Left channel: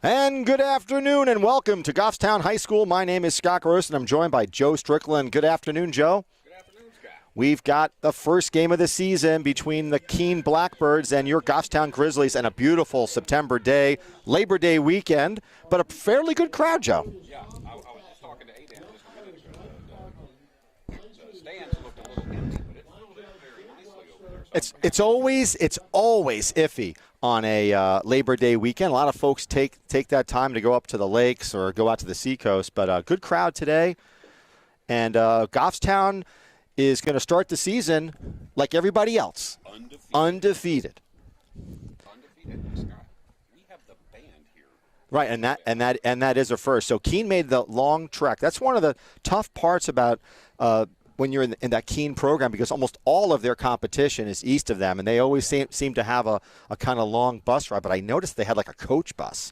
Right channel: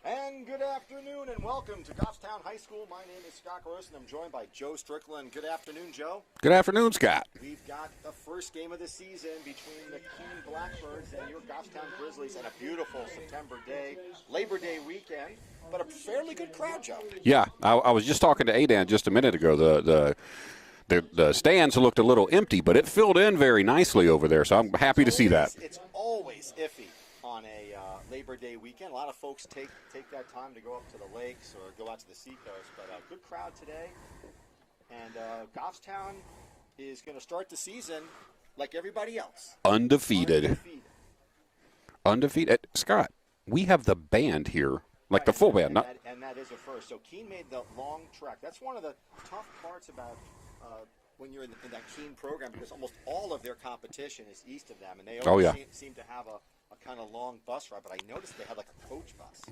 And good afternoon and welcome to Goffstown High School. My name is Scott Gross and I'm joined by Joe Strickland. Good afternoon, Joe. Good afternoon, Scott. We've got the first game of the season between the Keene Blackbirds and your Goffstown Grizzlies and a beautiful September day, Labor Day weekend, but a fairly good crowd, Joe. Yeah, I was just talking to Adan just a minute ago. The stands looked a little empty, but it filled in very nicely over there, so I'm happy to see that. It's always iffy on a Labor Day weekend. A lot of folks take that time to go up to the lakes or go out to the seacoast, but a good crowd today. And Goffstown is going to start the season like everybody else. Undefeated. Scott, we have the band here. Like right, the full band. And that is a first. So Keene made the long trek. That's one of the tough parts about when you're in that Keene program, because almost all of their competition is east of them, and they always seem to have a kind of long bus ride. But I noticed they had like a coach bus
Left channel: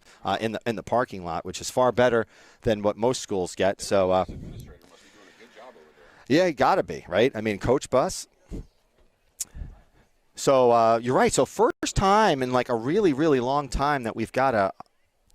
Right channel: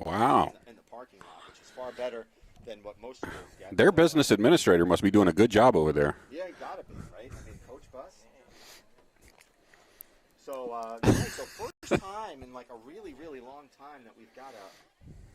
in the parking lot, which is far better than what most schools get. Their business administrator must be doing a good job over there. Yeah, got to be, right? I mean, coach bus. So you're right. So first time in like a really, really long time that we've got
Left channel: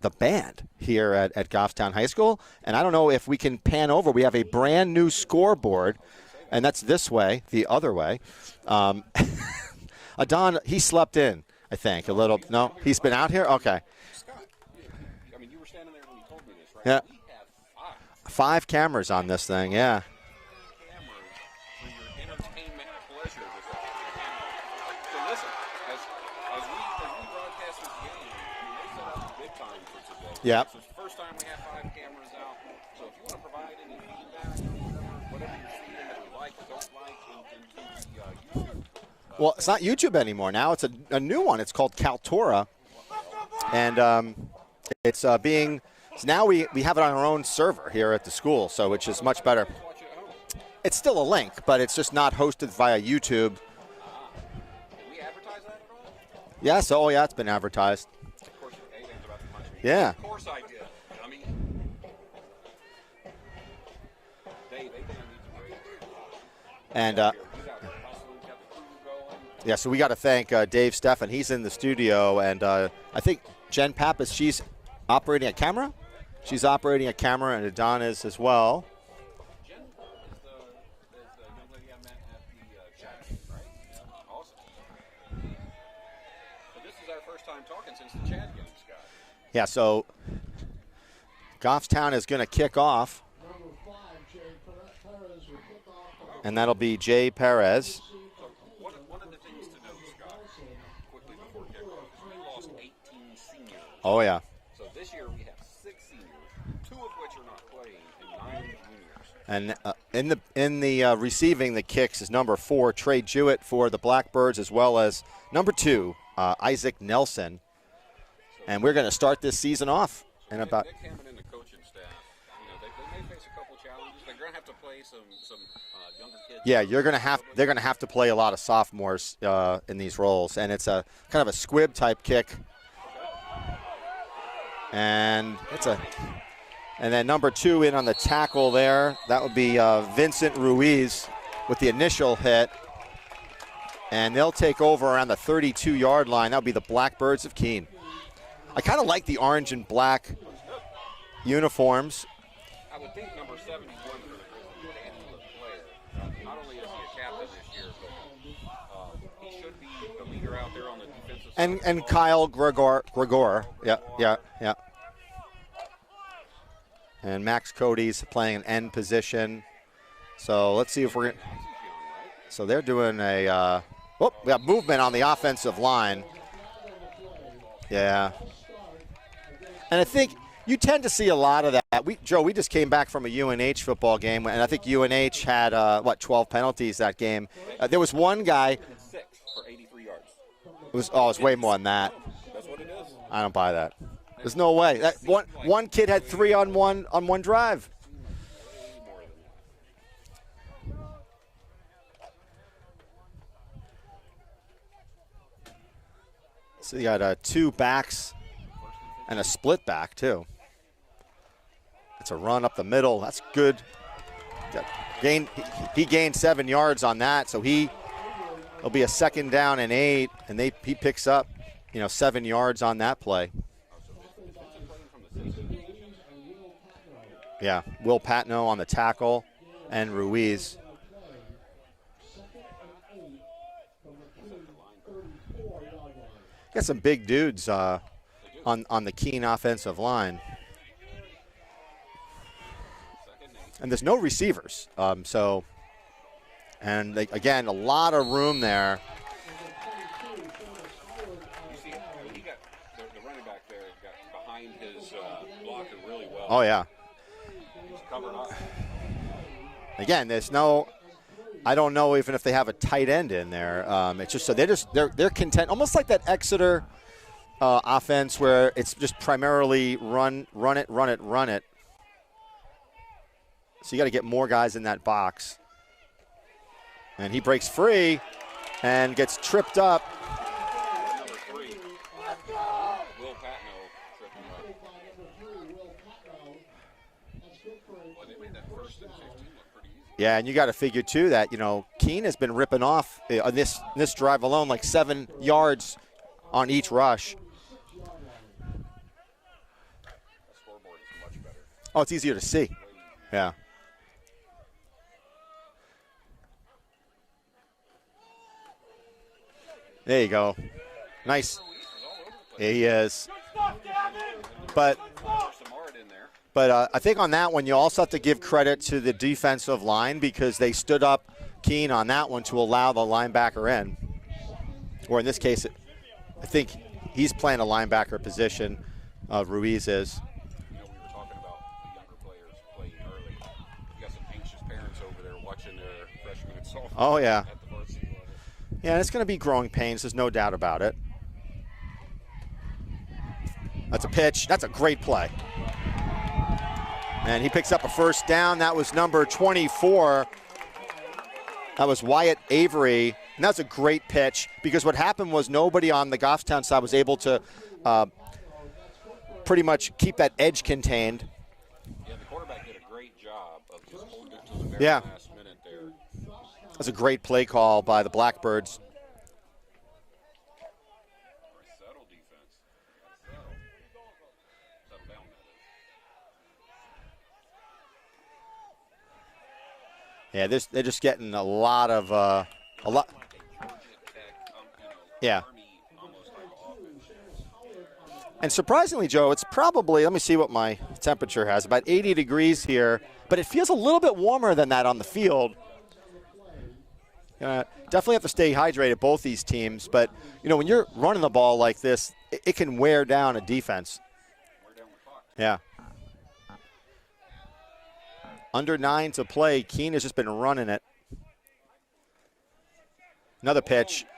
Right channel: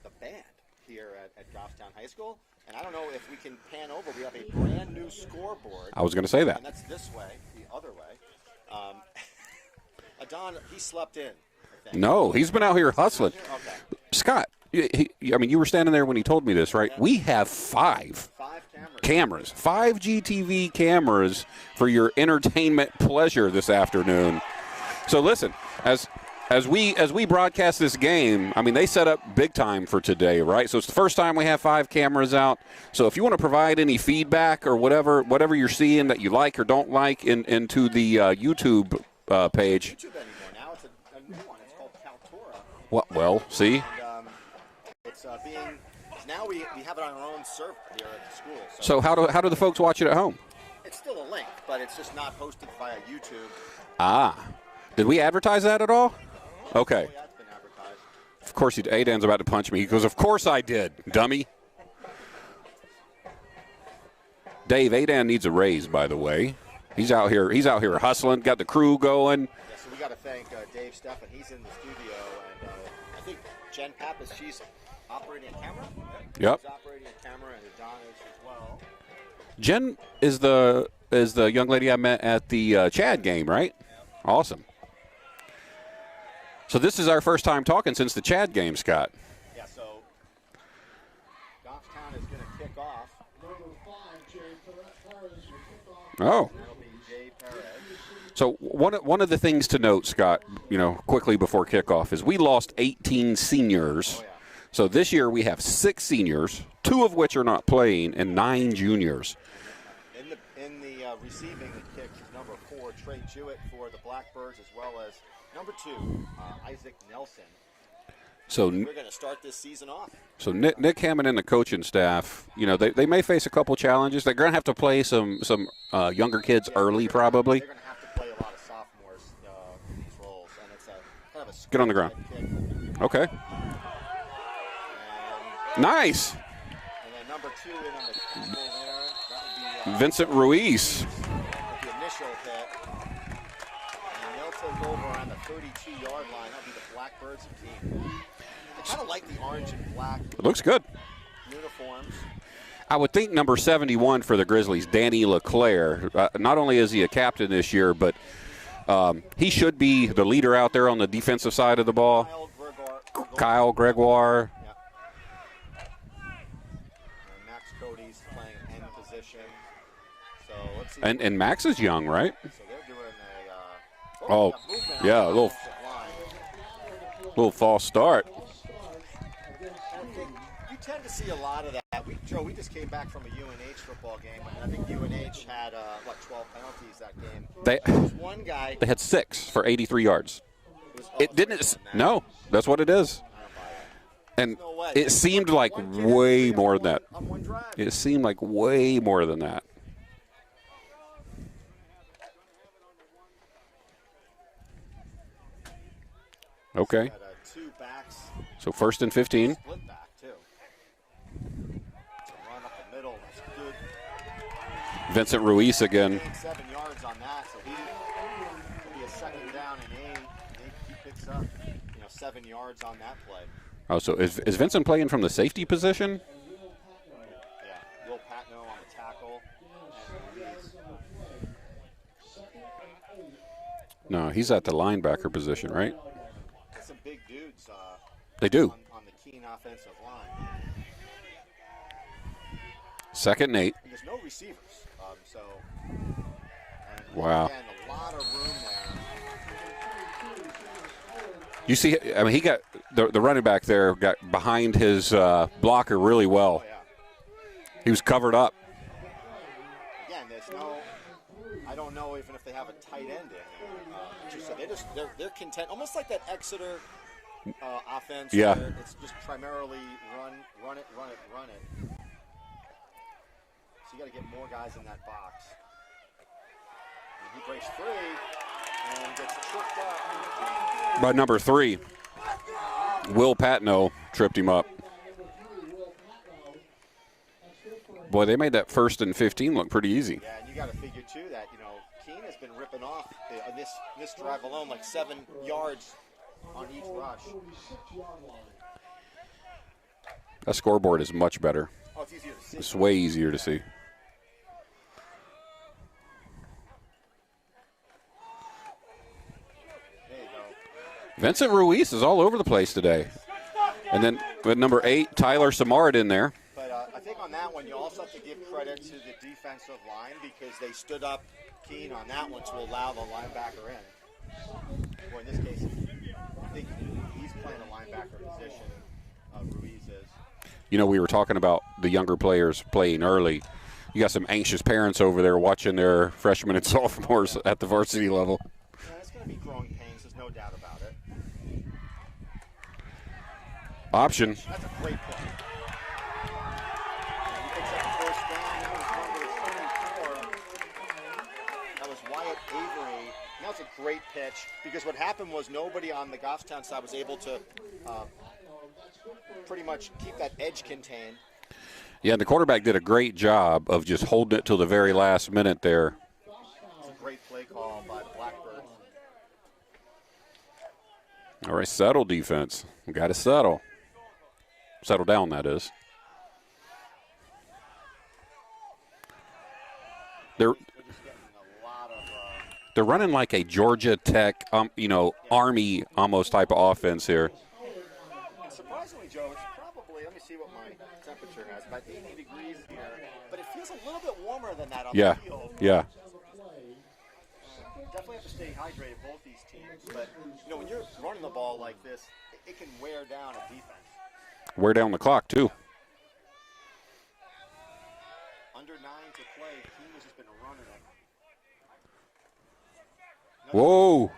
the band here at Goffstown High School. And I don't know if we can pan over. We have a brand new scoreboard. I was going to say that. And that's this way, the other way. Adon, he slept in, I think. No, he's been out here hustling. He's been out here? Okay. Scott, you were standing there when he told me this, right? Yeah. We have five cameras on this thing. 5 GTV cameras for your entertainment pleasure this afternoon. So listen, as we broadcast this game, I mean, they set up big time for today, right? Yeah. So it's the first time we have 5 cameras out. So if you want to provide any feedback or whatever you're seeing that you like or don't like into the YouTube page. It's not YouTube anymore. Now it's a new one. It's called Kaltura. Well, see? And it's being – now we have it on our own server here at the school. So how do the folks watch it at home? It's still a link, but it's just not hosted via YouTube. Ah. Did we advertise that at all? Yes. Okay. Oh, yeah, it's been advertised. Of course, Adan's about to punch me. He goes, of course I did, dummy. Dave, Adan needs a raise, by the way. He's out here hustling, got the crew going. Yeah, so we got to thank Dave Steffen. He's in the studio, and I think Jen Pappas, she's operating a camera. Yep. She's operating a camera, and Adon is as well. Jen is the young lady I met at the Chad game, right? Awesome. So this is our first time talking since the Chad game, Scott. Yeah, so Goffstown is going to kick off. Oh. And that'll be Jay Perez. So one of the things to note, Scott, quickly before kickoff is we lost 18 seniors. Oh, yeah. So this year we have 6 seniors, 2 of which are not playing, and 9 juniors. And in the receiving the kicks is number 4, Trey Jewett for the Blackbirds, as well as number 2, Isaac Nelson. And we're going to start this season off. So Nick Hammond and the coaching staff, they may face a couple challenges. They're going to have to play some younger kids early, probably. They're going to have to play a lot of sophomores in these roles, and it's a kind of a squib type kick. Okay. And nice. And then number 2 in on the tackle there. That would be Vincent Ruiz with the initial hit. And they'll take over around the 32-yard line. That would be the Blackbirds of Keene. I kind of like the orange and black. It looks good. Uniforms. I would think number 71 for the Grizzlies, Danny LeClaire. Not only is he a captain this year, but He should be the leader out there on the defensive side of the ball. Kyle Gregoire. Kyle Gregoire. Yep. And Max Cody's playing an end position. So let's see. And Max is young, right? So they're doing a we got movement on the offensive line. Little false start. Yeah. And I think you tend to see a lot of that. Joe, we just came back from a UNH football game, and I think UNH had, 12 penalties that game. There was one guy. They had 6 for 83 yards. It's way more than that. No, that's what it is. I don't buy that. And there's no way. It seemed like one kid had 3 on one drive. It seemed like way more than that. Okay. So you got 2 backs. So 1st and 15. And a split back, too. It's a run up the middle. That's good. Vincent Ruiz again. He gained 7 yards on that, so it'll be a 2nd down and 8, and he picks up, 7 yards on that play. Oh, so is Vincent playing from the safety position? Yeah, Will Patno on the tackle, and Ruiz. No, he's at the linebacker position, right? Got some big dudes. They do. On the Keene offensive line. 2nd and 8. And there's no receivers. Again, a lot of room there. You see, I mean, he got the running back there got behind his blocker really well. Oh, yeah. He was covered up. Again, there's no – I don't know even if they have a tight end in there. It's just so they're content, almost like that Exeter offense where it's just primarily run it. So you got to get more guys in that box. And he breaks free and gets tripped up by number 3. Will Patno tripped him up. Boy, they made that 1st and 15 look pretty easy. Yeah, and you got to figure, too, that, Keene has been ripping off on this drive alone, like 7 yards on each rush. That scoreboard is much better. Oh, it's easier to see. It's way easier to see. There you go. Vincent Ruiz is all over the place today. He is. And then with number 8, Tyler Samard in there. But I think on that one, you also have to give credit to the defensive line because they stood up Keene on that one to allow the linebacker in. Or in this case, I think he's playing a linebacker position, Ruiz is. We were talking about the younger players playing early. You got some anxious parents over there watching their freshmen and sophomores at the varsity level. Yeah, and it's going to be growing pains. There's no doubt about it. That's a pitch. That's a great play. And he picks up a 1st down. That was number 24. That was Wyatt Avery. And that's a great pitch because what happened was nobody on the Goffstown side was able to pretty much keep that edge contained. Yeah, the quarterback did a great job of just holding it till the very last minute there. That's a great play call by the Blackbirds. All right, settle defense. We got to settle. Settle down, that is. Yeah, they're just getting a lot of. They're running like a Georgia Tech, Army almost type of offense here. And surprisingly, Joe, it's probably, let me see what my temperature has, about 80 degrees here, but it feels a little bit warmer than that on the field. Yeah. Definitely have to stay hydrated, both these teams, but when you're running the ball like this, it can wear down a defense. Wear down the clock, too. Yeah. Under 9 to play. Keene has just been running it. Another pitch.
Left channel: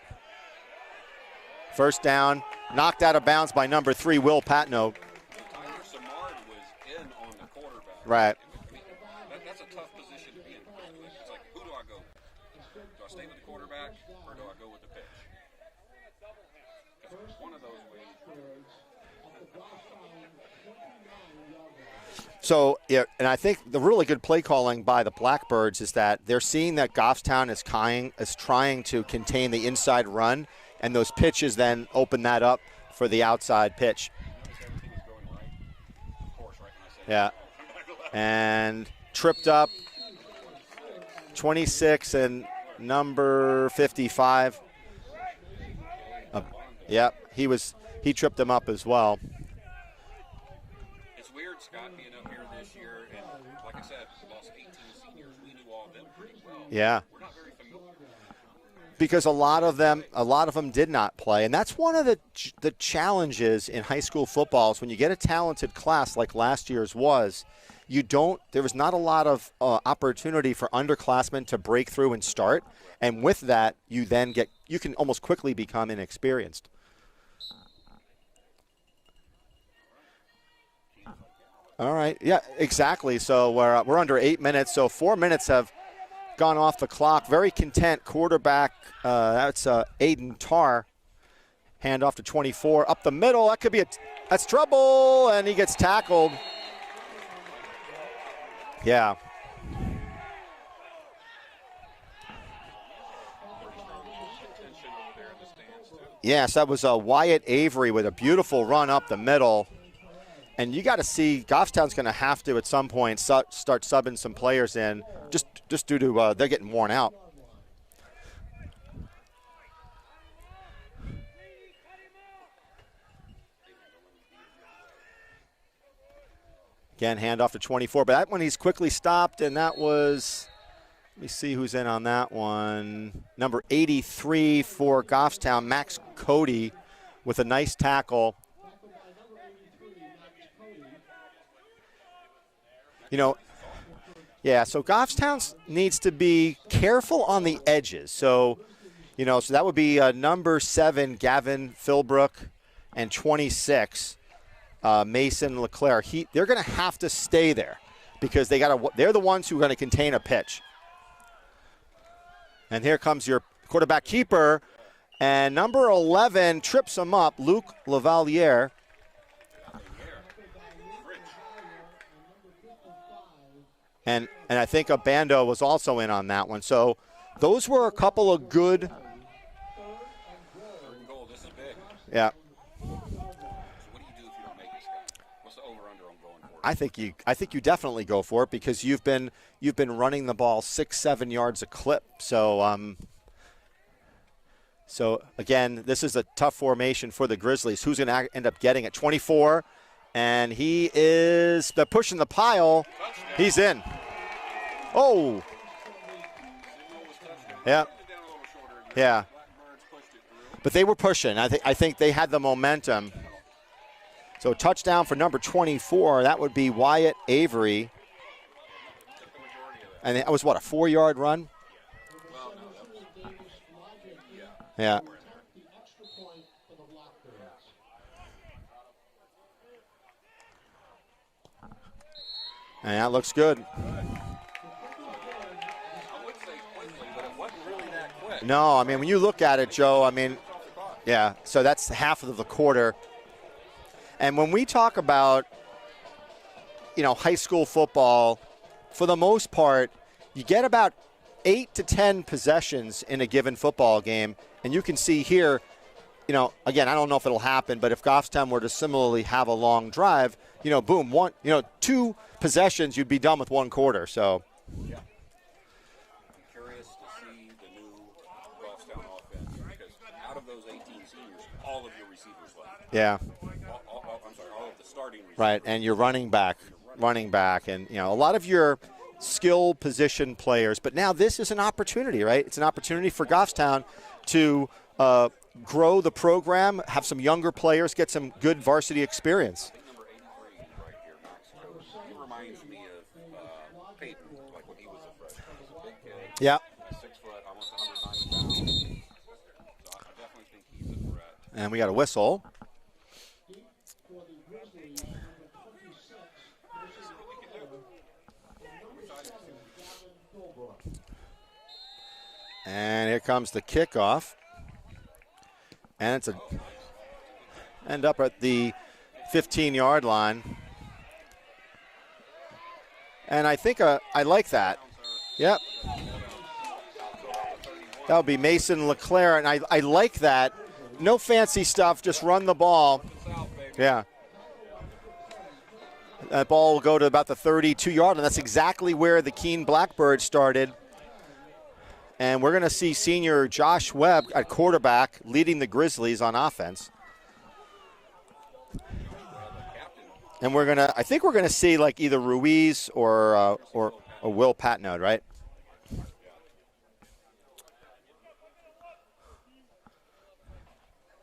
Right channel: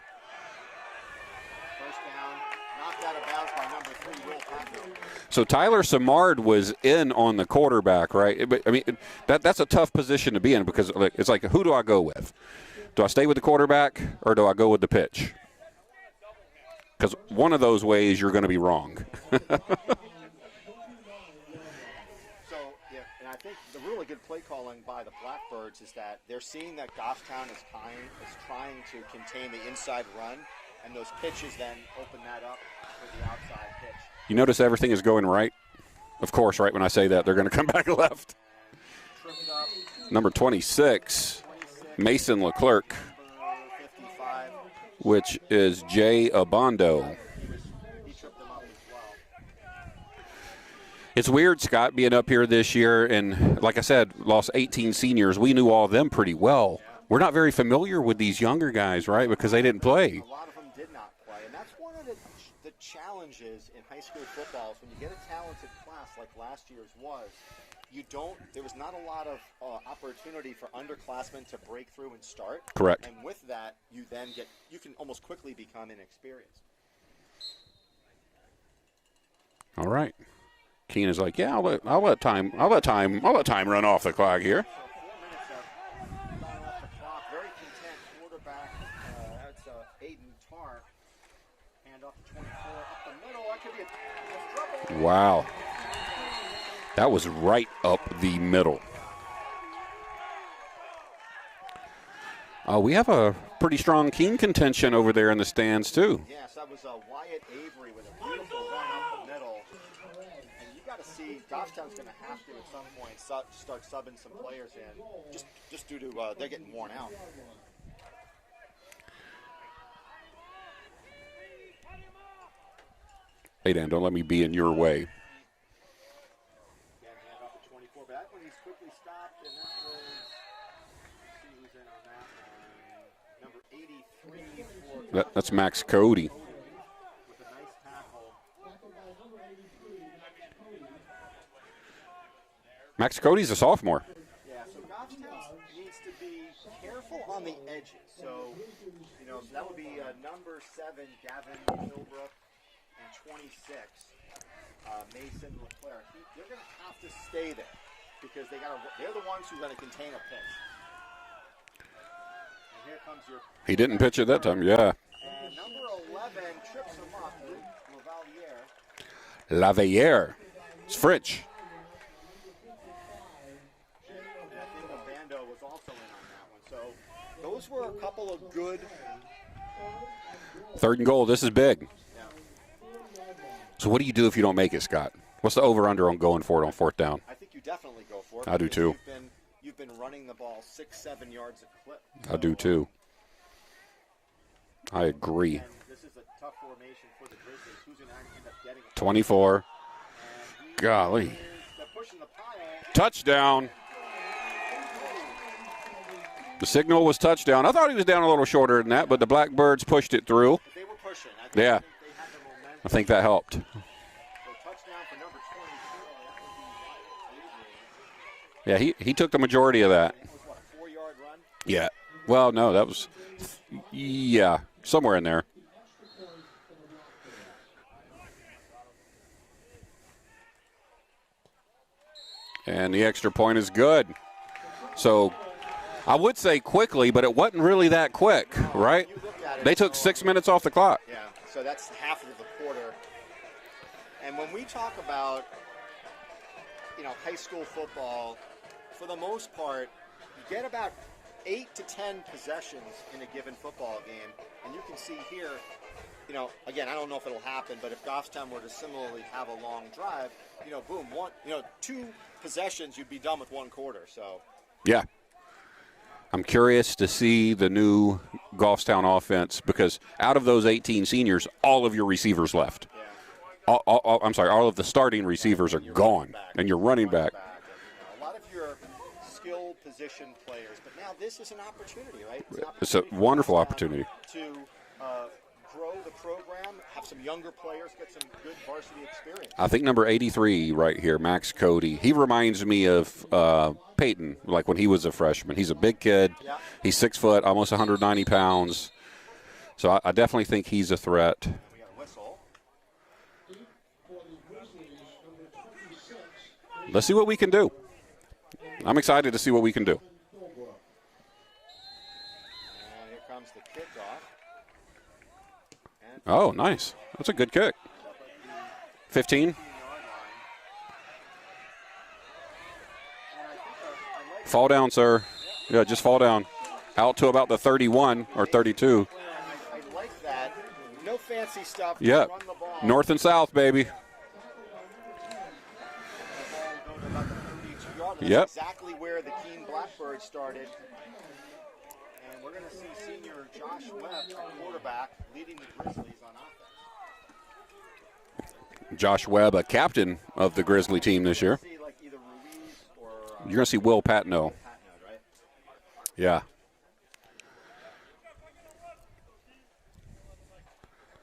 1st down. Knocked out of bounds by number 3, Will Patno. So Tyler Samard was in on the quarterback, right? But, I mean, that's a tough position to be in because it's like, who do I go with? Do I stay with the quarterback or do I go with the pitch? Because one of those ways you're going to be wrong. So, yeah, and I think the really good play calling by the Blackbirds is that they're seeing that Goffstown is trying to contain the inside run, and those pitches then open that up for the outside pitch. You notice everything is going right? Of course, right when I say that, they're going to come back left. And tripped up. Number 26. 26. Mason Leclerc. Number 55. Which is Jay Abondo. Yeah, he tripped him up as well. It's weird, Scott, being up here this year, and like I said, lost 18 seniors. We knew all of them pretty well. Yeah. We're not very familiar with these younger guys, because right? Because they didn't play. A lot of them did not play, and that's one of the challenges in high school football is when you get a talented class like last year's was, there was not a lot of opportunity for underclassmen to break through and start. Correct. And with that, you can almost quickly become inexperienced. All right. Keene is like, yeah, I'll let run time we're off the under clock 8 minutes, so 4 minutes have gone off the clock. Very content quarterback. That's Aiden Tarr. Hand off to 24. Up the middle. That's trouble. Wow. And he gets tackled. That was right up the middle. Yeah. We have a pretty strong Keene contention over there in the stands, too. Yes, that was Wyatt Avery with a beautiful run up the middle. And you got to see Goffstown's going to have to at some point start subbing some players in just due to they're getting worn out. Hey, Dan, don't let me be in your way. Again, handoff to 24, but that one he's quickly stopped, and that was, let me see who's in on that one. Number 83 for Goffstown, that's Max Cody with a nice tackle. Max Cody's a sophomore. Yeah, so Goffstown needs to be careful on the edges. So, so that would be number 7, Gavin Philbrook, and 26, Mason Leclerc. They're going to have to stay there because they're the ones who are going to contain a pitch. And here comes your quarterback keeper. Yeah. And number 11 trips him up, Luc Lavaliere. It's French. And I think Abando was also in on that one. So those were a couple of good. 3rd and goal. This is big. Yeah. So what do you do if you don't make it, Scott? What's the over/under on going for it on 4th down? I think you definitely go for it I because do too. you've been running the ball 6-7 yards a clip. So I do too. I agree. Again, this is a tough formation for the Grizzlies. Who's going to end up getting it? 24. And they're pushing the pile. Touchdown. He's in. Oh. The signal was touchdown. I thought he was down a little shorter than that, but the Blackbirds pushed it through. But they were pushing. I think they had the momentum. I think that helped. So touchdown for number 24. That would be Wyatt Avery. Yeah, he took the majority of that. And that was, what, a 4-yard run? Yeah. Well, no, that was, somewhere in there. And the extra point is good. So I would say quickly, but it wasn't really that quick. No, right? I mean, when you look at it, they took 6 minutes off the clock. Yeah, so that's half of the quarter. And when we talk about, high school football, for the most part, you get about 8 to 10 possessions in a given football game. And you can see here, again, I don't know if it'll happen, but if Goffstown were to similarly have a long drive, boom, 2 possessions, you'd be done with 1 quarter. So, yeah. I'm curious to see the new Goffstown offense because out of those 18 seniors, all of your receivers left. Yeah. All of the starting receivers and you're gone. running back. And you're running back. And, a lot of your skill position players. But now this is an opportunity, right? It's an opportunity for Goffstown to grow the program, have some younger players, get some good varsity experience. I think number 83 right here, Max Cody, he reminds me of Peyton, like when he was a freshman. He's a big kid. Yeah. He's 6 foot, almost 190 pounds. So I definitely think he's a threat. And we got a whistle. Let's see what we can do. I'm excited to see what we can do. And here comes the kickoff. And it's nice. That's a good kick. End up at the 15-yard line. And I think I like that. Fall down, sir. Yep. Yeah, just fall down. Out to about the 31 That'll be or Mason 32. Leclerc, and I like that. No fancy stuff, just run the ball. North and south, baby. Yeah. That ball will go to about the 32-yard line. That's exactly where the Keene Blackbirds started. And we're going to see senior Josh Webb at quarterback leading the Grizzlies on offense. Josh Webb, a captain of the Grizzly team this year. I think we're going to see like either Ruiz or you're going to see Will Patno. Will Patno, right? Yeah.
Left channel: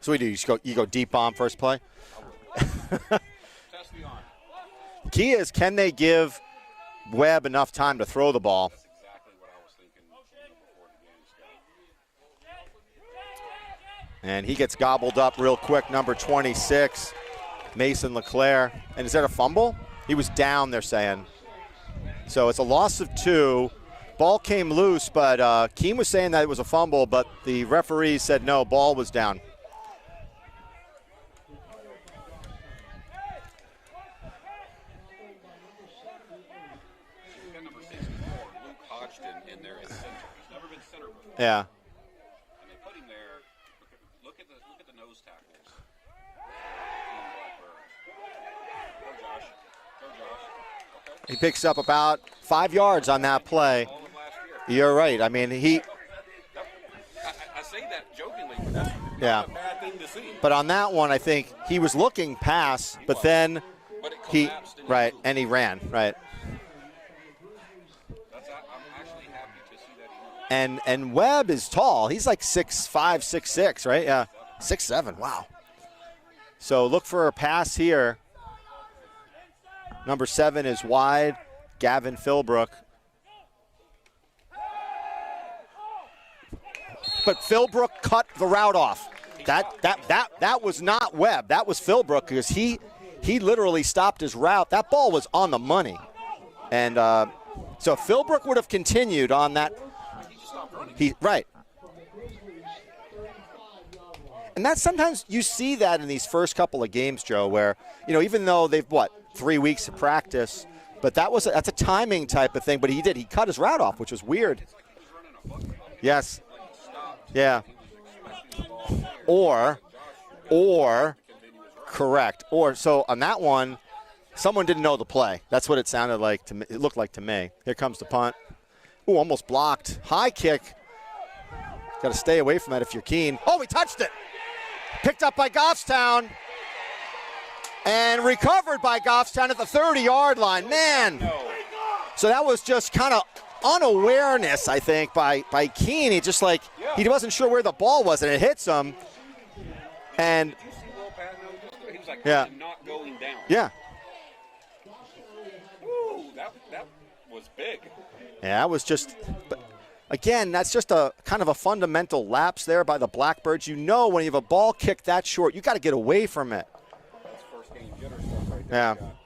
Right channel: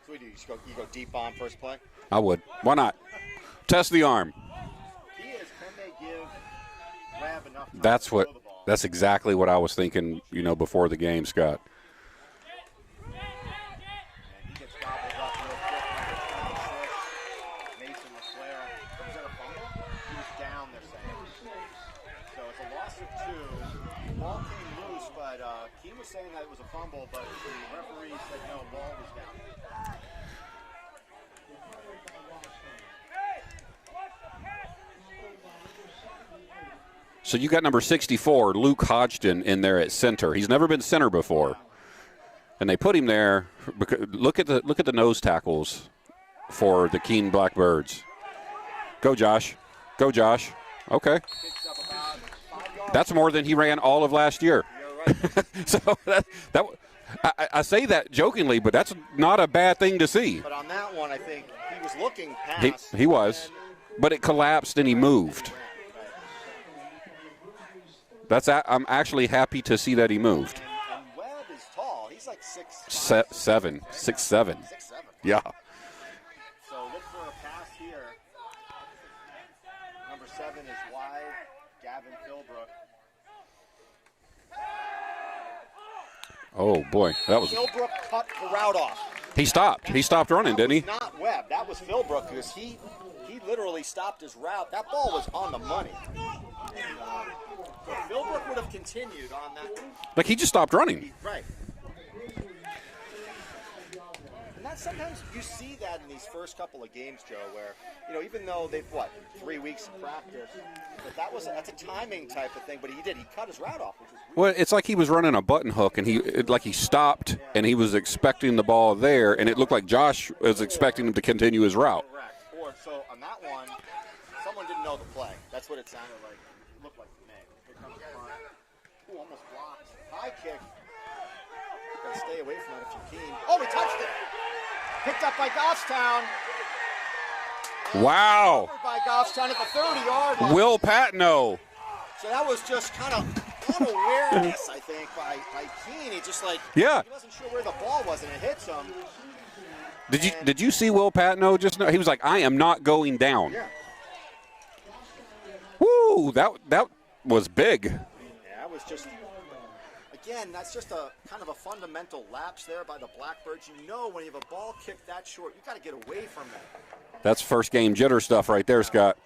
So we do. You go deep bomb first play? I would. Why not? Test the arm. Key is, can they give Webb enough time to throw the ball? That's exactly what I was thinking, before the game, Scott. And he gets gobbled up real quick, number 26, Mason LeClaire. And is that a fumble? He was down, they're saying. So it's a loss of 2. Ball came loose, but Keene was saying that it was a fumble, but the referee said no, ball was down. So you got number 64, Luke Hodgson, in there at center. He's never been center before. Yeah. And they put him there because look at the nose tackles for the Keene Blackbirds. Go Josh. Go Josh. Okay. He picks up about 5 yards. That's on more that than play. He ran all of last year. You're right. I mean, he. So I say that jokingly, but that's not a bad thing to see. But on that one, I think he was looking past. He was. But it collapsed and he moved. And he ran. Right. I'm actually happy to see that he moved. And Webb is tall. He's like 6'5", 6'6", right? 6'7". 6'7". Wow. Yeah. So look for a pass here. Number 7 is wide. Gavin Philbrook. Oh boy. But Philbrook cut the route off. He stopped running, didn't he? That was not Webb. That was Philbrook because he literally stopped his route. That ball was on the money. And so Philbrook would have continued on that. Like he just stopped running. Right. And that's sometimes you see that in these first couple of games, Joe, where, even though they've, 3 weeks of practice, but that's a timing type of thing. But he cut his route off, which was weird. Well, it's like he was running a button hook, and he stopped, and he was expecting the ball there, and it looked like Josh was expecting him to continue his route. Correct. So on that one, someone didn't know the play. That's what it sounded like to me. It looked like to me. Here comes the punt. Ooh, almost blocked. High kick. Got to stay away from that if you're Keene. Oh, he touched it. Picked up by Goffstown. And recovered by Goffstown at the 30-yard line. Will Patno. So that was just kind of unawareness, I think, by Keene. He just he wasn't sure where the ball was, and it hits him. Did you see Will Patno just now? He was like, I am not going down. Yeah. Woo, that was big. Yeah, that was just again, that's just a kind of a fundamental lapse there by the Blackbirds. When you have a ball kicked that short, you got to get away from it. That's first game jitter stuff right there, Scott.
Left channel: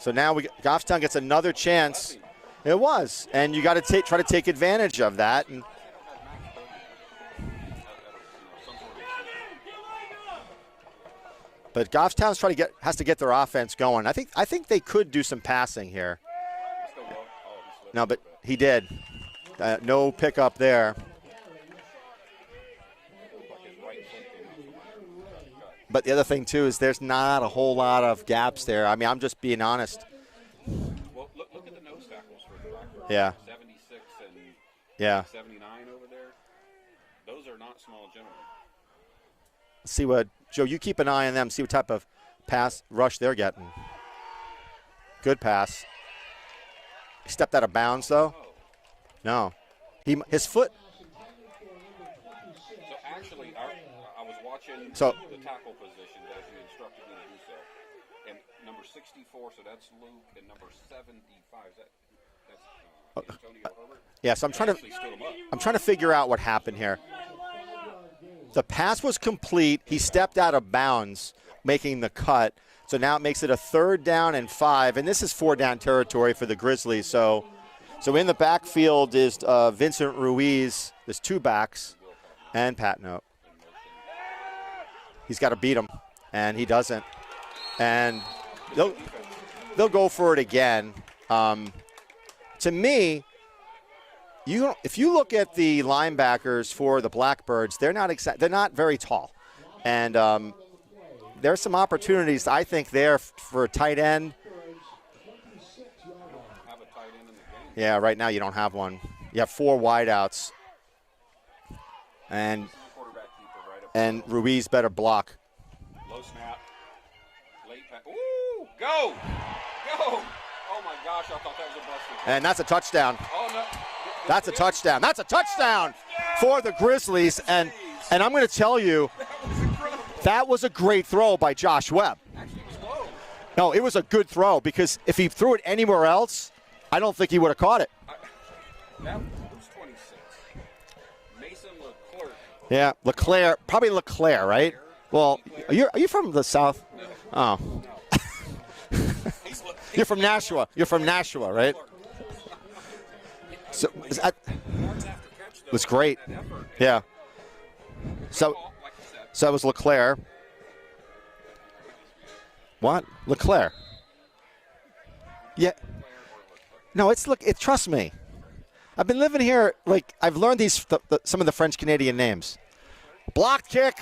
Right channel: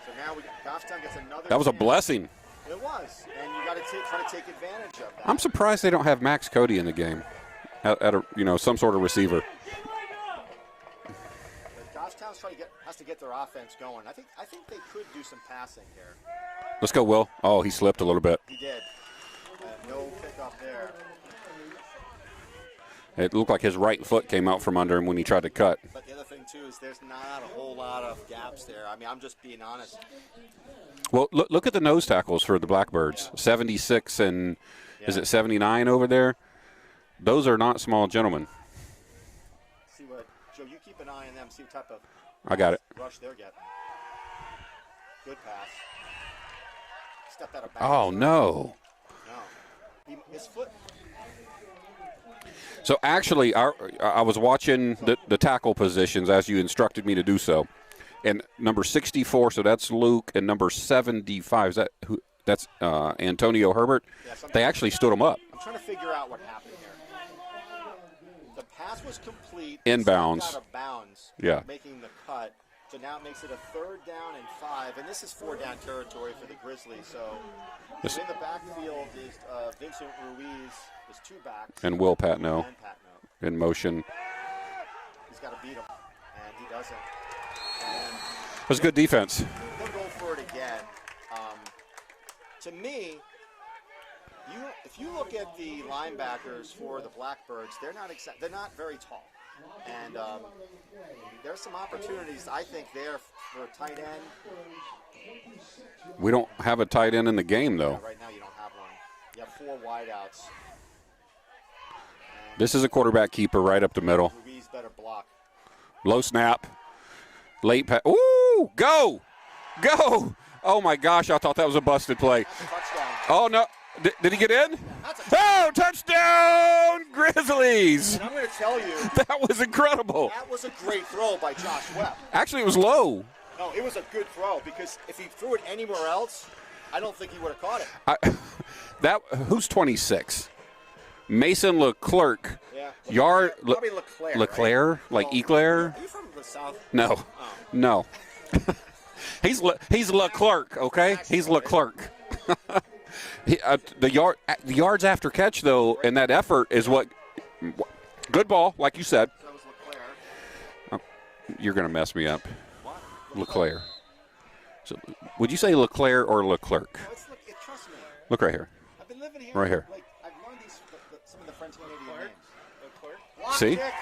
So now Goffstown gets another chance. That was a blessing. It was, and you got to try to take advantage of that. I'm surprised they don't have Max Cody in the game at some sort of receiver. But Goffstown's has to get their offense going. I think they could do some passing here. Let's go, Will. Oh, he slipped a little bit. He did. No pickup there. It looked like his right foot came out from under him when he tried to cut. But the other thing, too, is there's not a whole lot of gaps there. I mean, I'm just being honest. Well, look at the nose tackles for the Blackbirds. Yeah. 76 and is it 79 over there? Those are not small gentlemen. See what, Joe, you keep an eye on them. See what type of pass rush they're getting. Good pass. He stepped out of bounds, though. No. His foot. So, actually, I was watching the tackle positions as you instructed me to do so. And number 64, so that's Luke, and number 75, is that who? That's Antonio Herbert. Yes, they actually stood him up. I'm trying to figure out what happened here. The pass was complete. Inbounds. He stepped out of bounds, making the cut. So now it makes it a 3rd down and 5, and this is 4-down territory for the Grizzlies. So in the backfield is Vincent Ruiz. There's 2 backs. And Will Patno. And Patno. In motion. He's got to beat him, and he doesn't. And it was good defense. They'll go for it again. To me, if you look at the linebackers for the Blackbirds, they're not very tall, and there's some opportunities, I think, there for a tight end. We don't have a tight end in the game, though. Yeah, right now you don't have one. You have 4 wideouts. And this is a quarterback keeper right up the middle. Ruiz better block. Low snap. Late pass. Ooh, go. Go. Oh, my gosh, I thought that was a busted play. And that's a touchdown. Oh, no. Did he get in? That's a touchdown. That's a touchdown. Touchdown for the Grizzlies. Grizzlies. And I'm going to tell you. That was incredible. That was a great throw by Josh Webb. Actually, it was low. No, it was a good throw because if he threw it anywhere else, I don't think he would have caught it. Who's 26? Mason Leclerc. Yeah, Leclerc. Probably Leclerc, right? Leclerc? Like Eclair? Are you from the South? No. Oh. No. he's from Leclerc. Nashua. You're from Okay? Nashua, He's right? Leclerc. The yards after catch, though, was great. and that effort is what. Good ball, like you said. So that was Leclerc. You're going to mess me up. What? Leclerc. So, would you say Leclerc or Leclerc? No, trust me. Look right here. I've been living here. Right here. Like I've learned some of the French Canadian names. Block kick.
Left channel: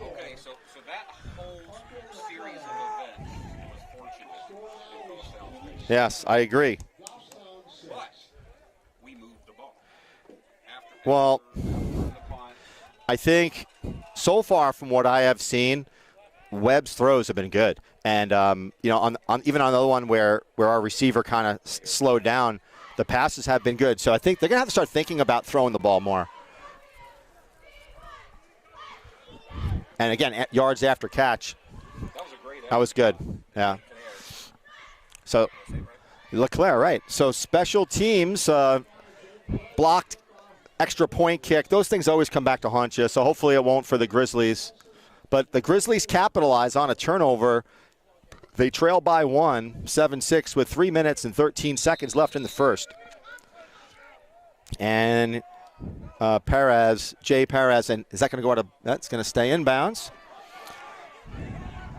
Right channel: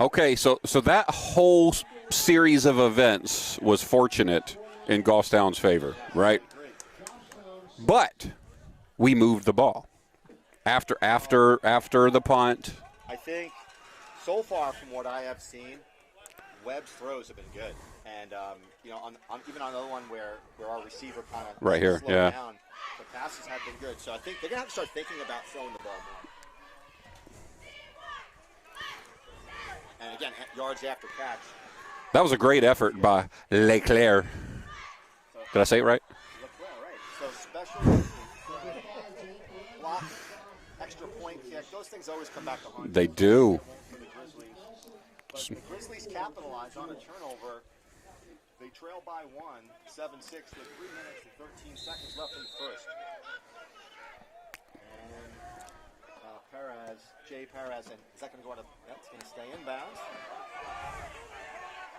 Okay, so that whole series of events was fortunate in Goffstown's favor. Yes, right? I agree. But we moved the ball after the punt. I think so far from what I have seen, Webb's throws have been good. And, even on the other one where our receiver kind of slowed down, the passes have been good. So I think they're going to have to start thinking about throwing the ball more. And, again, yards after catch. That was a great effort by Leclerc. So, did I say it right? Leclerc, right. So special teams blocked, extra point kick. Those things always come back to haunt you. So hopefully it won't for the Grizzlies. But the Grizzlies capitalize on a turnover. They trail by 7-6 with 3 minutes and 13 seconds left in the first. And Jay Perez, and is that going to go out of, that's going to stay inbounds.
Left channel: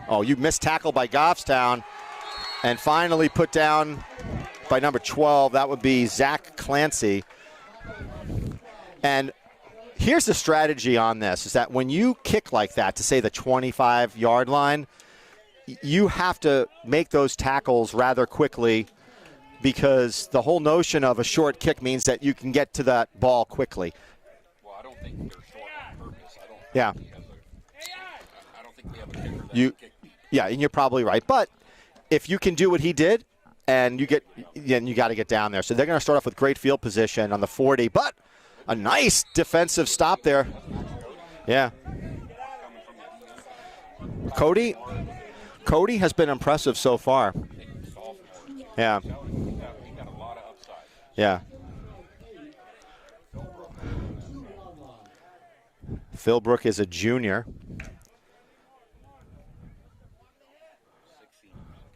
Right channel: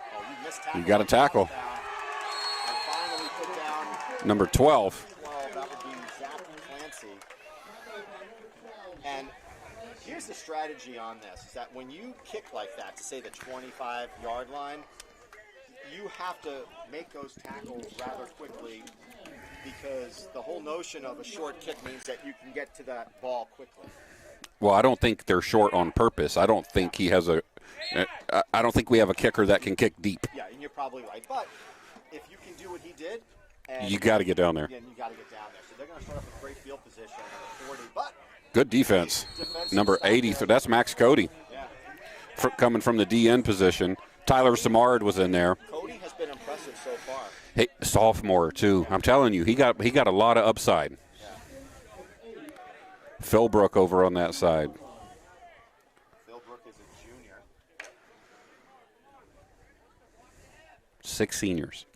Oh, you missed tackle by Goffstown. And finally put down number 12. By number 12, that would be Zach Clancy. And here's the strategy on this, is that when you kick like that to, say, the 25-yard line, you have to make those tackles rather quickly because the whole notion of a short kick means that you can get to that ball quickly. Well, I don't think they're short on purpose. I don't think he has I don't think we have a kicker that can kick deep. Yeah, and you're probably right. But if you can do what he did, and you got to get down there. Yeah, and you got to get down there. So they're going to start off with great field position on the 40, but good defense. Nice defensive number stop 80, there. So that's Max Cody. Yeah. Coming from the DN position. Tyler Samard was in there. Cody has been impressive so far. Hey, sophomore, too. Yeah. I'm telling you, he got a lot of upside. Yeah. Philbrook over on that side. Philbrook is a junior. 6 seniors.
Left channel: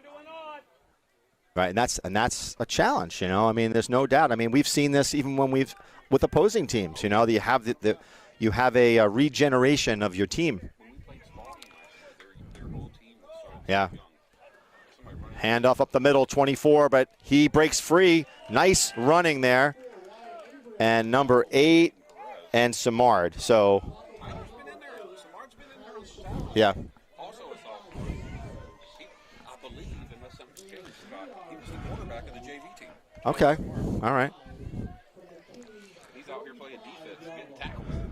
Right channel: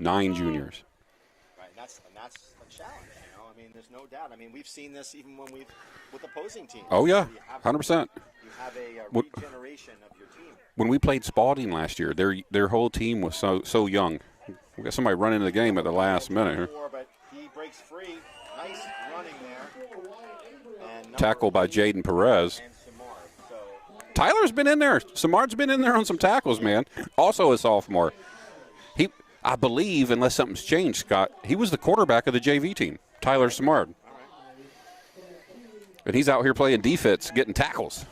9 juniors. Right, and that's a challenge, you know. I mean, there's no doubt. I mean, we've seen this even when with opposing teams. Oh, you yeah. know, you have 100%. You have a regeneration of your team. When we played Spalding last year, their whole team was so young. We got somebody running the game Handoff at up the middle, 24, minute. but he breaks free. Nice running there. And number tackle 8 by Jaden Perez and Samard. So Tyler's been in there. Samard's been in there on some tackles, man. Also a sophomore. I believe, unless something's changed, Scott, he was the quarterback of the JV team, Tyler Samard. All right. And he's out here playing defense, getting tackles.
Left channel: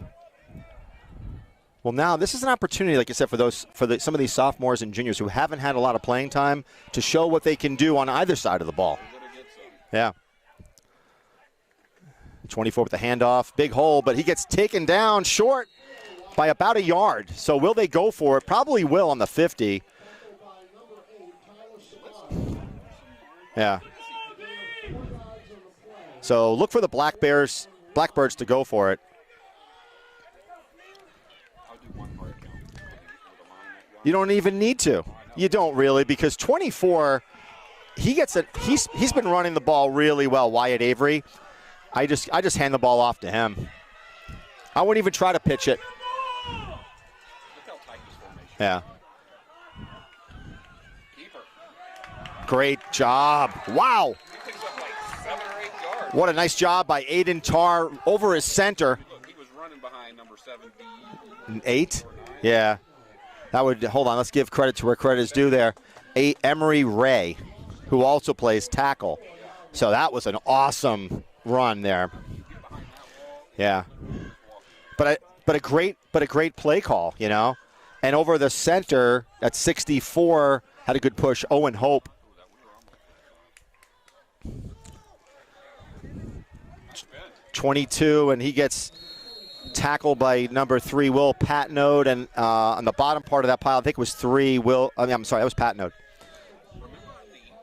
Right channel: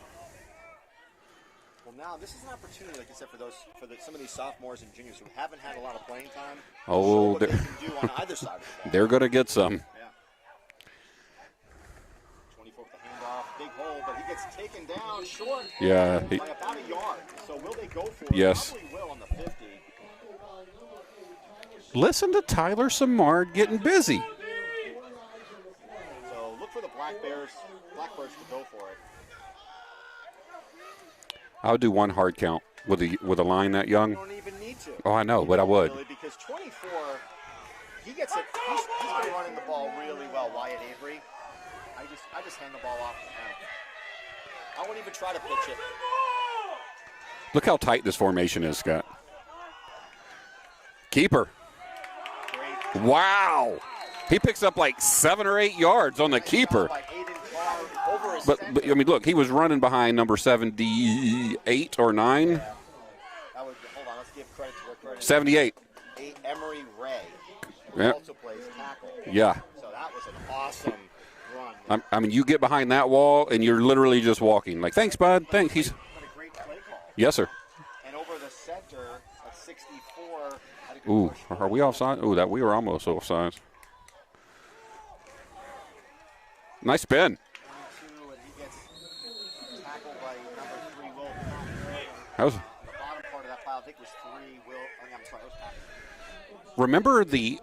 Well, now this is an opportunity, like I said, for some of these sophomores and juniors who haven't had a lot of playing time to show what they can do on either side of the ball. They're going to get some. Yeah. 24 with the handoff, big hole, but he gets taken down short by about a yard. So will they go for it? Yes. Probably will on the 50. Listen to Tyler Samard getting busy. So look for the Blackbirds to go for it. I would do one hard count with a line that young. You don't even need to. Oh, I know. You don't really, because 24, he gets it. He's been running the ball really well. Wyatt Avery. I just hand the ball off to him. I wouldn't even try to pitch it. Look how tight this formation is, Scott. Keeper. Great job. Wow. He picks up like 7 or 8 yards What on a the nice keeper. job by Aiden Tarr over his center. But, I mean, look, he was running behind number 78 or 9. Yeah. That would, hold on, let's give credit to where credit is due there. Emery Ray, who also plays tackle. Yeah. So that was an awesome run there. I mean, you get behind that wall, and you're literally just walking. Like, thanks, bud. But Thanks. a great play call, yes, you know? Sir. And over the center at 64, had a good push. Owen Hope. That we were almost offside. Nice spin. 22, and he gets tackled by number 3, Will Patnode. And on the bottom part of that pile, I think it was 3, I'm sorry, that was Patnode. Remember the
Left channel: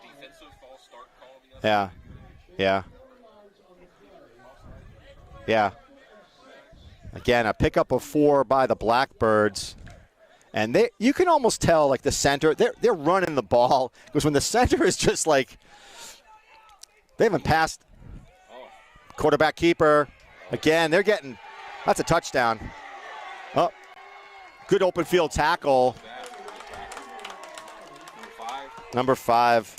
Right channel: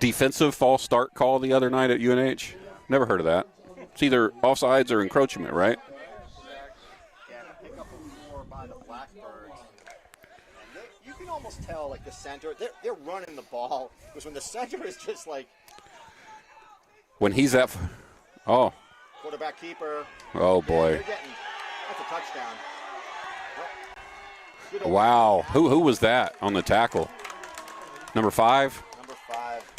defensive false start call the other night at UNH? Yeah. Never heard of that. It's either offsides or encroachment, right? Again, a pickup of 4 by the Blackbirds. And you can almost tell, like, the center, they're running the ball. Because when the center is just like, when he's at, quarterback keeper. Oh, again, boy. they're getting, that's a touchdown. Oh, good open field tackle. Who was that on the tackle? Number 5? Number 5.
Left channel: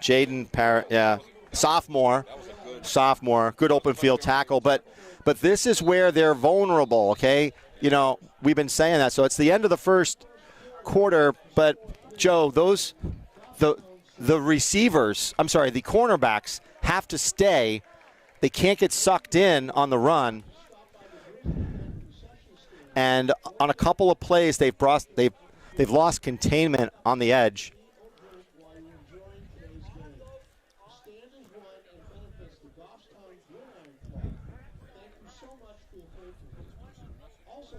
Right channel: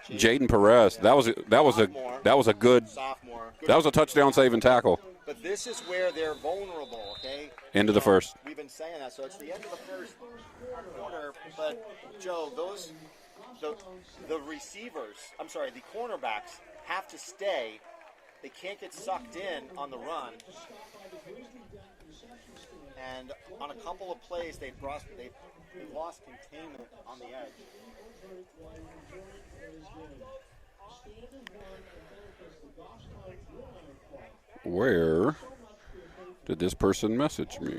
Jaden Perez. Yeah. That was a good sophomore. Good open field tackle. But this is where they're vulnerable, okay? End of the first. We've been saying that. So it's the end of the first quarter. But, Joe, the receivers, the cornerbacks have to stay. They can't get sucked in on the run. And on a couple of plays, they've lost containment on the edge. Where did this person message me?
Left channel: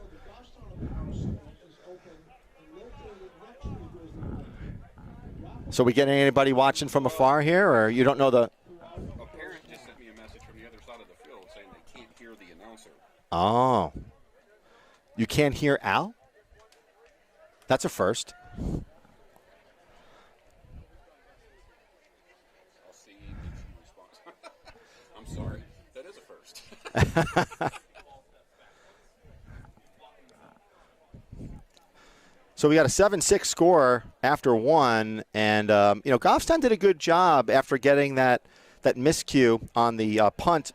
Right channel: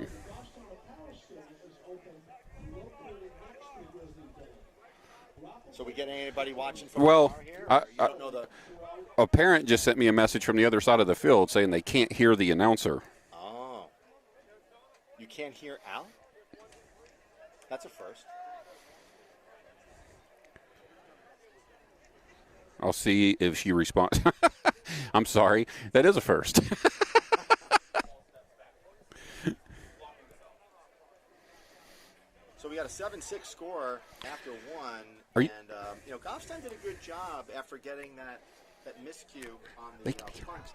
So we getting anybody watching from afar here, or you don't know the? A parent just sent me a message from the other side of the field saying they can't hear the announcer. Oh. You can't hear Al? That's a first. I'll see if she responds. I'm sorry. That is a first. So we got a 7-6 score after 1. And, Goffstown did a good job after getting that miscue on the punt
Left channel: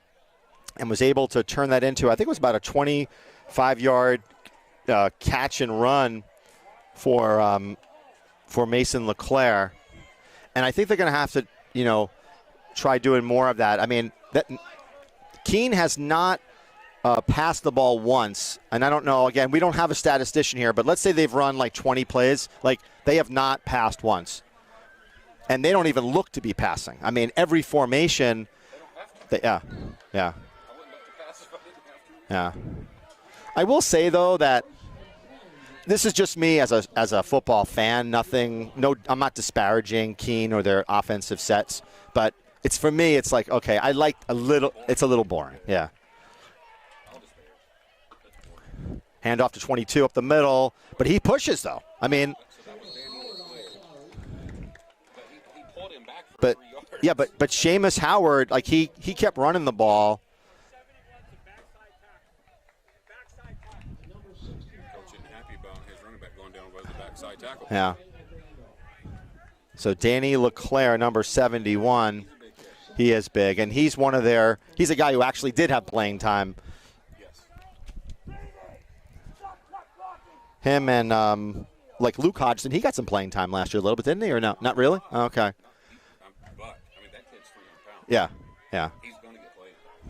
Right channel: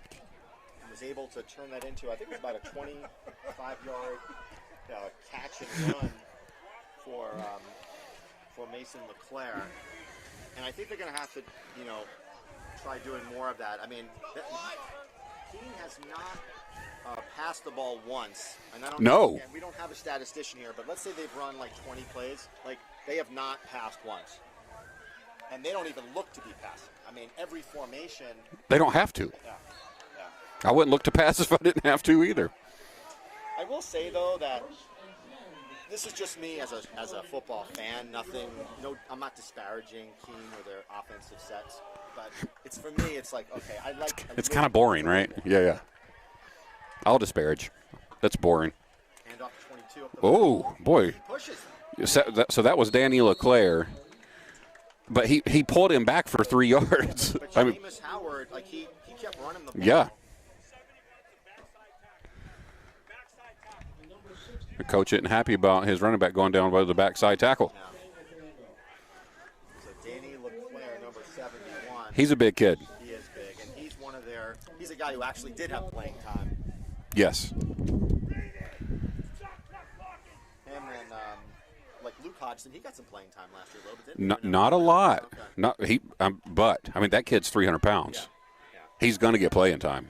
and was able to turn that into, I think it was about a 25-yard catch and run for Mason LeClaire. And I think they're going to have to, try doing more of that. I mean, Keene has not passed the ball once. And I don't know, again, we don't have a statistician here, but let's say they've run like 20 plays. Like, they have not passed once. And they don't even look to be passing. I mean, every formation. They don't have to. Yeah. I wouldn't look to pass if I didn't have to either. Yeah. I will say, though, that this is just me as a football fan. I'm not disparaging Keene or their offensive sets. But for me, it's like, okay, I like a little. Kind of boring, it's a little boring. Yeah. I'll disparage. That's boring. Hand off to 22 up the middle. Boy. But he pushes, though. So that was Danny LeClaire. But he pulled him back for 3 yards. Yeah, but Seamus Howard, like he kept running the ball. The coach isn't happy about his running back going down by the backside tackle. Yeah. So Danny LeClaire, number 71. He's a big kid. He is big, and he's a guy who actually did have playing time. Yes. Him and like Luke Hodgson, he got some playing time last year a little bit, didn't he? Or no? Not a really? lot. Okay. But I mean, that kid's 300 pounds. Yeah. He's going to get playing time.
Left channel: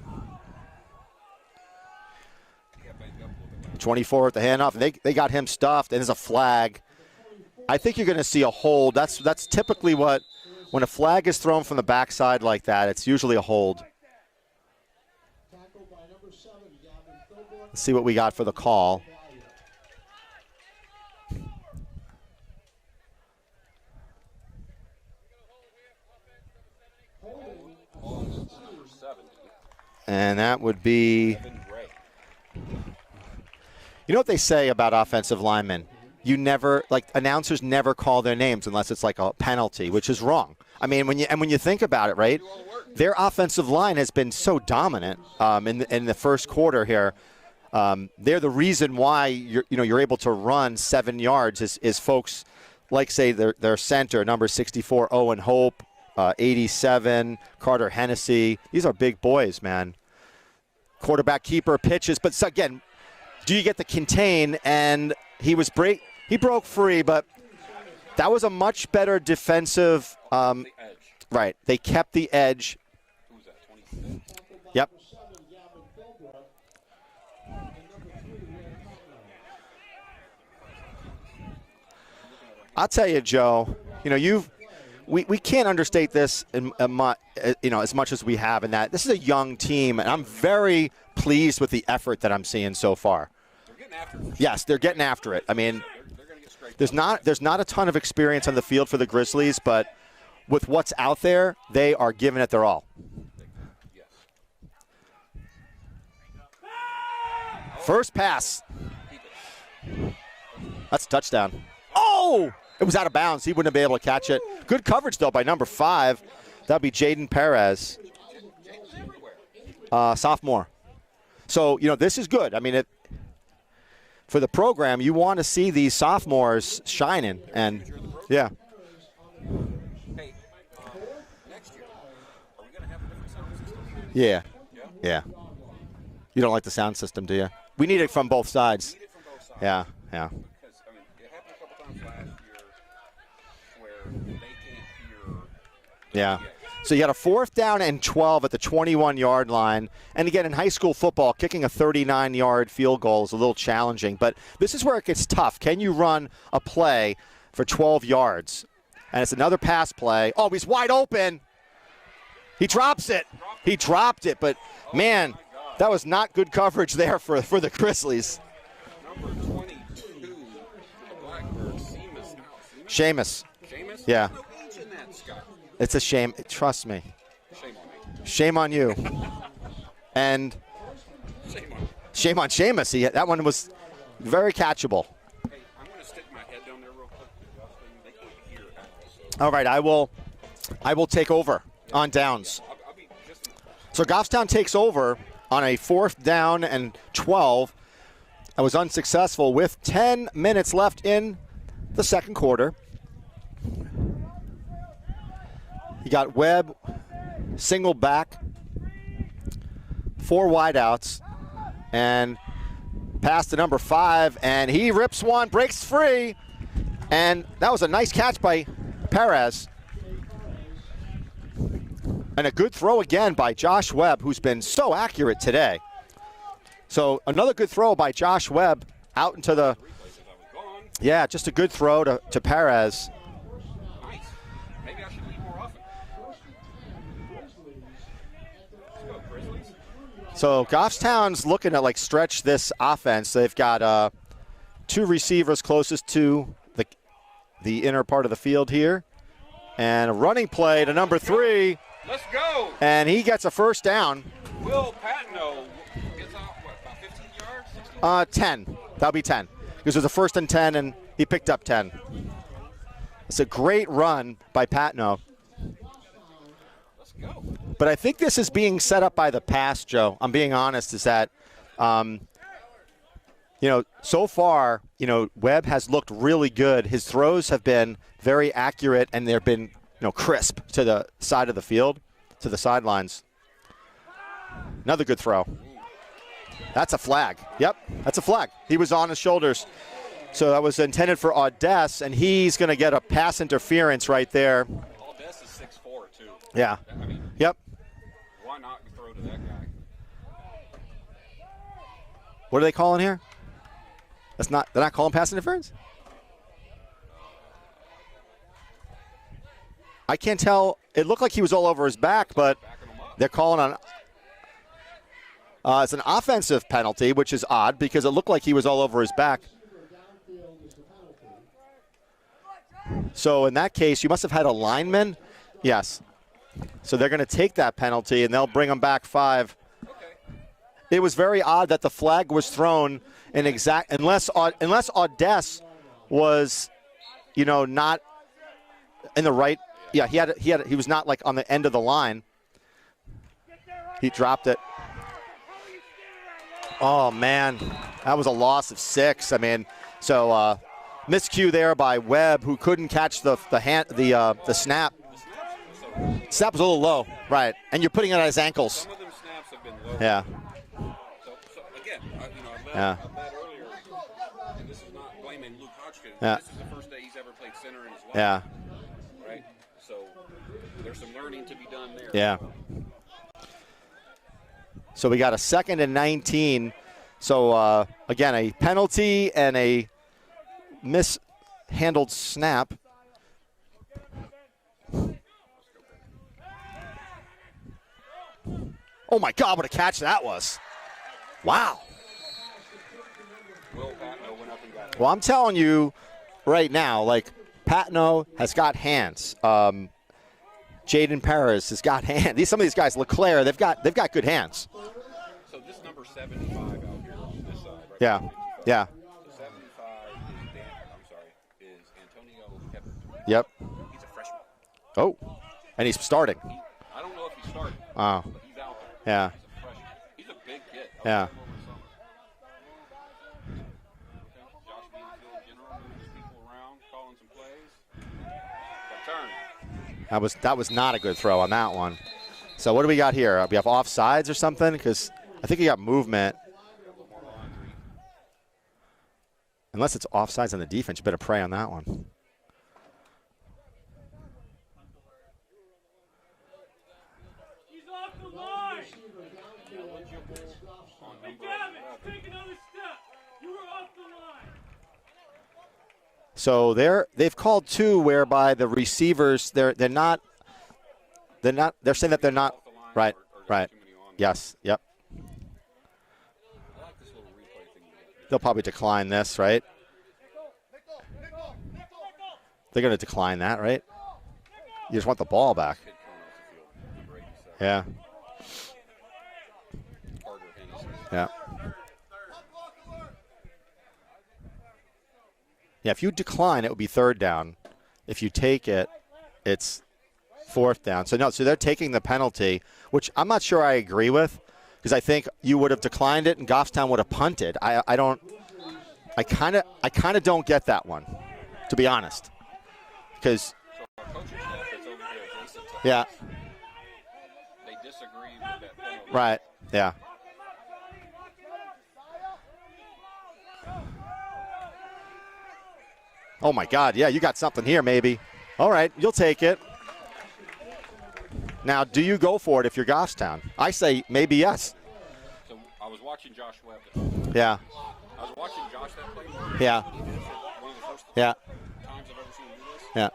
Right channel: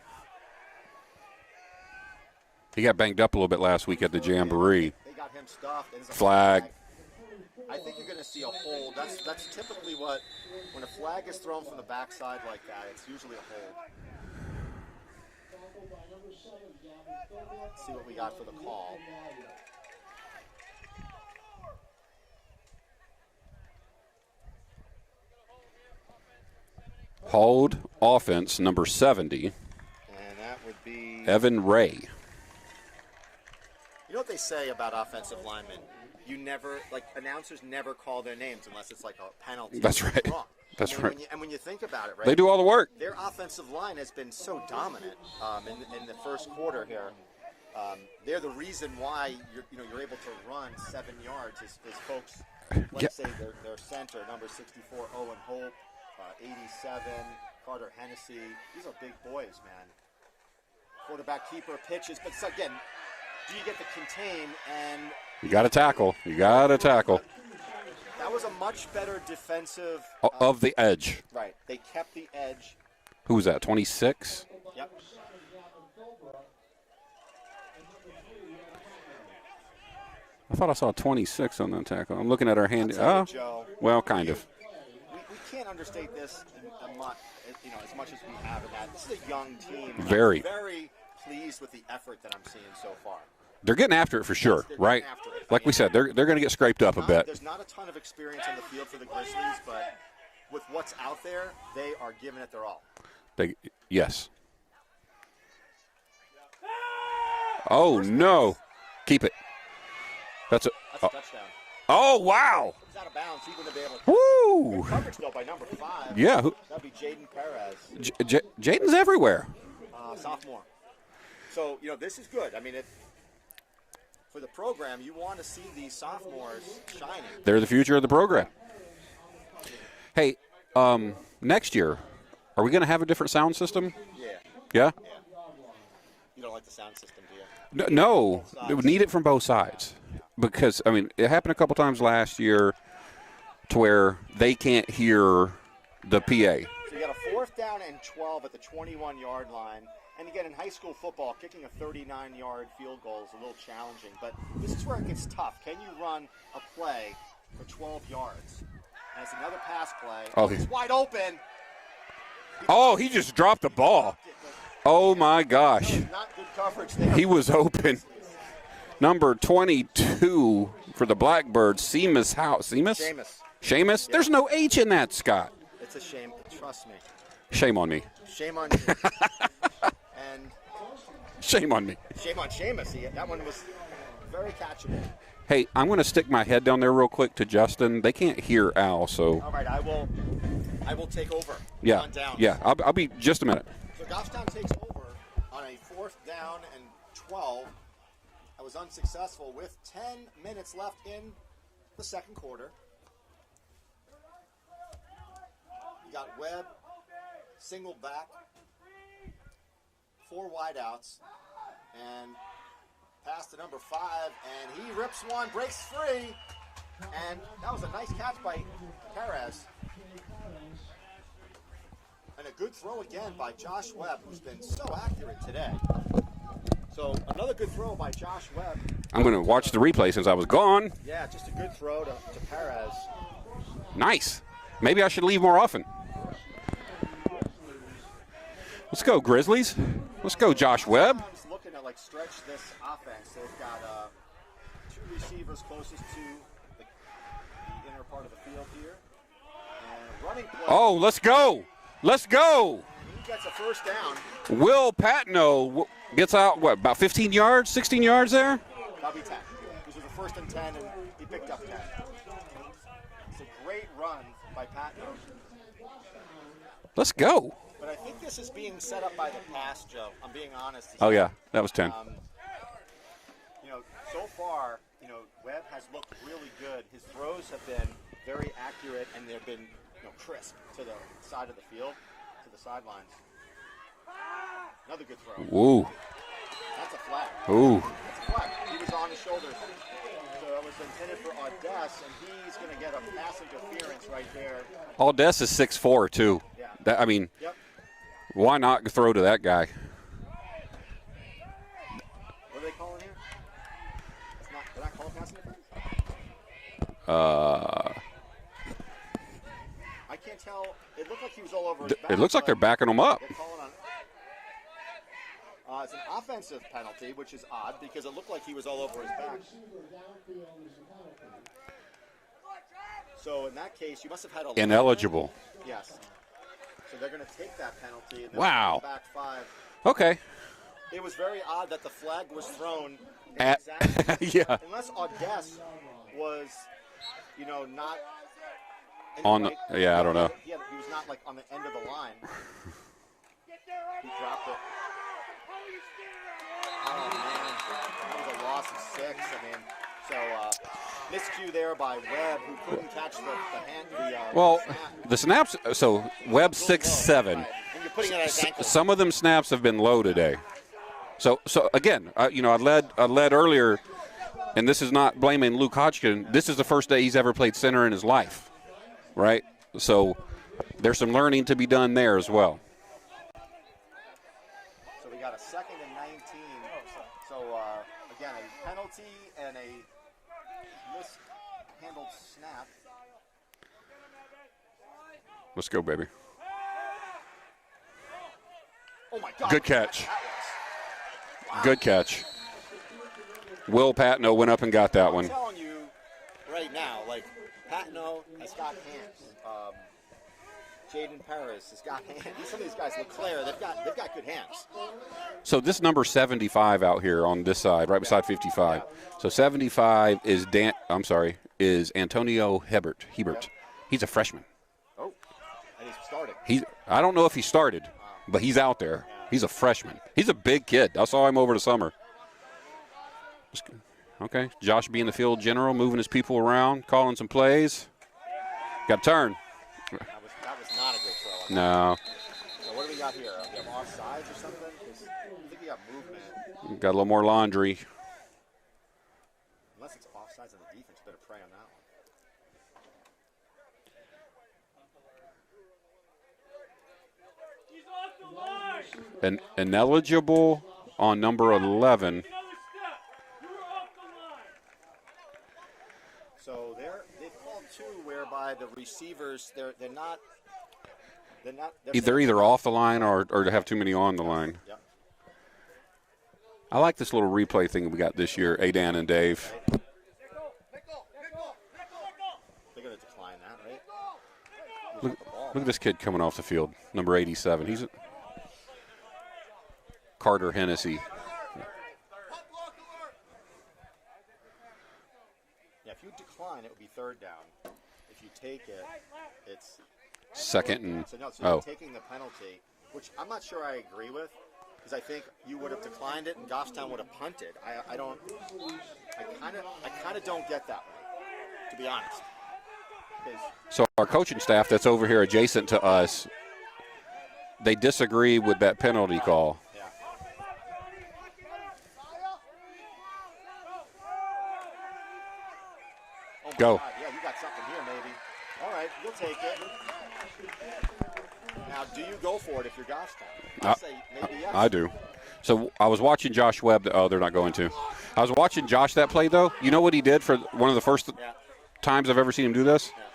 He got banged up a little bit last week at the Jamboree. They got him stuffed, and there's a flag. I think you're going to see a hold. That's typically when a flag is thrown from the backside like that, it's usually a hold. Let's see what we got for the call. Hold offense, number 70. And that would be Evan Ray. You know what they say about offensive linemen? Announcers never call their names unless it's like a penalty, which is wrong. When you think about it, right? They do all the work. Their offensive line has been so dominant in the first quarter here. They're the reason why you're able to run 7 yards is folks like say their center, number 64, Owen Hope, 87, Carter Hennessy. These are big boys, man. Quarterback keeper pitches, but again, do you get the contain? And he broke free, but that was a much better defensive of the edge. Right, they kept the edge. Who was that? 26. Yep. I thought I saw 26 on that tackle. I'm looking at our hand. I'll tell you, Joe. Well, we can't understate this as much as we have in that this is a young team, and I'm very pleased with the effort that I'm seeing so far. They're getting after it for sure. Yes, they're getting after it. Like we said, they're going to get scraped up a bit. There's not a ton of experience on the field for the Grizzlies, but with what's out there, they are giving it their all. Yes. Oh, first pass. Keep it. That's a touchdown. Oh, wow. It was out of bounds. He wouldn't have been able to catch it. Good coverage, though, by number 5. Yeah. That'd be Jaden Perez. Jaden's everywhere. Sophomore. So, this is good. I mean, for the program, you want to see these sophomores shining. They're the future of the program. Yeah. Hey, next year, are we going to have a different sound system? Yeah. Yeah? Yeah. You don't like the sound system, do you? We need it from both sides. We need it from both sides. Yeah. Because, it happened a couple times last year to where they can't hear the PA. So you had a 4th down and 12 at the 21-yard line. And again, in high school football, kicking a 39-yard field goal is a little challenging. But this is where it gets tough. Can you run a play for 12 yards? And it's another pass play. Oh, he's wide open. He just dropped the ball. He dropped it, but man, my gosh. that was not good coverage there for the Grizzlies. Number 22 for the Blackbirds, Seamus House. Seamus? Yeah. There's no H in that, Scott. It's a shame. Trust me. Shame on me. Shame on you. And shame on me. Shame on Seamus. That one was very catchable. Hey, I'm going to stick my head down there real quick to Justin. They can't hear Al, so. All right, I will take over on downs. Yeah, I'll be just a minute. So Goffstown takes over on a 4th down and 12. I was unsuccessful with 10 minutes left in the second quarter. You got Webb, single back, 4 wideouts, and pass to number 5, and he rips one, breaks free, and that was a nice catch by Perez. And a good throw again by Josh Webb, who's been so accurate today. So another good throw by Josh Webb. I'm going to watch the replay since I was gone. Yeah, just a good throw to Perez. Nice. Maybe I should leave more often. Let's go, Grizzlies. Let's go, Josh Webb. Goffstown's looking to stretch this offense. They've got 2 receivers closest to the inner part of the field here. And a running play to number 3. Let's go. And he gets a first down. Will Patno gets out, about 15 yards, 16 yards 10. That'll be 10. Because it was a 1st and 10, and he picked up 10. It's a great run by Patno. Let's go. But I think this is being set up by the pass, Joe. I'm being honest. That was 10. So far, Webb has looked really good. His throws have been very accurate, and they've been crisp to the side of the field, to the sidelines. Another good throw. Ooh. That's a flag. Ooh. Yep, that's a flag. He was on his shoulders. So that was intended for Audess, and he's going to get a pass interference right there. Audess is 6'4", too. Yeah. Yep. Why not throw to that guy? What are they calling here? They're not calling pass interference? I can't tell. It looked like he was all over his back. It looks like they're backing him up. They're calling on. It's an offensive penalty, which is odd because it looked like he was all over his back. So in that case, you must have had a lineman. Ineligible. Yes. So they're going to take that penalty, and they'll bring him back 5. Okay. It was very odd that the flag was thrown in unless Audess was, not in the right. He was not on the end of the line. He dropped it. Oh man, that was a loss of 6. miscue there by Webb, who couldn't catch the snap. The snaps. So Webb's Webb 6'7". right? And you're putting it on his ankles. Some of them snaps have been low today. So again, I led earlier, and this is not blaming Luke Hodgkin. This is the first day he's ever played center in his life, right? So there's some learning to be done there as well. So we got a 2nd and 19. So again, a penalty and a mishandled snap. Let's go, baby. Oh my God, Good what a catch that was. Wow. Good catch. Will Patno went up and got that one. I'm telling you right now, like, Patno has got hands. Jaden Perez has got hands. Some of these guys, LeClaire, they've got good hands. So this number 75 out here on this side, right beside 55. Yeah. So 75 is Antonio Hebert. Yep. He's a freshman. Oh, and he's starting. I don't know if he started, but he's out there. Yeah. He's a freshman. He's a big kid. I saw him over the summer. Okay. Josh being the field general, moving his people around, calling some plays. Got a turn. That was not a good throw on that one. So what do we got here? We have offsides or something? Because I think he got movement. Got a little more laundry. Unless it's offsides on the defense, you better pray on that one. And ineligible on number 11. So they've called 2 whereby the receivers they're saying that either they're not off the line or have too many on the line. Yep. I like this little replay thing we got this They'll year. probably decline this, right? They're going to decline that, right? You just want the ball back. This kid coming off the field, number 87. Yeah. Carter Hennessy. Yeah. Yeah, if you decline, it would be 3rd down. If you take it, it's 4th down. So they're taking the penalty, which I'm not sure I agree with, because I think you would have declined it and Goffstown would have punted. I kind of don't get that one, to be honest. So our coaching staff that's over here adjacent to us, they disagree with that penalty call. Yeah. Oh, my God. Yeah, you got something here, maybe. All right, you'll take it. Now, do you go for it if you're Goffstown? I say maybe yes. I do. So I was watching Josh Webb. Oh, they're not going to. I was watching Josh that play, though. You know what he did for one of the first times I've ever seen him do this? Yeah.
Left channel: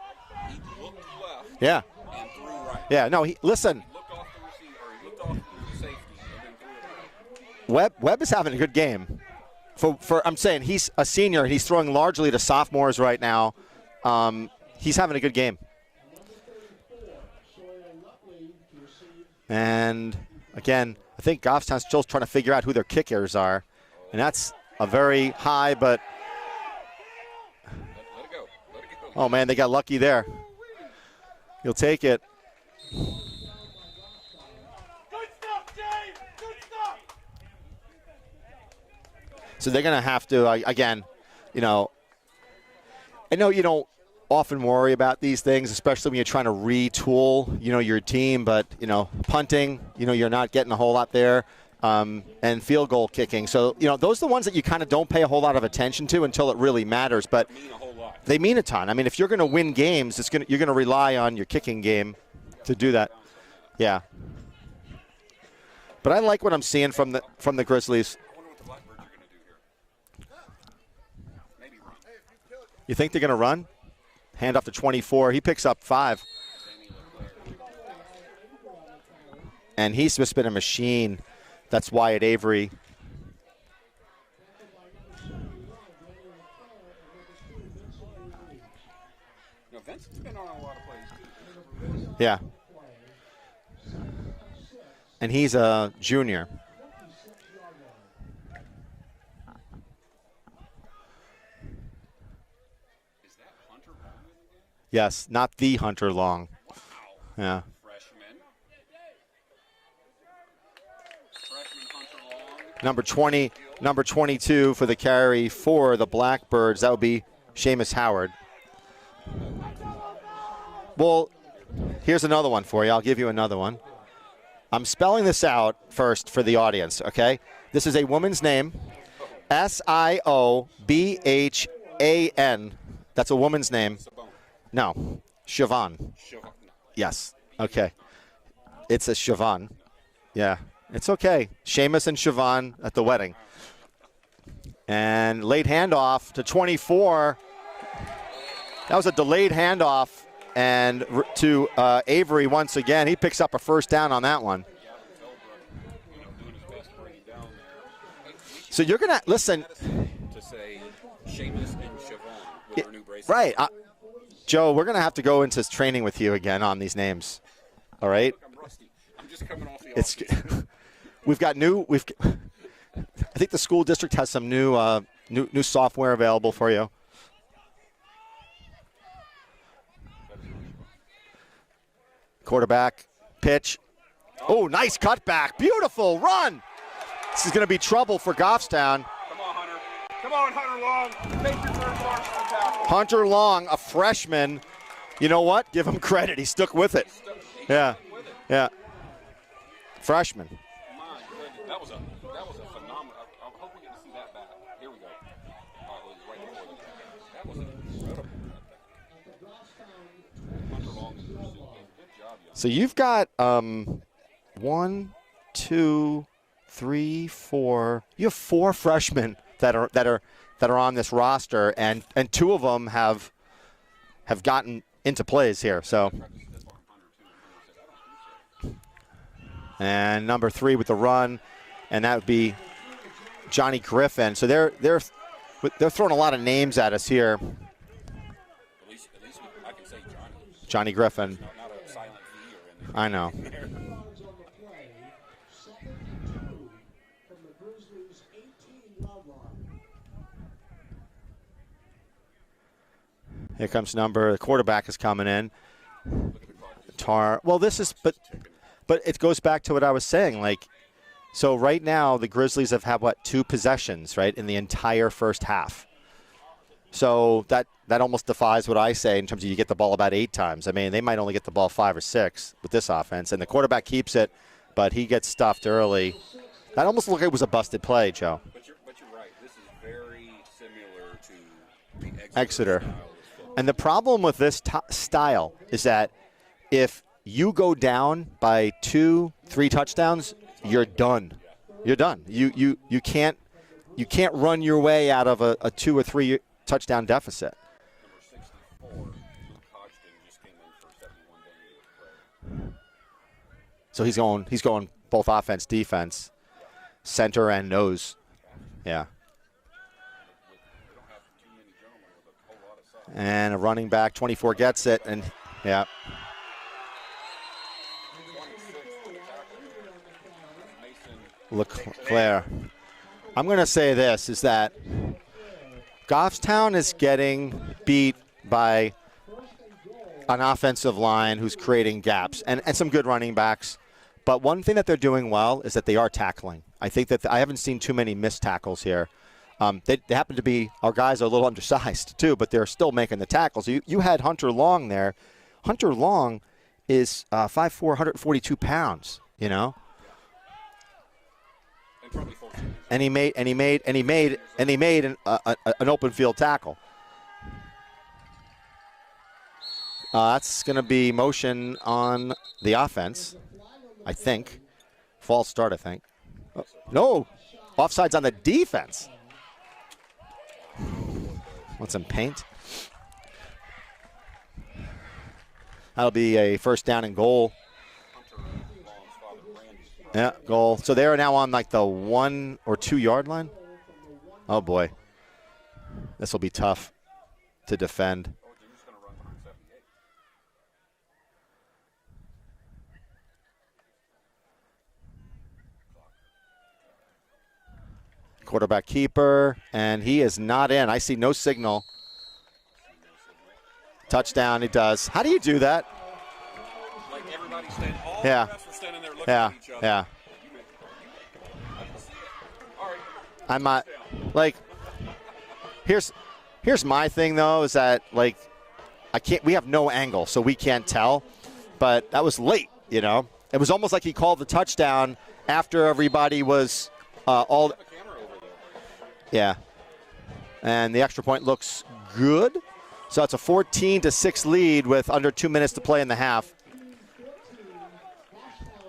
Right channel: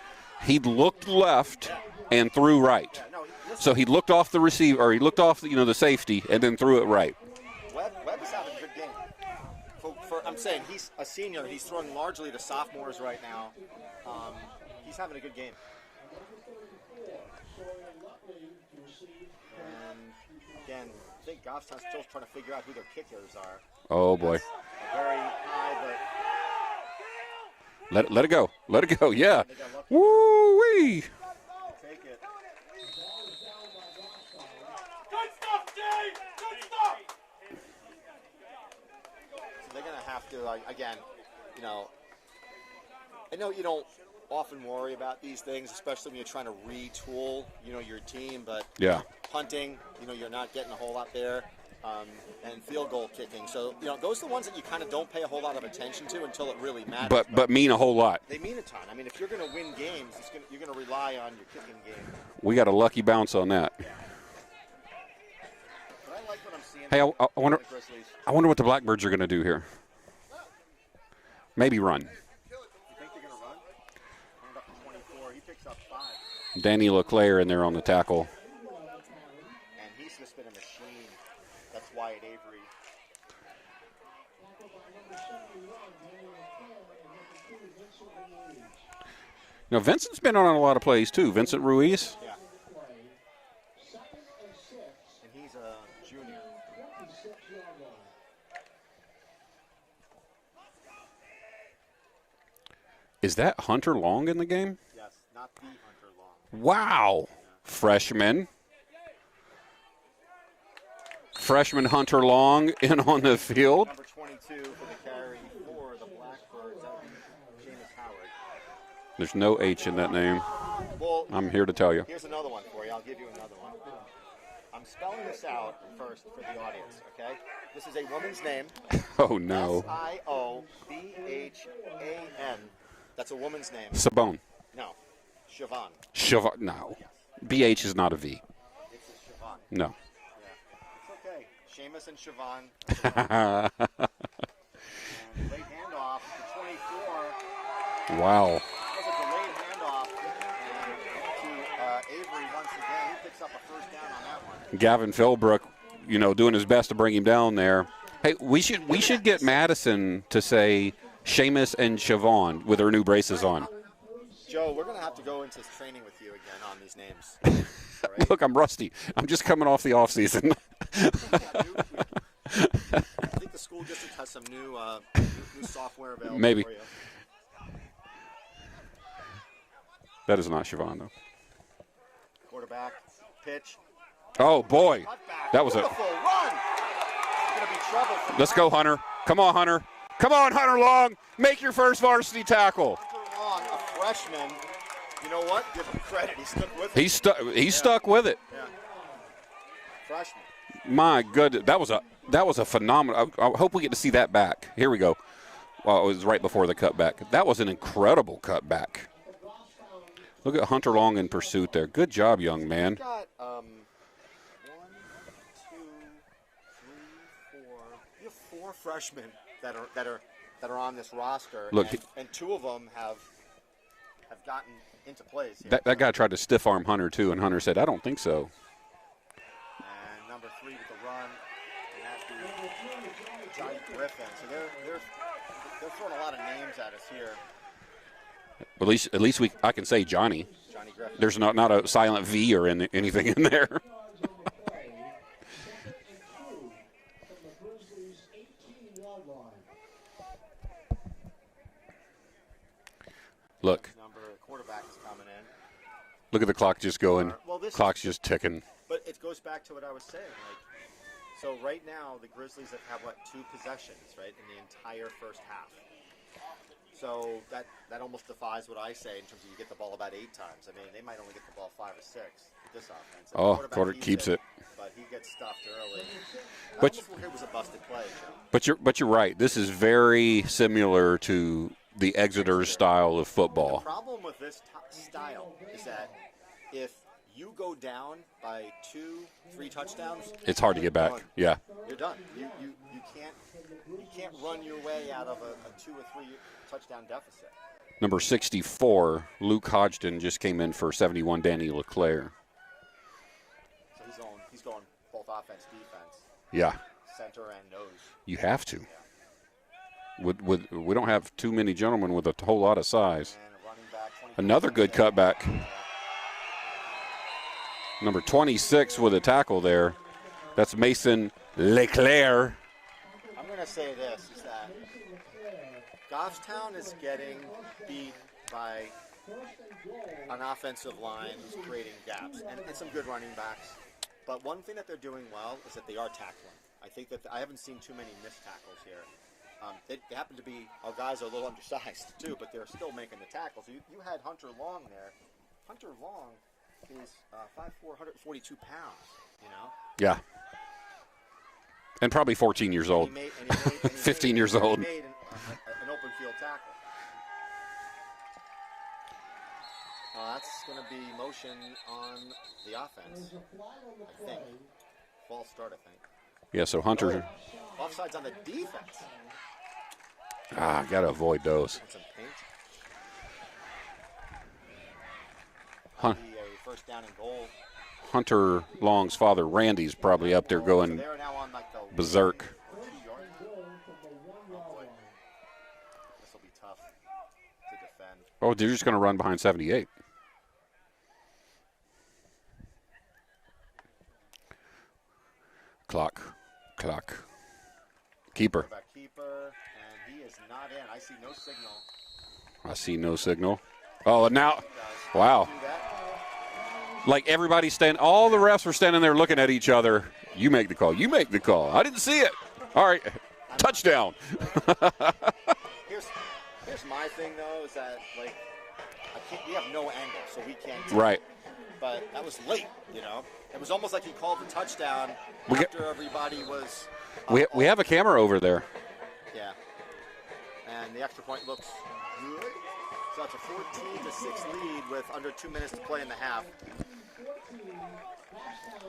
He looked left and threw right. Yeah, no, listen. So he looked off the receiver, or he looked off the safety, and then threw it right. Webb is having a good game. I'm saying he's a senior and he's throwing largely to sophomores right now. He's having a good game. And again, I think Goffstown's still trying to figure out who their kickers are. Oh, and that's a very high, but let it go. Let it go. Yeah. Oh man, they got lucky there. Woo-wee. You'll take it. So they're going to have to, again, I know you don't often worry about these things, especially when you're trying to retool, your team. But, punting, you're not getting a whole lot there. And field goal kicking. So, those are the ones that you kind of don't pay a whole lot of attention to until it really matters. But mean a whole lot. They mean a ton. I mean, if you're going to win games, you're going to rely on your kicking game. We got a lucky bounce on that. Yeah. But I like what I'm seeing from the Grizzlies. I wonder what the Blackbirds are going to do here. Maybe run. You think they're going to run? Hand off to 24. He picks up 5. Danny LeClaire in there on the tackle. And he's just been a machine. That's Wyatt Avery. Vincent's been on a lot of plays too. Vincent Ruiz. Yeah. And he's a junior. Is that Hunter Long in the game? Yes, not the Hunter Long. Wow. Yeah. Freshman Hunter Long on the field. Number 22 for the carry for the Blackbirds. That would be Seamus Howard. There's no H in that name. Well, I'm here to tell you. Here's another one for you. I'll give you another one. I'm spelling this out first for the audience, okay? This is a woman's name. Oh, no. Siobhan. That's a woman's name. Sabone. No. Siobhan. Siobhan. No. Yes. BH is not a V. It's a Siobhan. No. Yeah. It's okay. Seamus and Siobhan at the wedding. And late handoff to 24. Wow. That was a delayed handoff. And to Avery once again. He picks up a first down on that one. Gavin Philbrook, doing his best to bring him down there. Hey, we should get Madison to say Seamus and Siobhan with her new braces on. Joe, we're going to have to go into training with you again on these names. All right? Look, I'm rusty. I'm just coming off the offseason. We've got I think the school district has some new software available for you. That is not Siobhan, though. Quarterback, pitch. Oh, nice cutback. Beautiful run. This is going to be trouble for Goffstown. Let's go, Hunter. Come on, Hunter. Come on, Hunter Long. Make your first varsity tackle. Hunter Long, a freshman. You know what? Give him credit. He stuck with it. He's stuck with it. Yeah. Freshman. My goodness. That was a phenomenal. I hope we get to see that back. Here we go. Well, it was right before the cutback. That was an incredible cutback. Look at Hunter Long in pursuit there. Good job, young man. So you've got 1, 2, 3, 4. You have 4 freshmen that are on this roster, and 2 of them have gotten into plays here. That guy tried to stiff arm Hunter too, and Hunter said, "I don't think so." And number 3 with the run, and that would be Johnny Griffin. So they're throwing a lot of names at us here. At least I can say Johnny Griffin. There's not a silent V or anything in there. Here comes the quarterback is coming in. Look at the clock just going. Well, clock's just ticking. But it goes back to what I was saying. So right now the Grizzlies have had 2 possessions, right, in the entire first half. So that almost defies what I say in terms of you get the ball about 8 times. I mean, they might only get the ball 5 or 6 with this offense, and the quarterback keeps it, but he gets stuffed early. That almost looked like it was a busted play, Joe. But you're right. This is very similar to the Exeter style of football. And the problem with this style is that if you go down by 2, 3 touchdowns, it's hard you're to get done. Back. Yeah, you're done. You can't run your way out of a 2 or 3 touchdown deficit. Number 64, Luke Hodgson, just came in for 71, Danny LeClaire. So he's going both offense, defense. Yeah. Center and nose. You have to. Yeah. We don't have too many gentlemen with a whole lot of size. And a running back, 24 Another gets good it. Cutback. Yeah. Number 26 with a tackle there. That's Mason LeClaire. I'm going to say this, is that Goffstown is getting beat by an offensive line who's creating gaps and some good running backs. But one thing that they're doing well is that they are tackling. I think that I haven't seen too many missed tackles here. They happen to be, our guys are a little undersized too, but they're still making the tackles. You had Hunter Long there. Hunter Long is 5'4", 142 pounds, Yeah. And probably 14 years old. And he made an open field tackle. That's going to be motion on the offense, I think. False start, I think. Yeah, so Hunter. No, offsides on the defense. Got to avoid those. Want some paint? That'll be a first down and goal. Hunter Long's father, Randy's probably up there going. So they're now on the berserk. 1 or 2 yard line. Oh boy, this will be tough to defend. Oh, they're just going to run behind 78. Clock. Keeper. Quarterback keeper, and he is not in. I see no signal. I see no signal. Touchdown, he does. How do you do that? Like everybody's standing, all the refs were standing there looking at each other. Yeah. You make the call. You make the call. I didn't see it. All right. Touchdown. Here's Here's my thing, though, is that, like, we have no angle, so we can't tell. Right. But that was late, you know. It was almost like he called the touchdown after everybody was we have a camera over there. Yeah. And the extra point looks good. So it's a 14-6 lead with under 2 minutes to play in the half.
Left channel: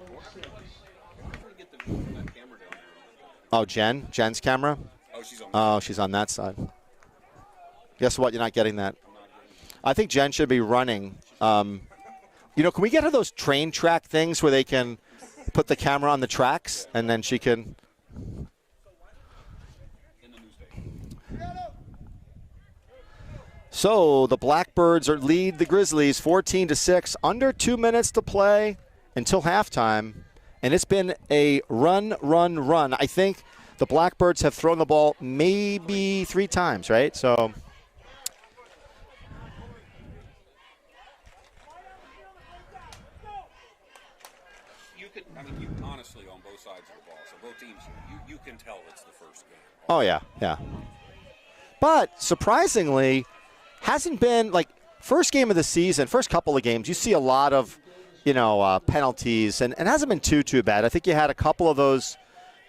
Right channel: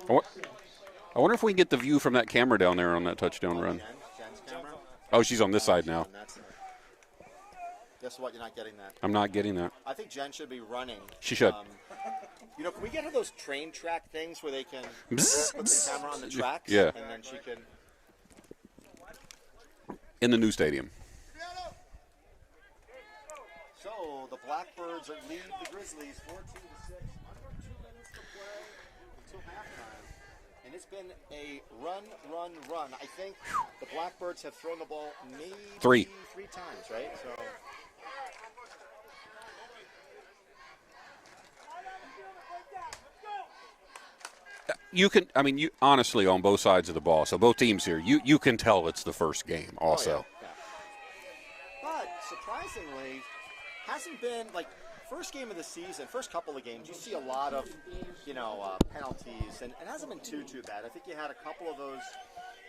I wonder if we can get the view from that camera down there on that touchdown run. Jen's camera? Oh, she's on this side. She's now. on that side. Guess what? You're not getting that. I'm not getting that. I think Jen should be running. She should. You know, can we get her those train track things where they can put the camera on the tracks? Yeah. And then she can. In the new stadium. So the Blackbirds lead the Grizzlies 14-6, under 2 minutes to play until halftime. And it's been a run. I think the Blackbirds have thrown the ball maybe three times, right? So. You can, honestly, on both sides of the ball, so both teams here, you can tell it's the first game also. Oh, yeah. But surprisingly, hasn't been, like, first game of the season, first couple of games, you see a lot of, penalties, and it hasn't been too bad. I think you had a couple of those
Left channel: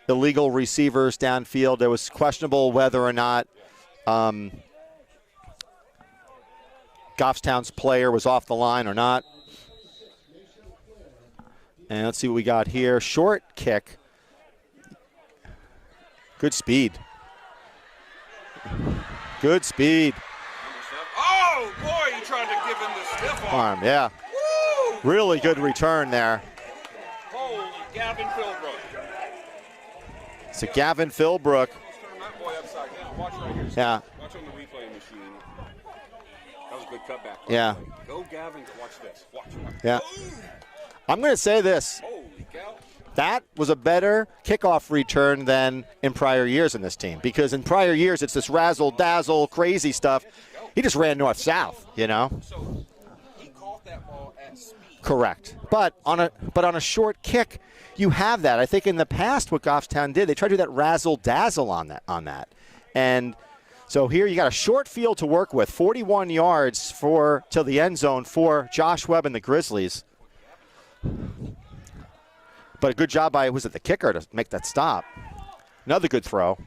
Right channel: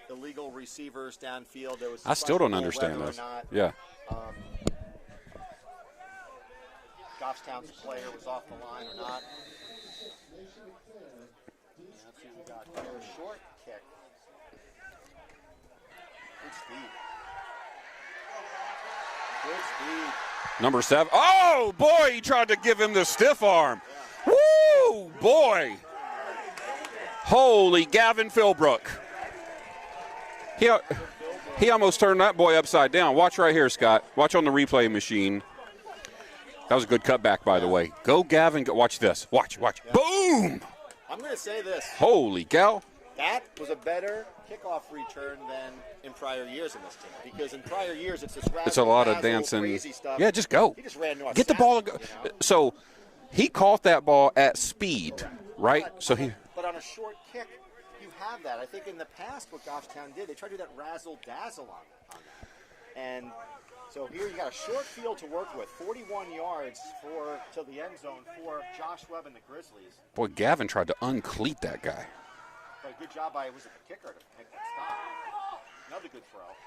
illegal receivers downfield. There was questionable whether or not Goffstown's player was off the line or not. And let's see what we got here. Short kick. Good speed. Good speed. Number 7. Oh, boy, you tried to give him the stiff arm. Yeah. Woo! Really boy. Good return there. Holy Gavin Philbrook. Gavin Philbrook. He almost turned that boy upside down. Watch right here, Scott. Yeah. Watch on the replay machine. That was a good cutback, by the way. Go, Gavin. Go. Watch this. Watch. Yeah. Boom! I'm going to say this. Holy cow. That was a better kickoff return than in prior years in this team. Because in prior years, it's this razzle-dazzle, crazy stuff. Yeah, just go. He just ran north-south, the ball, So he caught that ball at speed. Correct. Right? But on a short kick, you have that. I think in the past what Goffstown did, they tried to do that razzle-dazzle on that. And so here you got a short field to work with, 41 yards till the end zone for Josh Webb and the Grizzlies. Boy, Gavin tried to uncleat that guy. But a good job by, the kicker to make that stop. Another good throw.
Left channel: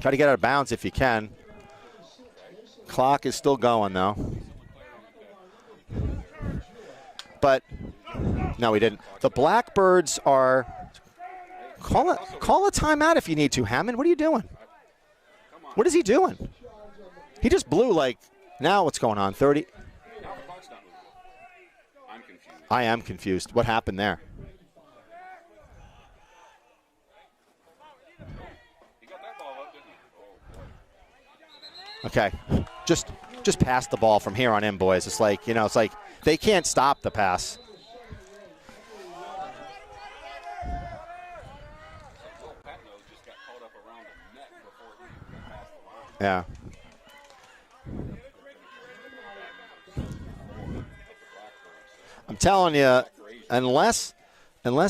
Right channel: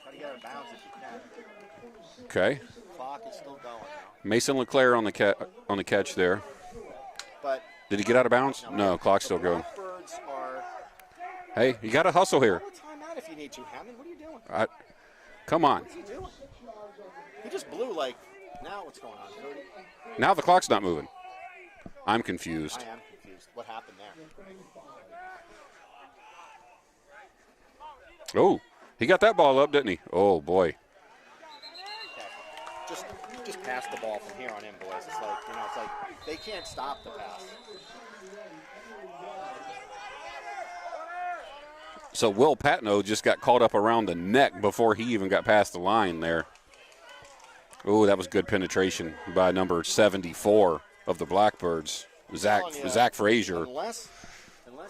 Try to get out of bounds if you can. Okay. Clock is still going, though. Mason LeClaire on the catch there. But did he get out of bounds? No, he didn't. Clock's the still Blackbirds are. Hey, you got to hustle here. Call a timeout if you need to, Hammond. What are you doing? Come on. What is he doing? He just blew now what's going on? 30? Now the clock's not moving. I'm confused. I am confused. What happened there? Oh, he got that ball up, didn't he? Oh, boy. Okay. Just pass the ball from here on in, boys. It's like, they can't stop the pass. So Will Patno just got caught up around the neck before he even got past the line there. Yeah. Oh, that was good penetration by number 74 of the Blackbirds. I'm telling you, Zach Frazier. Unless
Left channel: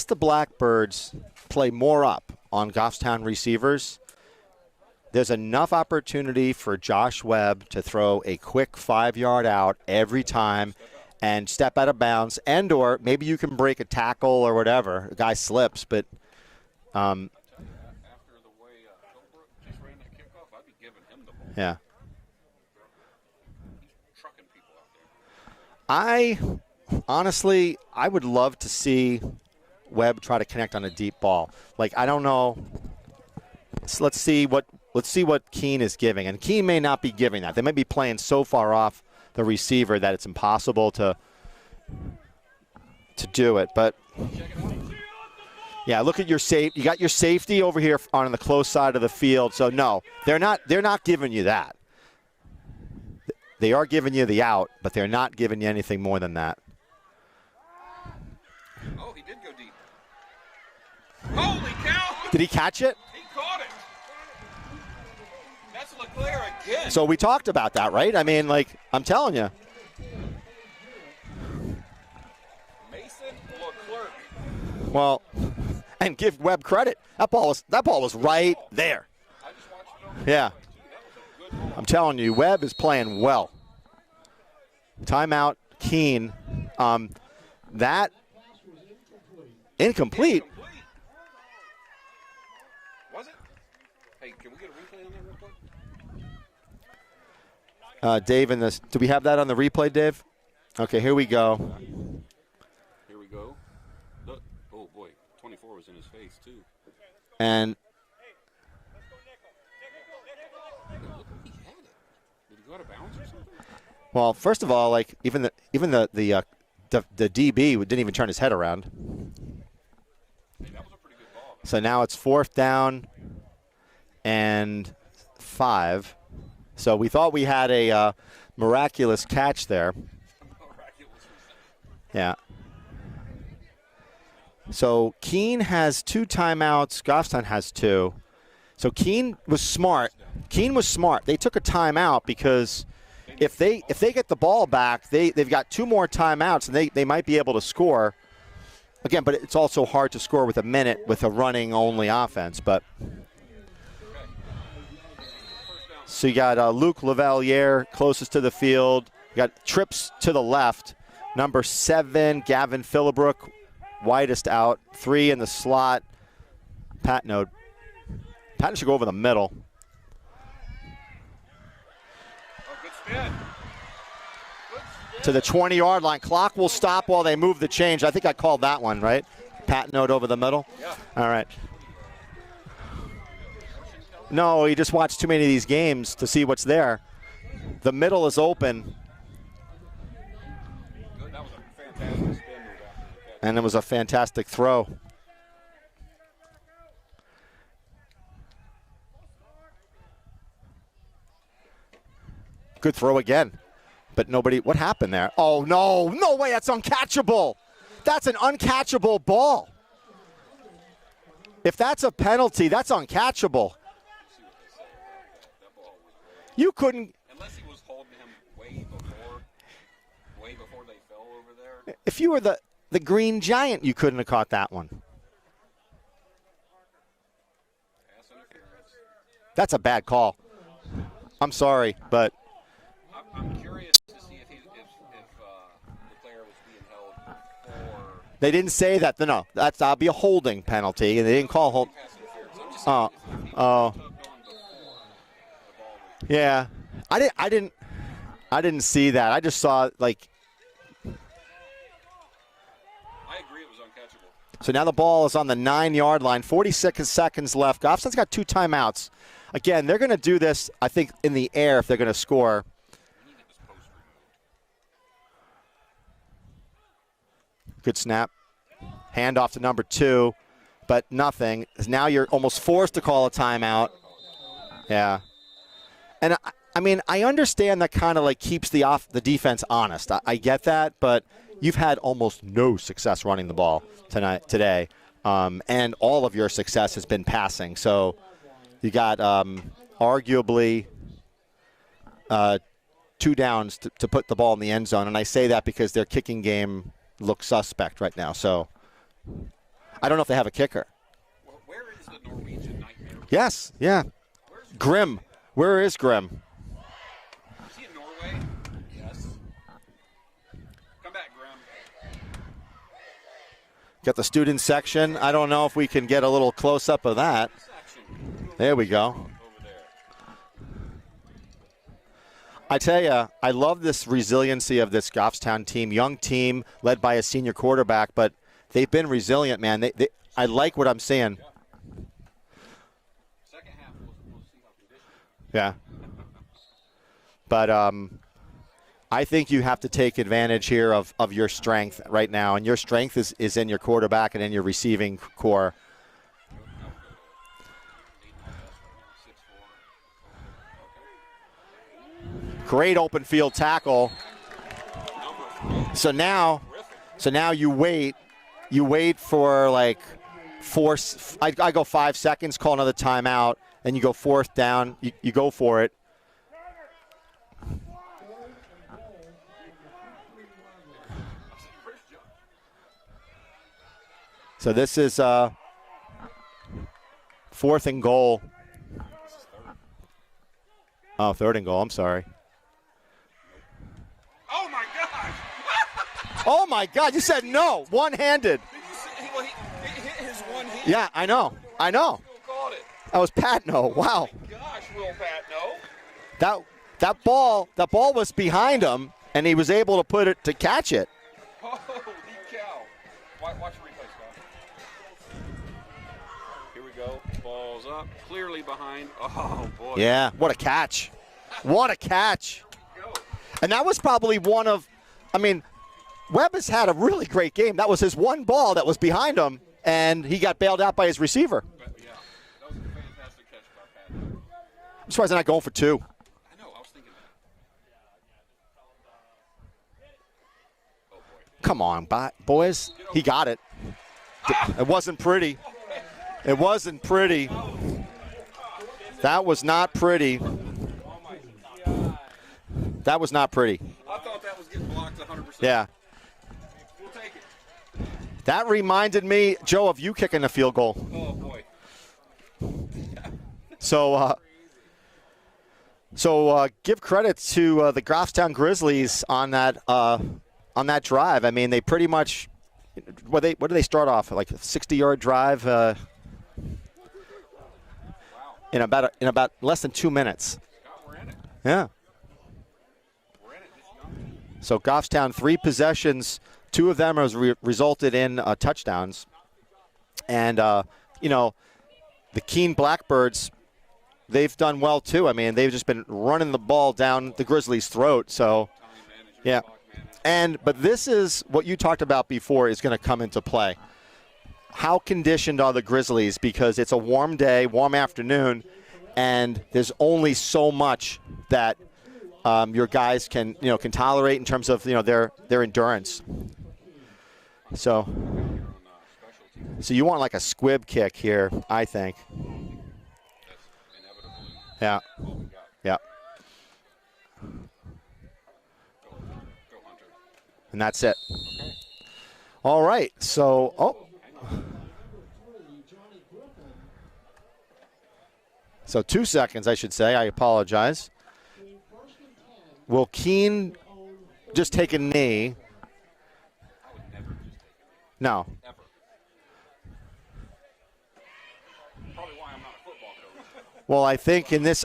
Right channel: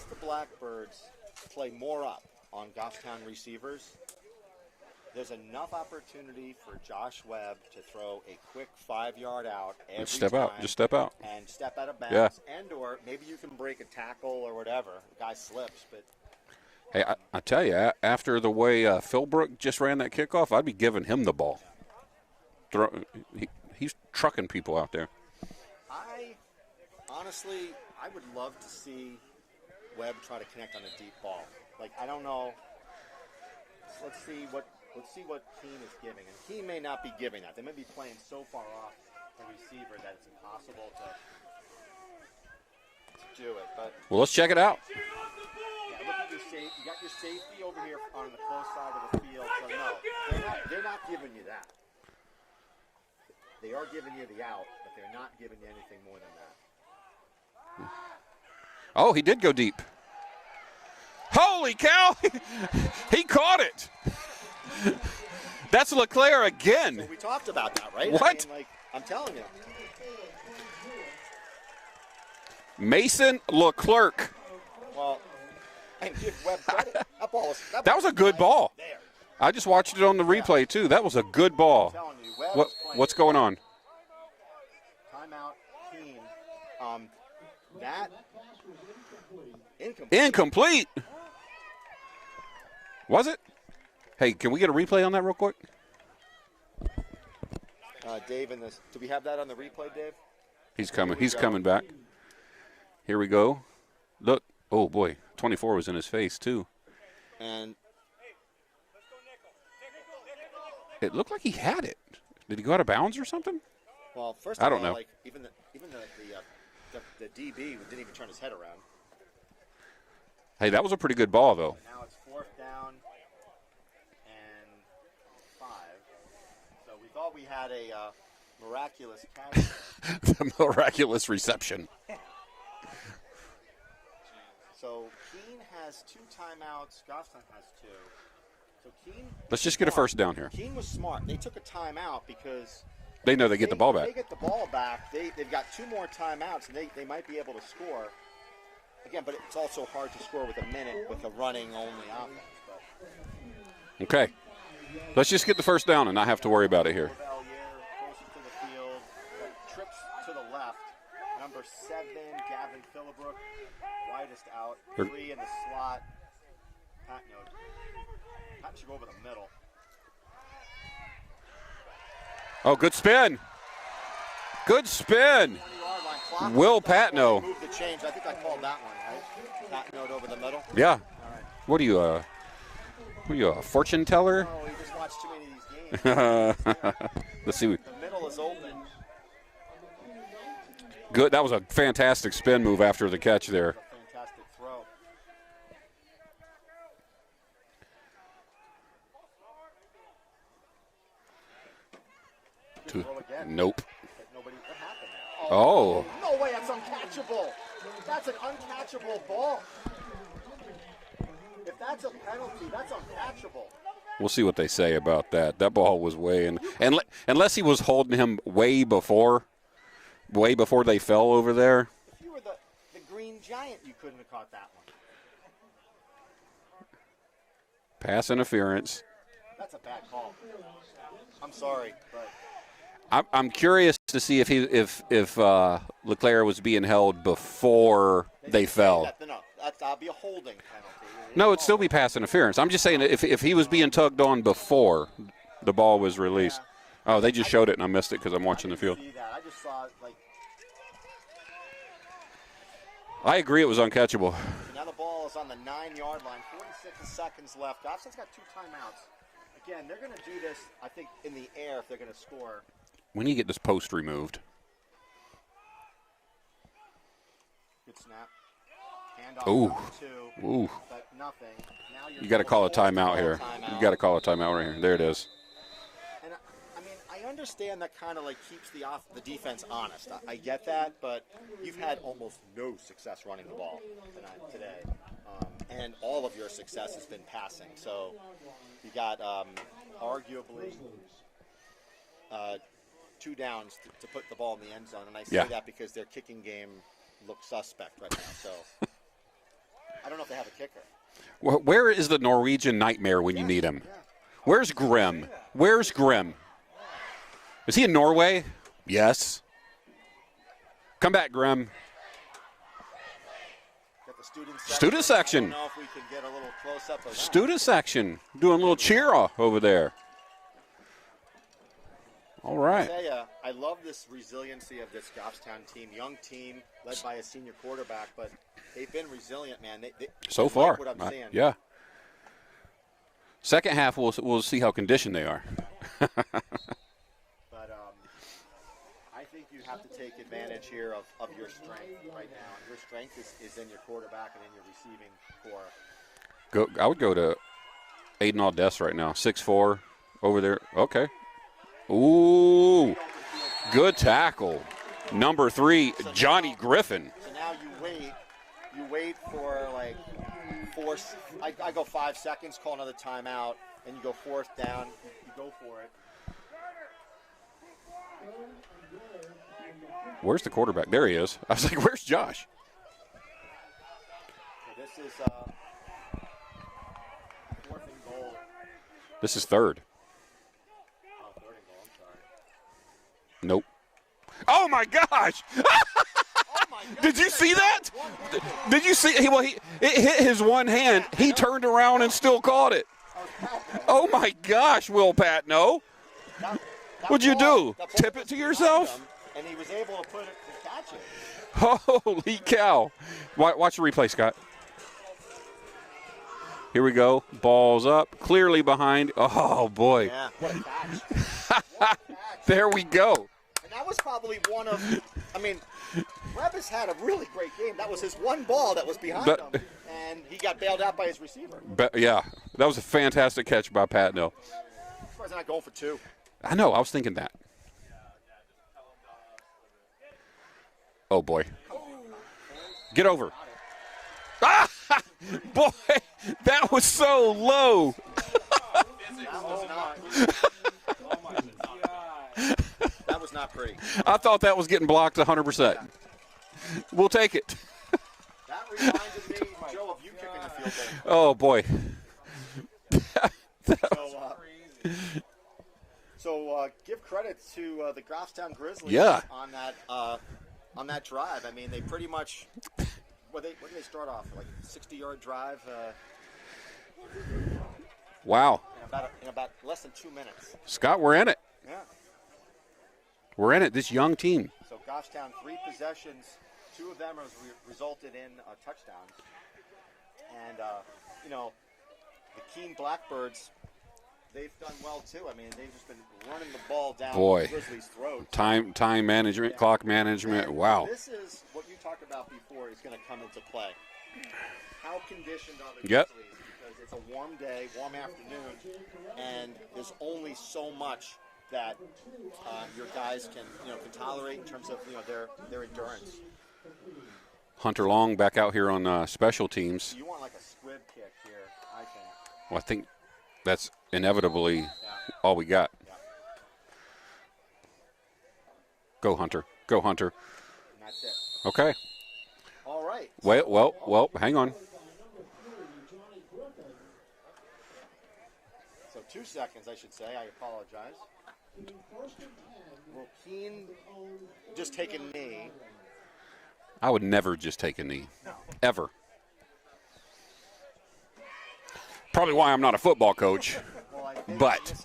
the Blackbirds play more up on Goffstown receivers, there's enough opportunity for Josh Webb to throw a quick 5-yard out every time. Step out. And step out of bounds. Yeah. And or maybe you can break a tackle or whatever. The guy slips, but hey, I tell you, after the way Philbrook just ran that kickoff, I'd be giving him the ball. Yeah. He's trucking people out there. Honestly, I would love to see Webb try to connect on a deep ball. I don't know. Let's see what Keene is giving. And Keene may not be giving that. They may be playing so far off the receiver that it's impossible to do it. But well, let's check it out. Yeah, look at your You got your safety over here on the close side of the field. So no, they're not giving you that. They are giving you the out, but they're not giving you anything more than that. Oh, he did go deep. Holy cow! Did he catch it? He caught it. That's LeClaire again. So we talked about that, right? What? I mean, I'm telling you. Mason LeClerc. Well, and give Webb credit. That ball was a good right ball there. I just watched it on the replay, too. That was a good ball. I'm telling you, Webb is playing What's going well. on? Timeout, Keene. That incomplete. Incomplete. Was it? Hey, can we get a replay on that real quick? Dave, do we have that on the replay, Dave? Here we He's go. coming back. Here we go. Look. Oh, boy. 24 was in his face, too. And it looked like he had it. Did he go out of bounds or something? Well, first of all, like even the DB didn't even turn his head around. Hey, that was a pretty good ball, though. So now it's 4th down and 5. So we thought we had a miraculous catch there. The miraculous reception. Yeah. So Keene has 2 timeouts. Goffstown has 2. So Keene was just smart. Get a first down here. Keene was smart. They took a timeout because they know they get the ball back. If they get the ball back, they've got 2 more timeouts, and they might be able to score. Again, but it's also hard to score with a minute with a running-only offense. But okay. Let's just get the first down and so not have to worry about Luke it here. Lavalier closest to the field. You got trips to the left. Number 7, Gavin Philibrook, widest out. 3 in the slot. Patton should go over the middle. Oh, good spin. Good spin. To the 20-yard line. Clock will stop while they move the change. I think I called that one, right? Patton over the middle? Yeah. All right. What are you, a fortune teller? No, he just watched too many of these games to see what's there. Let's see. The middle is open. Good. That was a fantastic spin move after the catch. And it was a fantastic throw. Good throw again. Nope. But nobody, what happened there? Oh, no way, that's uncatchable. That's an uncatchable ball. If that's a penalty, that's uncatchable. We'll see what they say about that. That ball was way in. Unless he was holding him way before they fell over there. If you were the Green Giant, you couldn't have caught that one. Pass interference. That's a bad call. I'm sorry, but I'm curious to see if LeClaire was being held before they didn't say that. No, that'll be a holding penalty. No, it'd still be pass interference. I'm just saying that if he was being tugged on before the ball was released. Yeah. They just showed it and I missed it because I'm watching. I didn't see that. I just saw I agree it was uncatchable. So now the ball is on the 9-yard line. 46 seconds left. Goffstown's got 2 timeouts. Again, they're going to do this, I think, in the air if they're going to score. When you get this post removed. Good snap. Handoff to number 2. Ooh. But nothing. Now you're almost forced to call a timeout. You got to call a timeout right here. There it is. And I mean, I understand that kind of like keeps the defense honest. I get that, but you've had almost no success running the ball today, and all of your success has been passing. So you got arguably 2 downs to put the ball in the end zone, and I say that because their kicking game looks suspect right now. So I don't know if they have a kicker. Where is the Norwegian nightmare when you need him? Yeah. Where's Grim? Where is Grim? Is he in Norway? Yes. Come back, Grim. Got the student section. I don't know if we can get a little close-up of that. Student section. Doing a little cheer-off over there. All right. I tell you, I love this resiliency of this Goffstown team. Young team led by a senior quarterback, but they've been resilient, man. I like what I'm seeing. Yeah. Second half, we'll see how conditioned they are. Yeah. But I think you have to take advantage here of your strength right now, and your strength is in your quarterback and in your receiving core. I would go to Aiden Aldess right now, 6'4", over there. Okay. Ooh. Great open field tackle. Good tackle. Number 3, Johnny Griffin. So now you wait. You wait for like I go 5 seconds, call another timeout, and you go 4th down. You go for it. Where's the quarterback? There he is. I was like, where's Josh? So this is 4th and goal This is third. Oh, third and goal. I'm sorry. Nope. Oh, my gosh. Oh, my God. Did you said see no. that? One-handed. Did you see? It hit his one hand. Yeah, I he know. turned around and still caught it. That was Patno. Oh, wow. my gosh, Will Patno. That What'd ball, you do? That ball Tip it was to behind yourself? him, and he was able to catch it. Holy cow. Watch the replay, Scott. Here we go. Ball's up. Clearly behind. Oh, boy. Yeah. What a catch. What a catch. There we go. And that was probably one of, I mean, Webb has had a really great game. That was his one ball that was behind him, and he got bailed out by his receiver. Yeah. That was a fantastic catch by Patno. I'm surprised they're not going for two. I know. I was thinking that. Oh, boy. Come on, boys. Get over He it. got it. Ah! It wasn't pretty. Boy, that was wasn't so pretty. low. That was not pretty. That was not pretty. I thought that was getting blocked 100%. Yeah. We'll take it. That reminded me, Joe, of you kicking a field goal. Oh, boy. So give credit to the Goffstown Grizzlies on that drive. I mean, they pretty much what did they start off like a 60-yard drive? Wow. In about less than 2 minutes. Scott, we're in it. Yeah. We're in it. This young team. So Goffstown 3 possessions, 2 of them has resulted in touchdowns, and the Keene Blackbirds. They've done well, too. I mean, they've just been running the ball down the Grizzlies' throat. Time management, clock management. But this is what you talked about before is going to come into play. How conditioned are the Grizzlies? Yep. Because it's a warm day, warm afternoon, and there's only so much that your guys can tolerate in terms of their endurance. Hunter Long back out here on special teams. So you want like a squib kick here, I think. Well, I think that's inevitably all we got. Yeah. Go, Hunter. Go, Hunter. And that's it. Okay. All right. Wait, well, hang on. So 2 seconds, I should say. I apologize. Will Keene just take a knee? I would never just take a knee. No. Ever. Probably why I'm not a football coach. Well, I think in this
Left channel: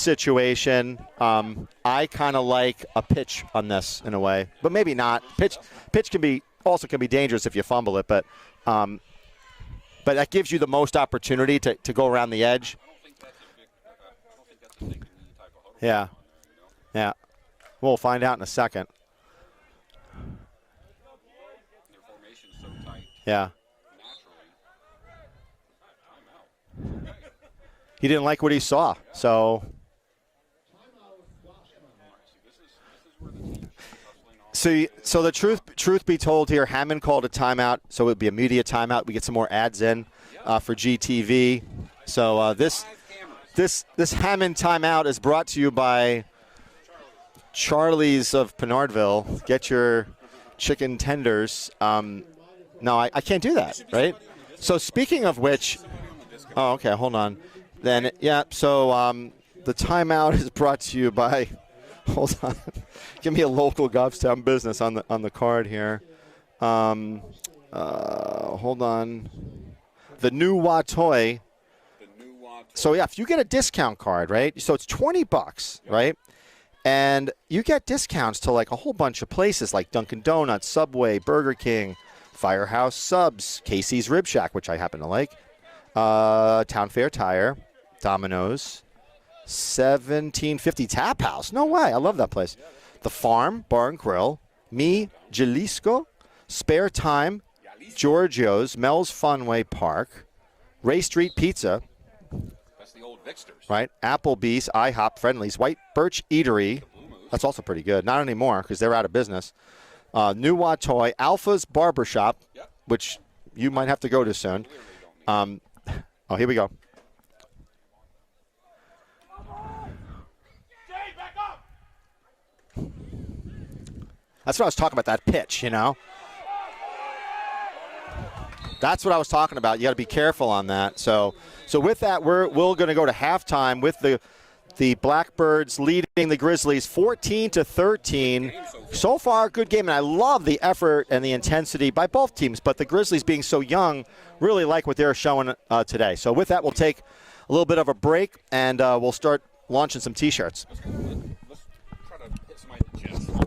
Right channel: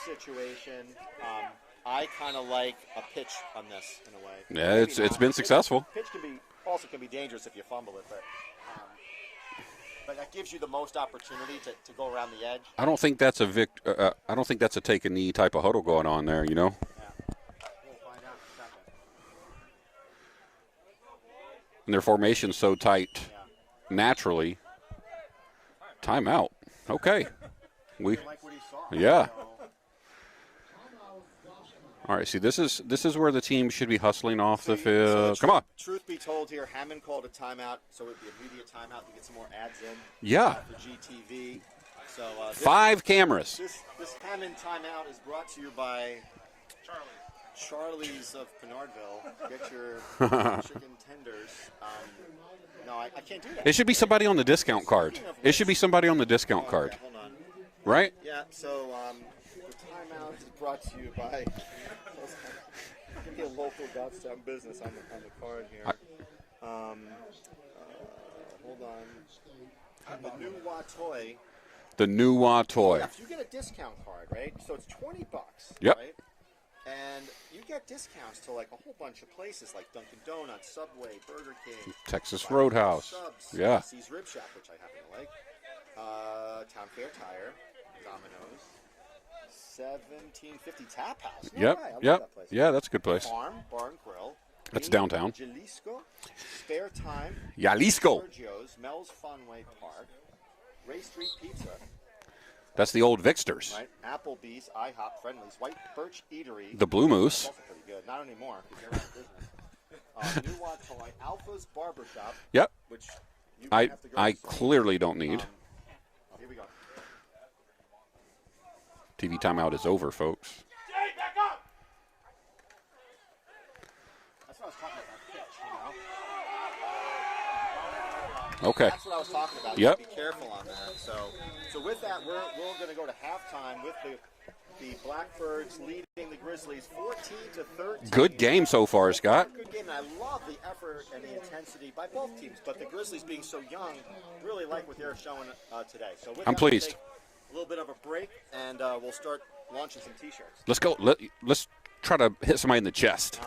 situation, I kind of like a pitch on this in a way, Yeah, but maybe not. It's been successful. Pitch can be dangerous if you fumble it, but that gives you the most opportunity to go around the edge. I don't think that's I don't think that's a take a knee type of huddle going on there. Yeah. We'll find out in a second. And their formation's so tight. Yeah. Naturally. Timeout. Okay. He didn't like what he saw. Yeah. So. All right. See, this is where the team should be hustling off the field. So the truth be told here, Hammond called a timeout, so it would be a media timeout. We get some more ads in. Yeah. For GTV. So this 5 cameras. This Hammond timeout is brought to you by Charlie's of Pinardville. Get your chicken tenders. No, I can't do that. It should be somebody on the discount card. So speaking of which, it should be somebody on the discount card. Okay, hold on. Then, right? Yeah. So the timeout is brought to you by. Hold on. Give me a local Goffstown business on the card here. Hold on. The New Watoy. The New Watoy. So yeah, if you get a discount card, right? So it's $20, right? And you get discounts to like a whole bunch of places like Dunkin' Donuts, Subway, Burger King, Texas Firehouse Roadhouse. Subs, Casey's Rib Shack, which I happen to like, Town Fair Tire, Domino's, 1750 Tap House. No way. I love that place. Yeah, that's a good place. The Farm Bar and Grill. That's downtown. Jalisco, Spare Time, Jalisco. Giorgio's, Mel's Funway Park, Ray Street Pizza. That's the old Vixters. Right. Applebee's, IHOP, Friendly's, White Birch Eatery. The Blue Moose. That's also pretty good. Not anymore because they're out of business. New Watoy, Alpha's Barbershop. Yep. Which you might have to go to soon. I clearly don't need it. Oh, here we go. TV timeout is over, folks. That's what I was talking about, that pitch, Okay. That's what I was talking about. You got to be careful on that. So So with that, we're going to go to halftime with the Blackbirds leading the Grizzlies 14-13. Good game so far, So Scott. far, good game, and I love the effort and the intensity by both teams. But the Grizzlies, being so young, really like what they're showing today. So with that, we'll take a little bit of a break, and we'll start launching some T-shirts. Let's go. Let's try to hit somebody in the chest.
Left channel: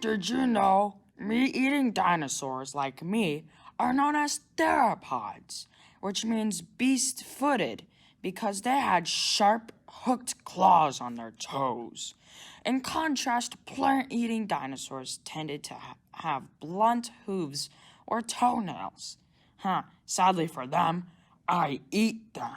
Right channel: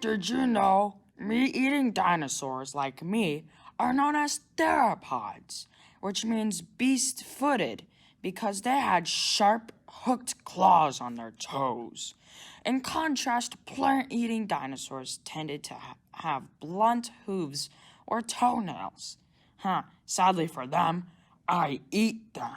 Did you know meat-eating dinosaurs like me are known as theropods, which means beast-footed because they had sharp, hooked claws on their toes. In contrast, plant-eating dinosaurs tended to have blunt hooves or toenails. Sadly for them, I eat them.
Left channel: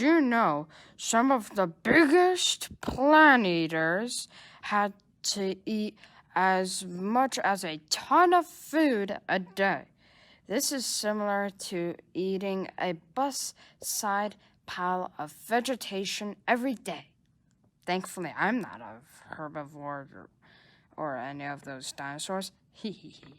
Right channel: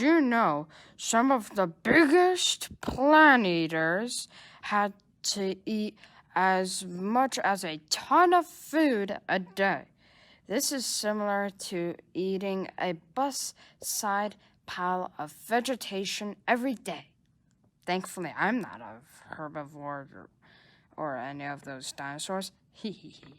you know some of the biggest plant eaters had to eat as much as a ton of food a day? This is similar to eating a bus-side pile of vegetation every day. Thankfully, I'm not a herbivore or any of those dinosaurs. Hee hee hee.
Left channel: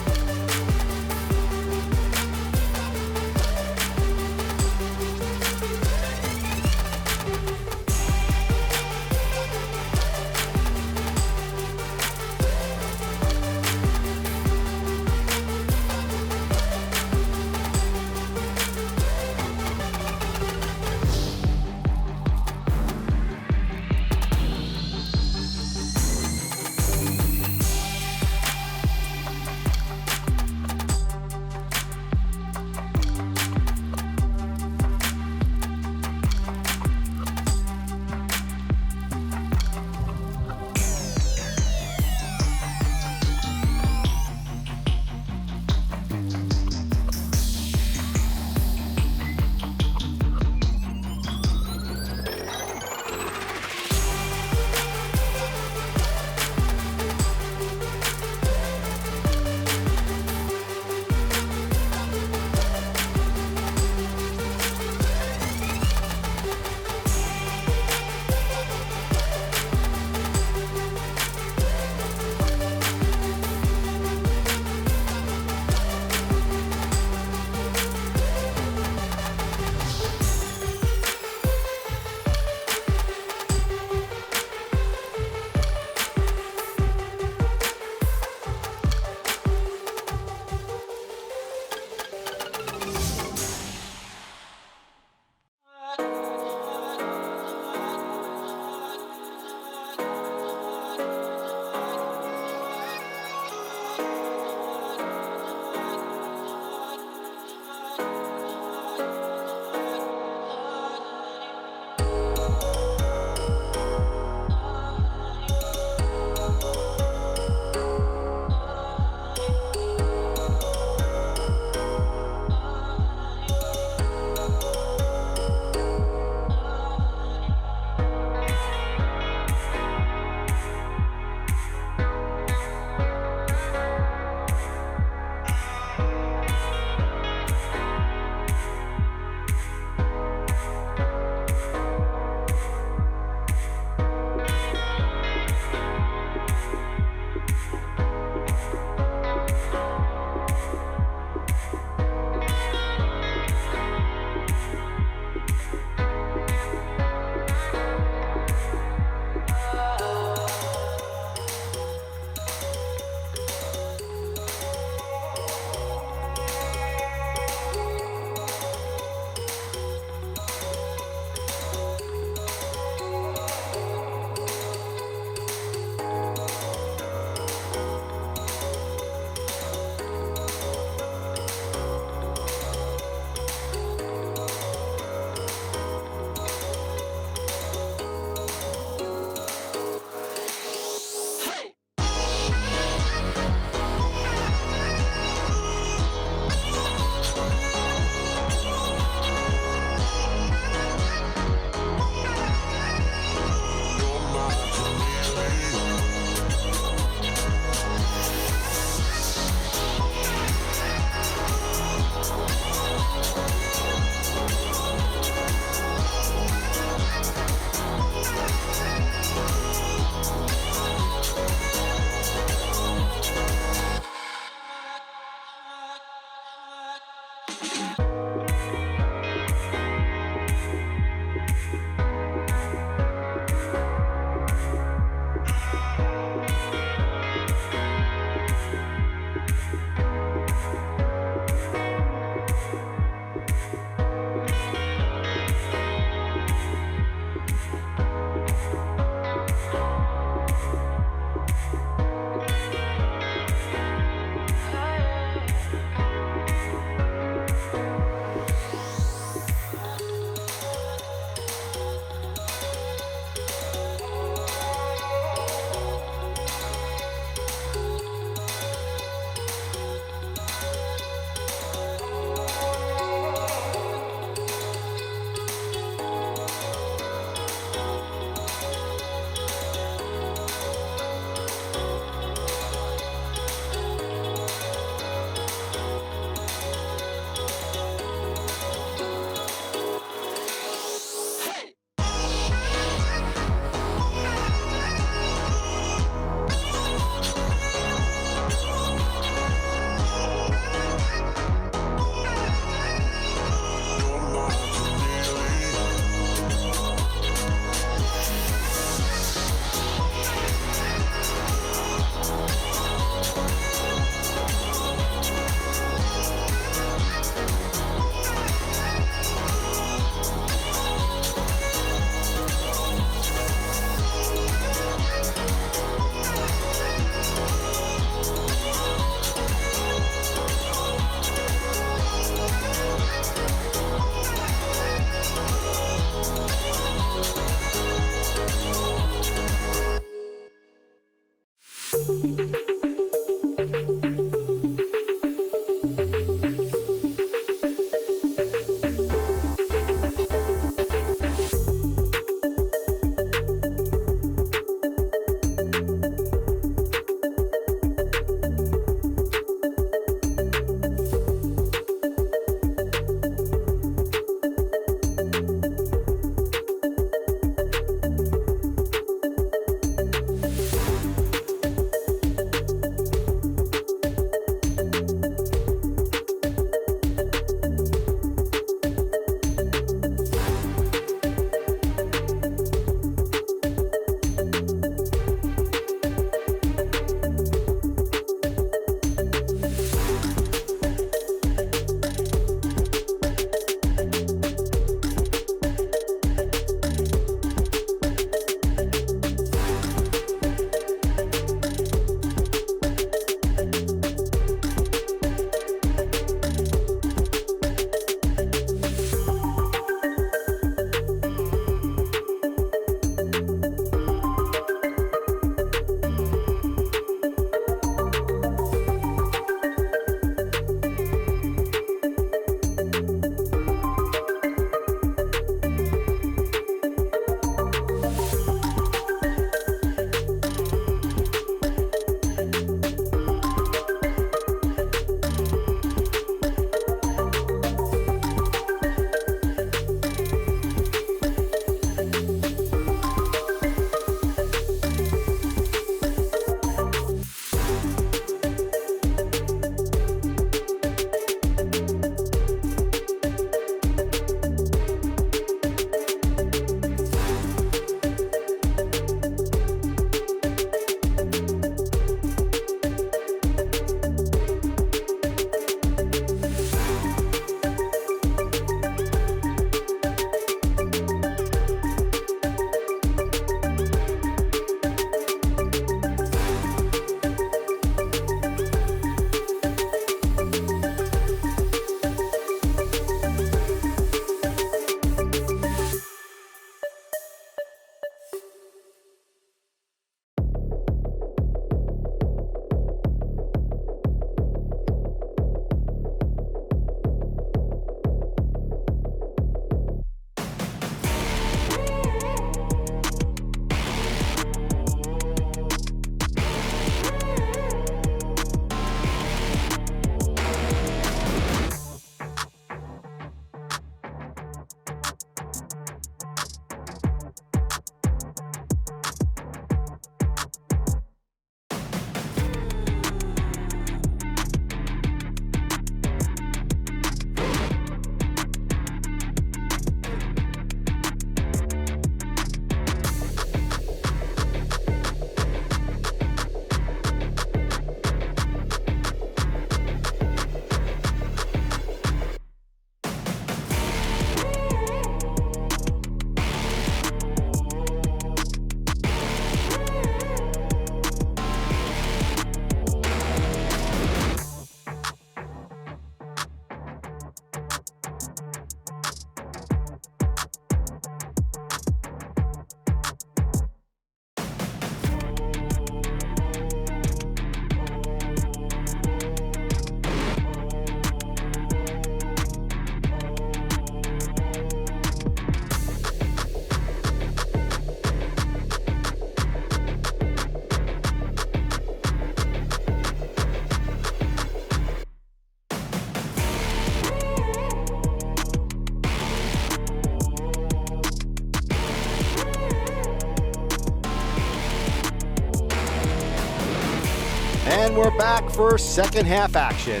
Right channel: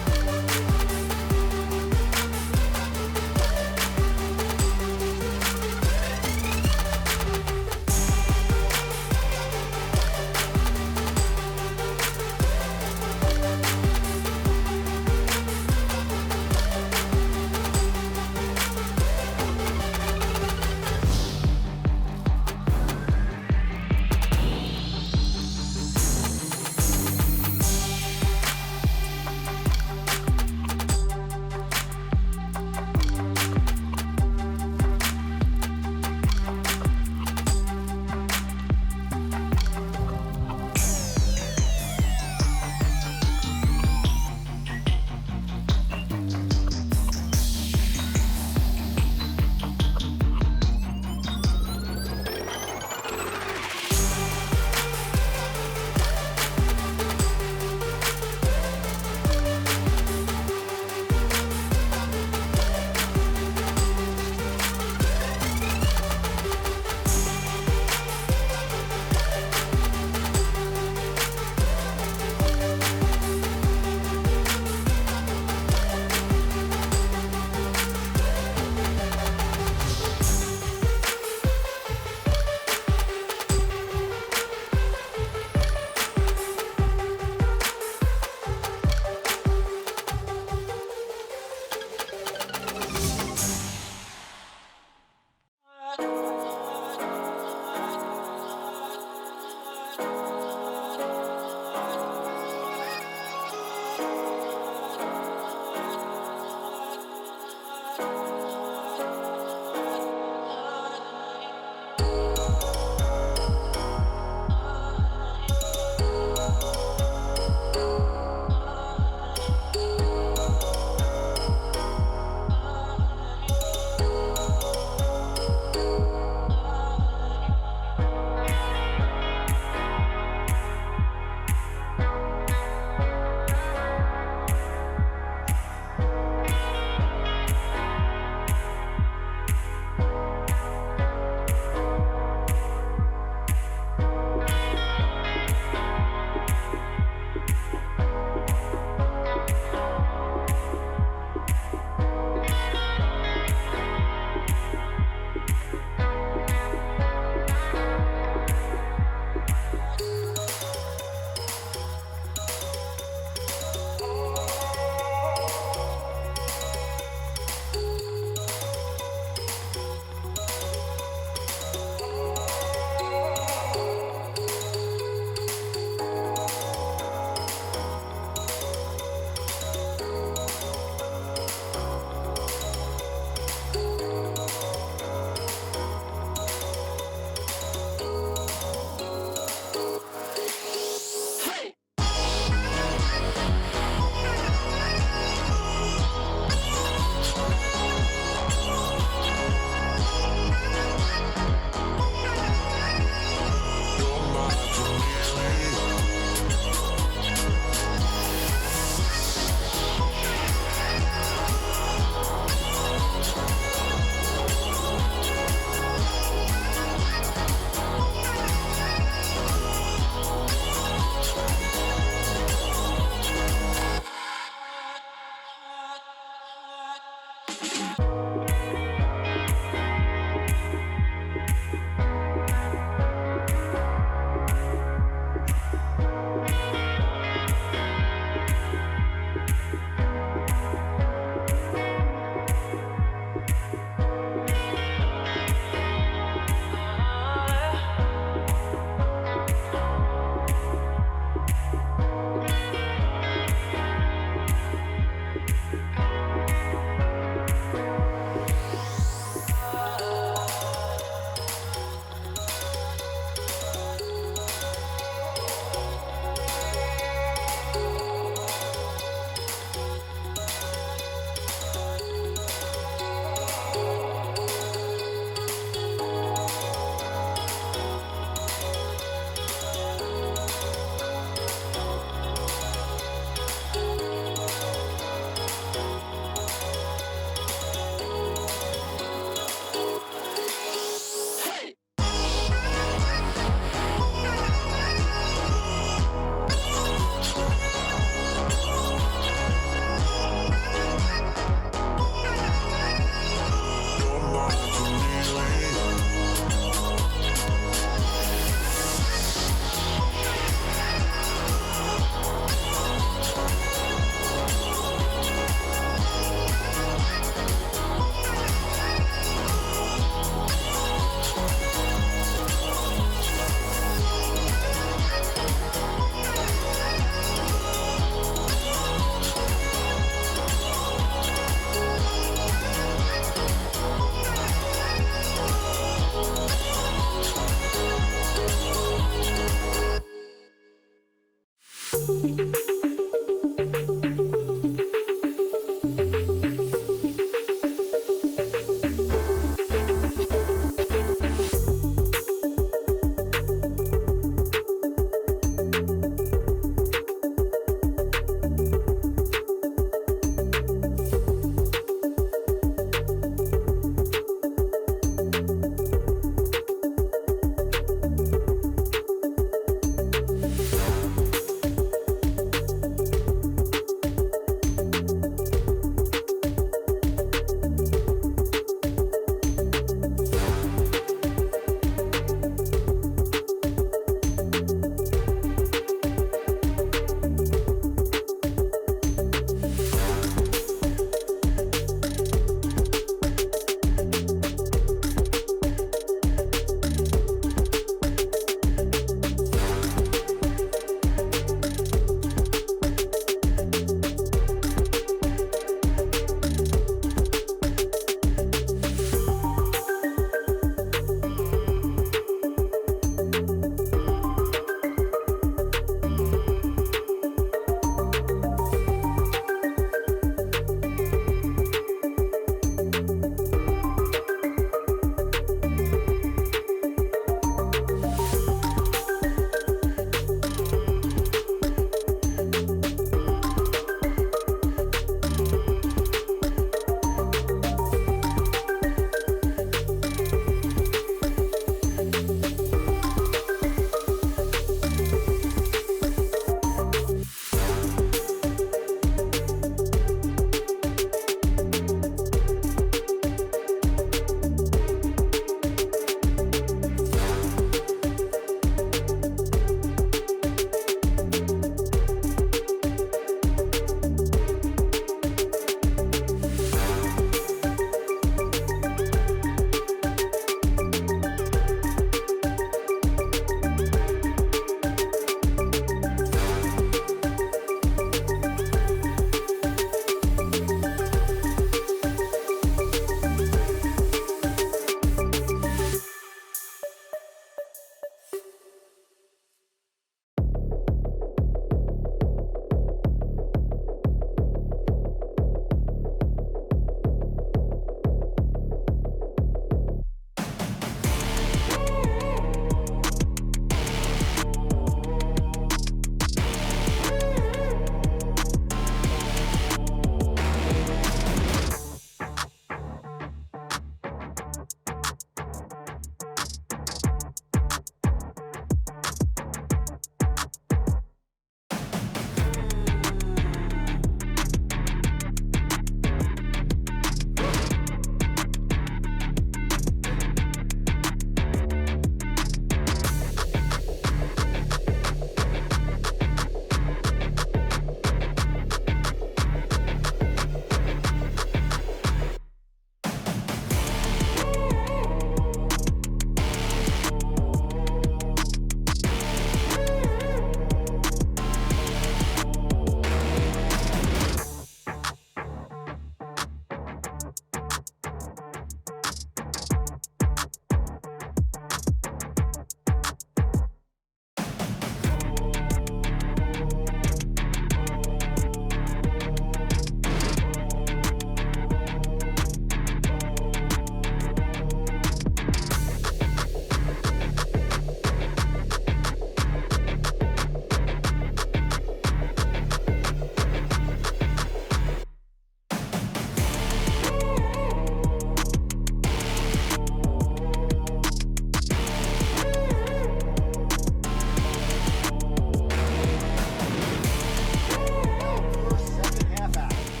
for second half action,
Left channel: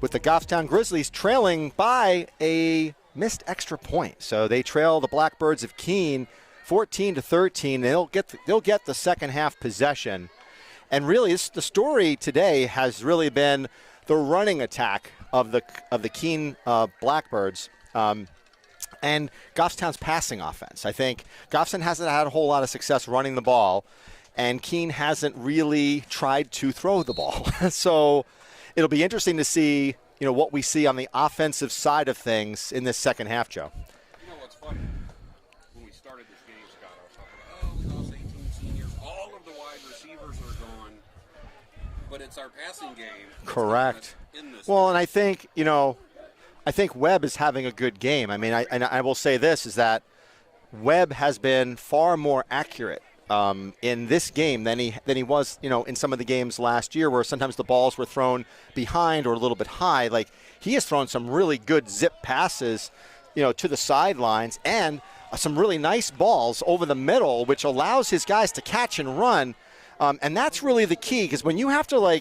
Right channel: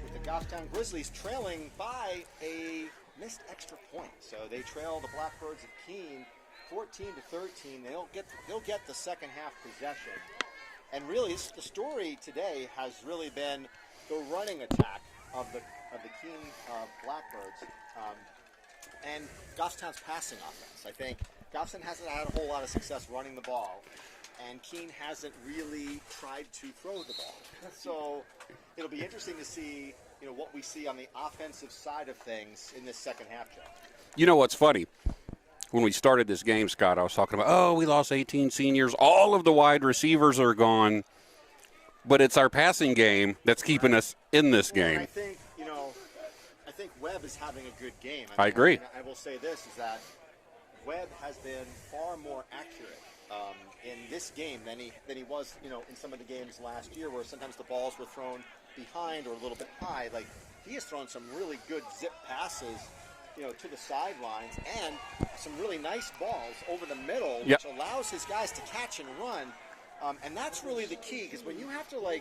with the Goffstown Grizzlies trailing by a missed extra point. So they trail the Blackbirds of Keene 14-13. They'll get the second half possession. And really, the story today has really been the running attack of the Keene Blackbirds and Goffstown's passing offense. I think Goffstown hasn't had a whole lot of success running the ball, and Keene hasn't really tried to throw the ball. So it'll be interesting to see, what we see on the offensive side of things in this second half, Joe. You know what's funny? When we started this game, Scott, I was talking about, we lost 18 seniors. All of the wide receivers are gone. But it's our passing game that's keeping us in this game. Well, and I think, I think Webb is having a good game. I agree. And I will say this, is that Webb has been far more accurate in this game than he was, in some of the games last year, where sometimes the balls were thrown behind or a little bit high. Like, he has thrown some really good zip passes, to the sidelines, and some really nice balls over the middle, which allows his guys to catch and run. And that's really the key, because when you have to,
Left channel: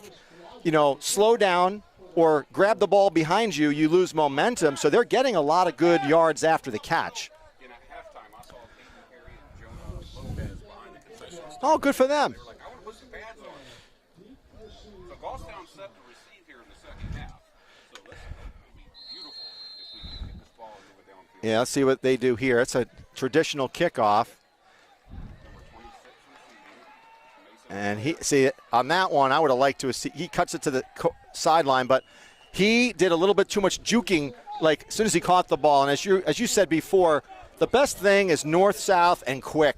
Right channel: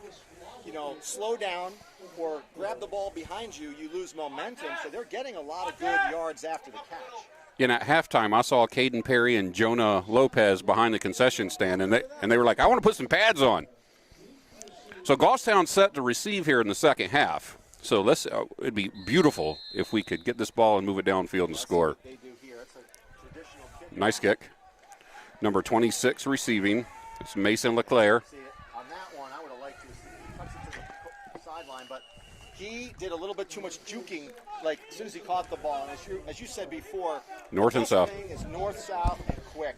slow down or grab the ball behind you, you lose momentum. So they're getting a lot of good yards after the catch. At halftime, I saw Caden Perry and Jonah Lopez behind the concession stand. Good for them. And they were like, I want to put some pads on. So Goffstown's set to receive here in the second half. So it'd be beautiful if we could get this ball and move it downfield Yeah, and let's score. see what they do here. It's a traditional kickoff. Nice kick. Number 26 receiving. It's Mason LeClaire. See, on that one, I would have liked to see. He cuts it to the sideline, but he did a little bit too much juking, as soon as he caught the ball. And as you said before, north the best and south. thing is north-south and quick.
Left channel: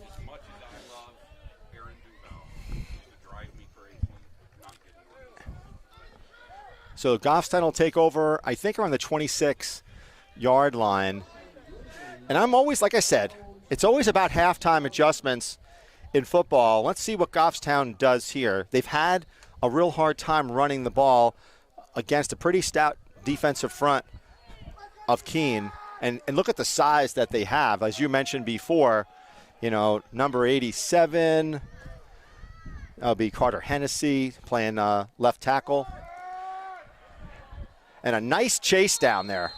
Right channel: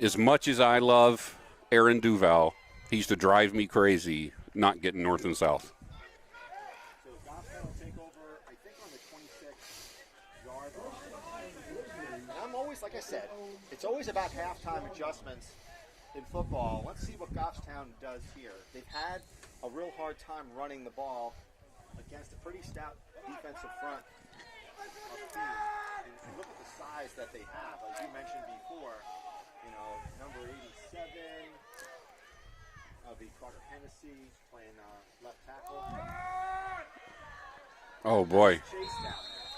As much as I love Aaron Duval, he used to drive me crazy not getting north and south. So Goffstown will take over, I think, around the 26-yard line. And I'm always, like I said, it's always about halftime adjustments in football. Let's see what Goffstown does here. They've had a real hard time running the ball against a pretty stout defensive front of Keene. And look at the size that they have. As you mentioned before, number 87, that'll be Carter Hennessy playing left tackle. And a nice chase down there.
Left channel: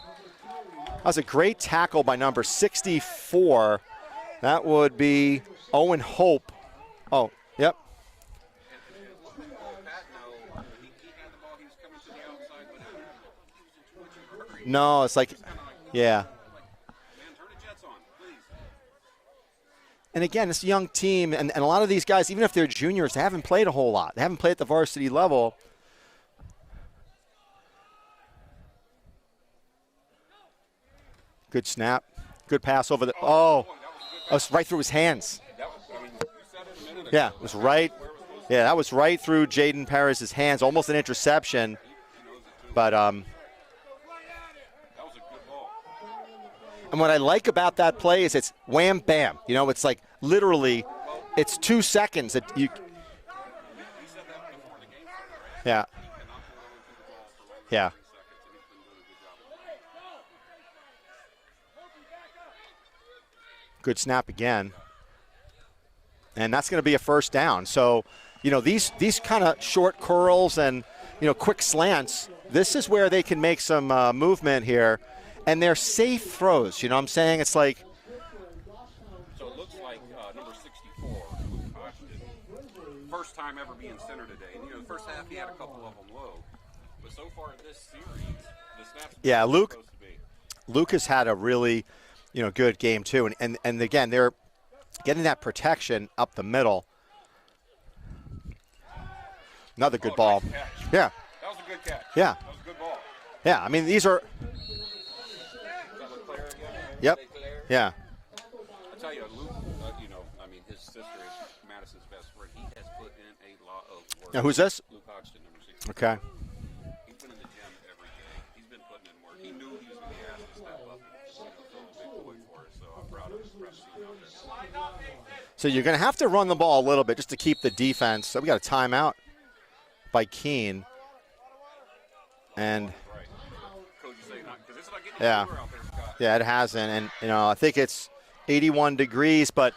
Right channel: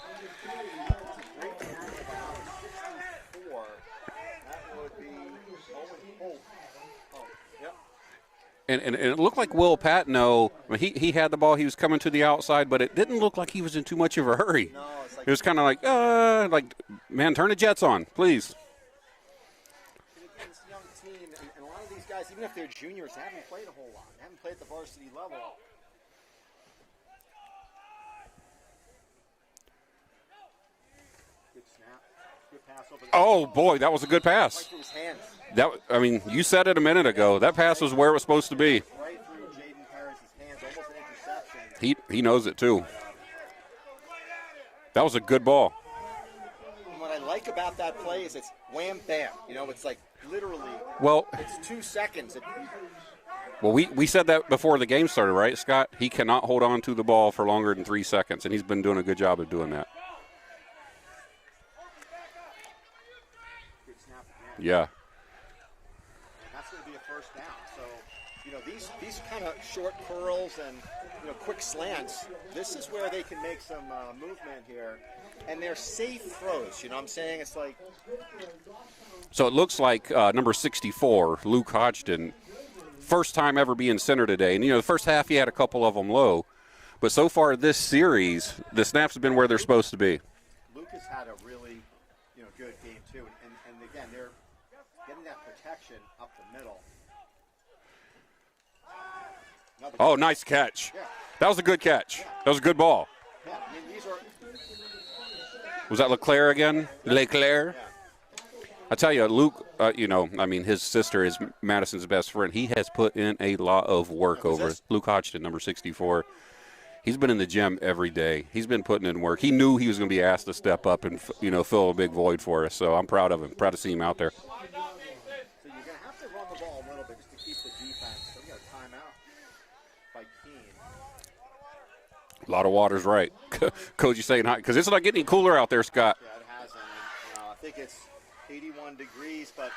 That was a great tackle by number 64. That would be Owen Hope. Oh, yep. And it looked like Will Patno. He had the ball. He was coming to the outside, but it didn't look like he was in too much of a hurry. No, it's like it was kind of like, man, turn the jets on, please. And again, it's a young team, and a lot of these guys, even if they're juniors, they haven't played a whole lot. They haven't played at the varsity level. Good snap. Good pass over the. Oh, boy, that was a good pass. That was right through his hands. You said it a minute ago. That pass was where it was supposed to be. Yeah, that was right through Jaden Perez's hands, almost an interception. He knows it too. But that was a good ball. And what I like about that play is it's wham bam. It's like literally. Well, it's 2 seconds that you. Well, we said that before the game started, right, Scott? Yeah. He cannot hold on to the ball for longer than 3 seconds, and he's been doing a good job of doing that. Good snap again. Yeah. And that's going to be a first down. So, these kind of short curls and, quick slants, this is where they can make some movement here. And they're safe throws. You know what I'm saying? It's like. So it looks like number 64, Luke Hodgson, first time ever being center today. And, the first half he had a couple of them low. But so far this series, the snaps have been where they're supposed to be. Luke has had a really good game too. And again, they're getting that protection up the middle. Another good ball. Oh, nice catch. Yeah. That was a good catch. Yeah. That was a good ball. Yeah, I mean, these are. Was that LeClaire again? Yep. LeClaire? Yeah. I tell you, Luke, his sister is Madison's best friend. He has put in a lot of work. Now, who's this? Luke Hodgson, number 64. Okay. He's been in the gym every day. He's been putting in work. He knew he was going to be asked to step up and, fill a big void for us. So I'm proud of him. Proud to see him out there. So you're going to have to run the ball a little bit just to keep the defense. So we got a timeout by Keene. A lot of water's right. Coach, you saying hot because it's not getting any cooler out there, Scott. Yeah, it hasn't. And, I think it's 81 degrees. But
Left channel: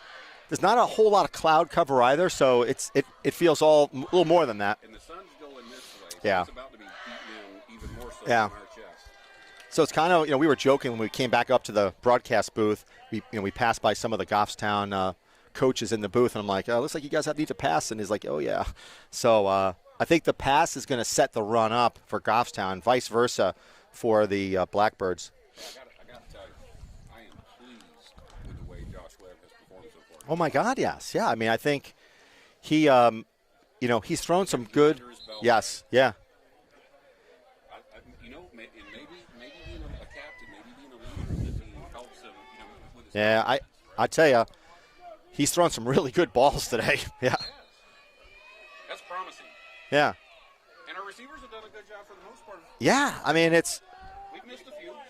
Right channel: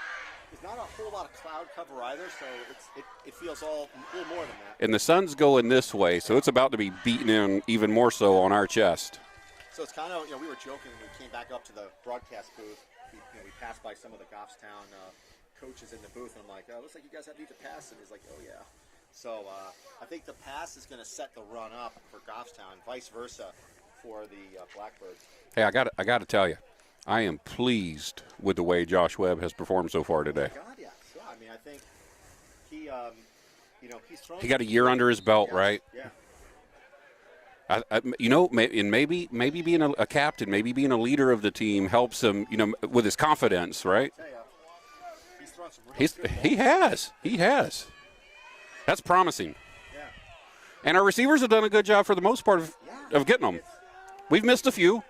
there's not a whole lot of cloud cover either, so it feels a little more than that. And the sun's going this way, so it's about to be beaten in even more so on our chest. So it's kind of, we were joking when we came back up to the broadcast booth. We passed by some of the Goffstown coaches in the booth, and I'm like, oh, looks like you guys need to pass. And he's like, oh, yeah. So I think the pass is going to set the run up for Goffstown, vice versa for the Blackbirds. Hey, I got to tell you, I am pleased with the way Josh Webb has performed so far today. Oh, my God, yes. Yeah, I mean, I think he, he's thrown he some got a year under his belt, yes, right? Yeah. And maybe being a captain, maybe being a leader of the team helps him, with his confidence, right? I tell you, he's thrown some really good balls today. He has. That's promising. Yeah. And our receivers have done a good job for the most part of getting them. We've missed a few.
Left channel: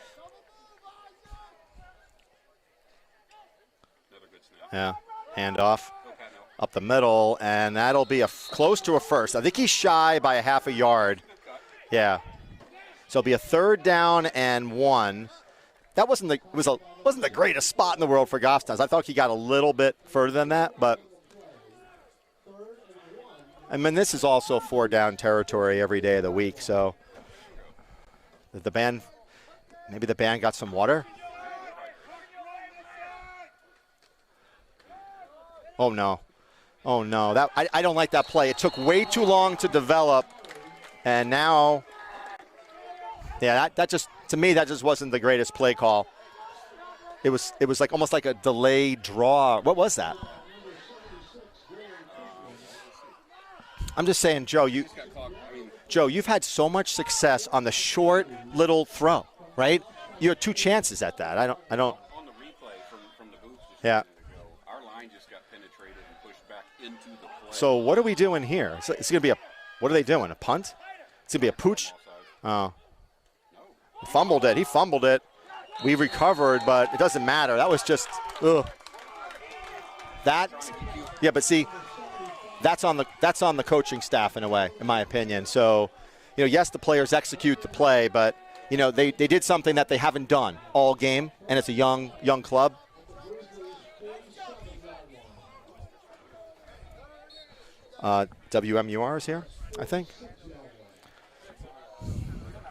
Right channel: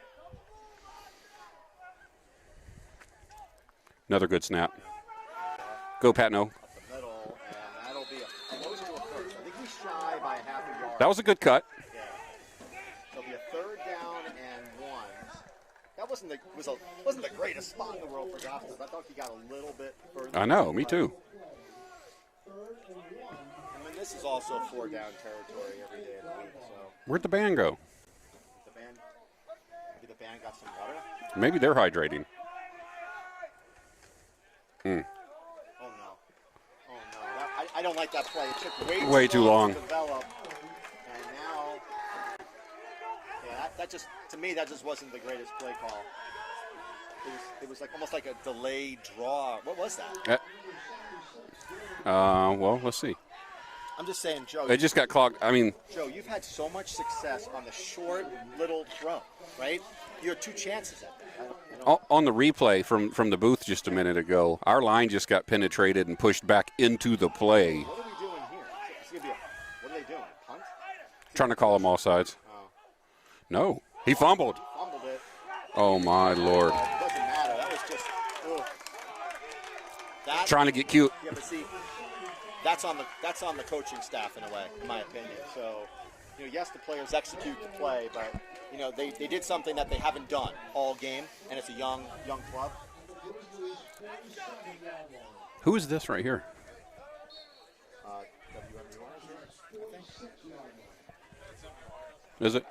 Another good snap. Yeah. Handoff. Go, Patno. Up the middle, and that'll be close to a first. I think he's shy by a half a yard. That was a good cut. Yeah. So it'll be a 3rd down and 1. That wasn't the greatest spot in the world for Goffstown. I thought he got a little bit further than that. Me too. I mean, this is also 4-down territory every day of the week. So where'd the band go? Maybe the band got some water. Maybe they're hydrating. Oh no! I don't like that play. It took way too long to develop, and now, that just, to me, that just wasn't the greatest play call. It was like almost like a delayed draw. What was that? Well, let's see. I'm just saying, Joe. They just got clogged. I mean, Joe, you've had so much success on the short little throw, right? You had 2 chances at that. I don't. On the replay from the booth just a minute ago, our line just got penetrated and pushed back into the play. So what are we doing here? It's going to be what are they doing? A punt? Trying to call them all sides. Oh. No. He fumbled it. He fumbled it. Oh, we recovered, Lord. but it doesn't matter. That was just, ugh. Trying to get cute. Yeah, but see, that's on the coaching staff in a way, in my opinion. So, yes, the players execute the play, but they did something that they haven't done all game, and it's a young club. Who is this right here? WMUR is here, I think. Is it?